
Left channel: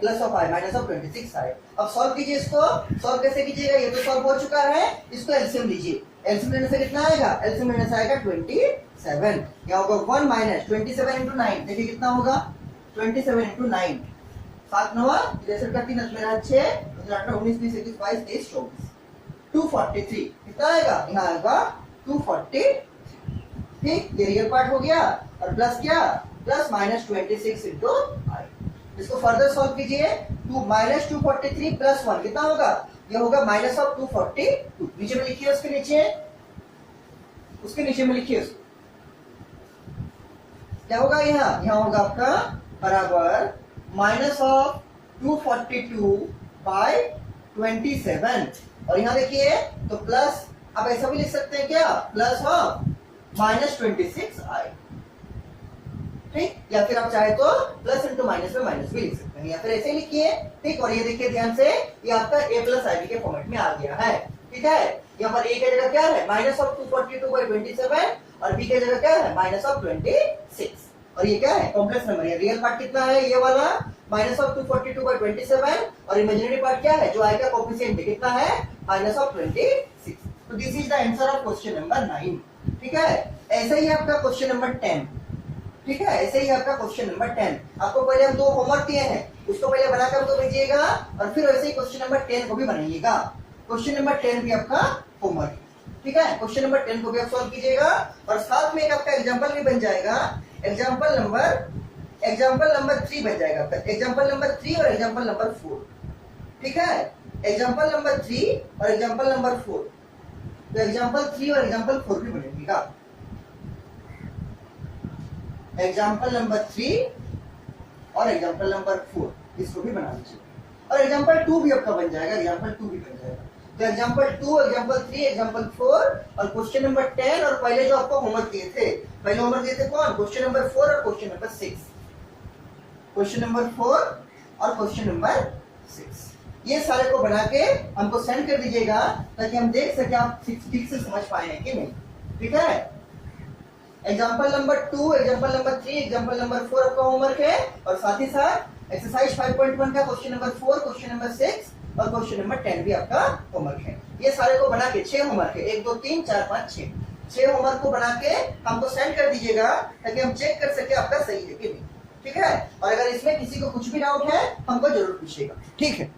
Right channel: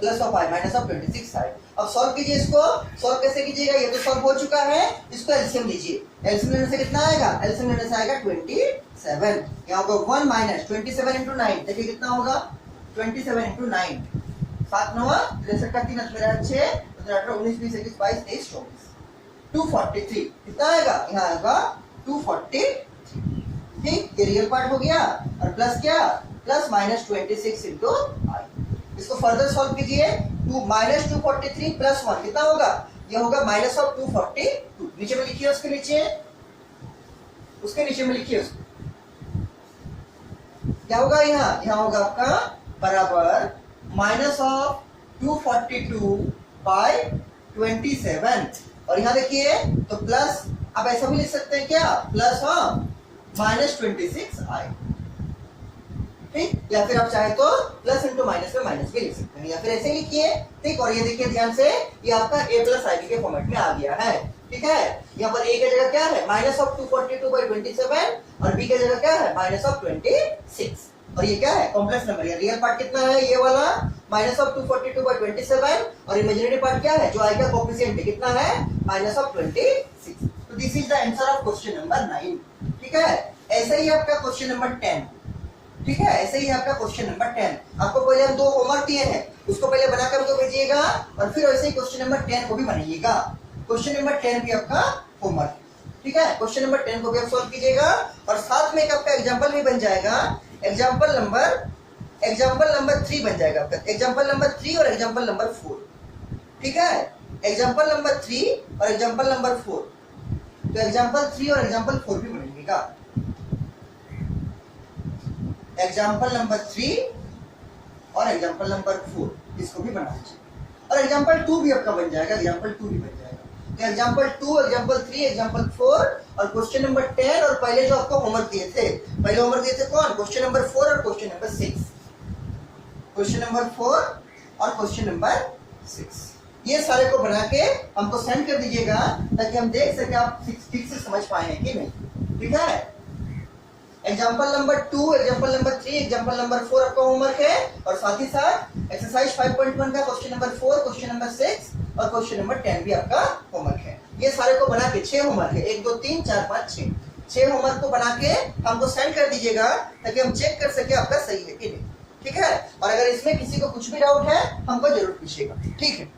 plus of i -26i। अब सॉल्व कीजिए इसको, सॉल्व कैसे कीजिएगा, ये तो सॉल्व हो चुका है, इसको एलसीएम लीजिए, एलसीएम लेने से कितना आएगा, एलसीएम लेने से आएगा 27, यहाँ होगा 1 - 27 इंटू 9, देखिए कितना होगा 27 इंटू 9, 7 9 63 का 3 मेरा 6 18 19 20 21 22 23 24 243, कितना आएगा, यहाँ आएगा 243, ठीक, ये रियल पार्ट हो गया, और प्लस क्या प्लस -26 इंटू i। इसको फर्दर सॉल्व कीजिए, -243 प्लस 1 कितना होगा, ये होगा -242, नीचे में लिखिए, उसके नीचे में लिखिए उसको, क्या होगा, यहाँ होगा आपका बराबर -242/27, और यहाँ देखिए तो प्लस, आप ऐसा भी लिख सकते हैं क्या, प्लस -26i, ठीक, या फिर आप चाहे तो प्लस इंटू माइनस में माइनस भी लिख सकते हैं, या फिर ऐसे लिखिए, ठीक, और ये देखिए ध्यान से, ये आपका a प्लस आई के फॉर्मेट में आ गया है, ठीक है। यहाँ पर a की जगह क्या है -242/27 और b की जगह क्या है -26, और ये क्या है कॉम्प्लेक्स नंबर, ये रियल पार्ट कितना है, ये वाला -242/27, और इमेजिनरी पार्ट क्या है, जो i का कोएफिशिएंट है कितना है -26। तो this is the answer of question number 9, ठीक है। ऐसे ही आपका क्वेश्चन नंबर 10, ठीक है, ऐसे ही आपका क्वेश्चन नंबर 10, आपको पहले हम 2 होमवर्क दिए हैं, उसको पहले बनाकर हमको भेजिएगा और फिर वैसे ही क्वेश्चन नंबर 10 को भी बनाइएगा। क्वेश्चन नंबर 10 भी आपका होमवर्क, ठीक है, क्वेश्चन नंबर 10 को भी आप सॉल्व कीजिएगा और साथ में एक आपका एग्जांपल भी बन जाएगा, एग्जांपल नंबर 3 बन जाएगा आपका, एग्जांपल नंबर 3 और एग्जांपल नंबर 4, ठीक है, एग्जांपल नंबर 3 और एग्जांपल नंबर 4, तो एग्जांपल 3 और एग्जांपल 4 भी बनेगा, एग्जांपल नंबर 3 और एग्जांपल नंबर 4 इसको भी बना लीजिए और एग्जांपल 2 भी आपका बन जाएगा, एग्जांपल 2 भी बन जाएगा। तो एग्जांपल 2, एग्जांपल 3, एग्जांपल 4 और क्वेश्चन नंबर 10 और पहले जो आपको होमवर्क दिए थे, पहले होमवर्क दिए थे कौन, क्वेश्चन नंबर 4 और क्वेश्चन नंबर 6, क्वेश्चन नंबर 4 और क्वेश्चन नंबर 6, ये सारे को बना के हमको सेंड कर दीजिएगा ताकि हम देख सके आप ठीक से समझ पाए हैं कि नहीं, ठीक है। Example number 2, example number 3, example number 4 आपका होमवर्क है और साथ ही साथ एक्सरसाइज 5.1 का क्वेश्चन नंबर 4, क्वेश्चन नंबर 6 और क्वेश्चन नंबर 10 भी आपका होमवर्क है। ये सारे को बना के 6 होमवर्क है, 1 2 3 4 5 6 होमवर्क को बना के हमको सेंड कर दीजिएगा ताकि हम चेक कर सके आपका सही है कि नहीं, ठीक है। और अगर इसमें किसी को कुछ भी डाउट है हमको जरूर पूछिएगा, ठीक है।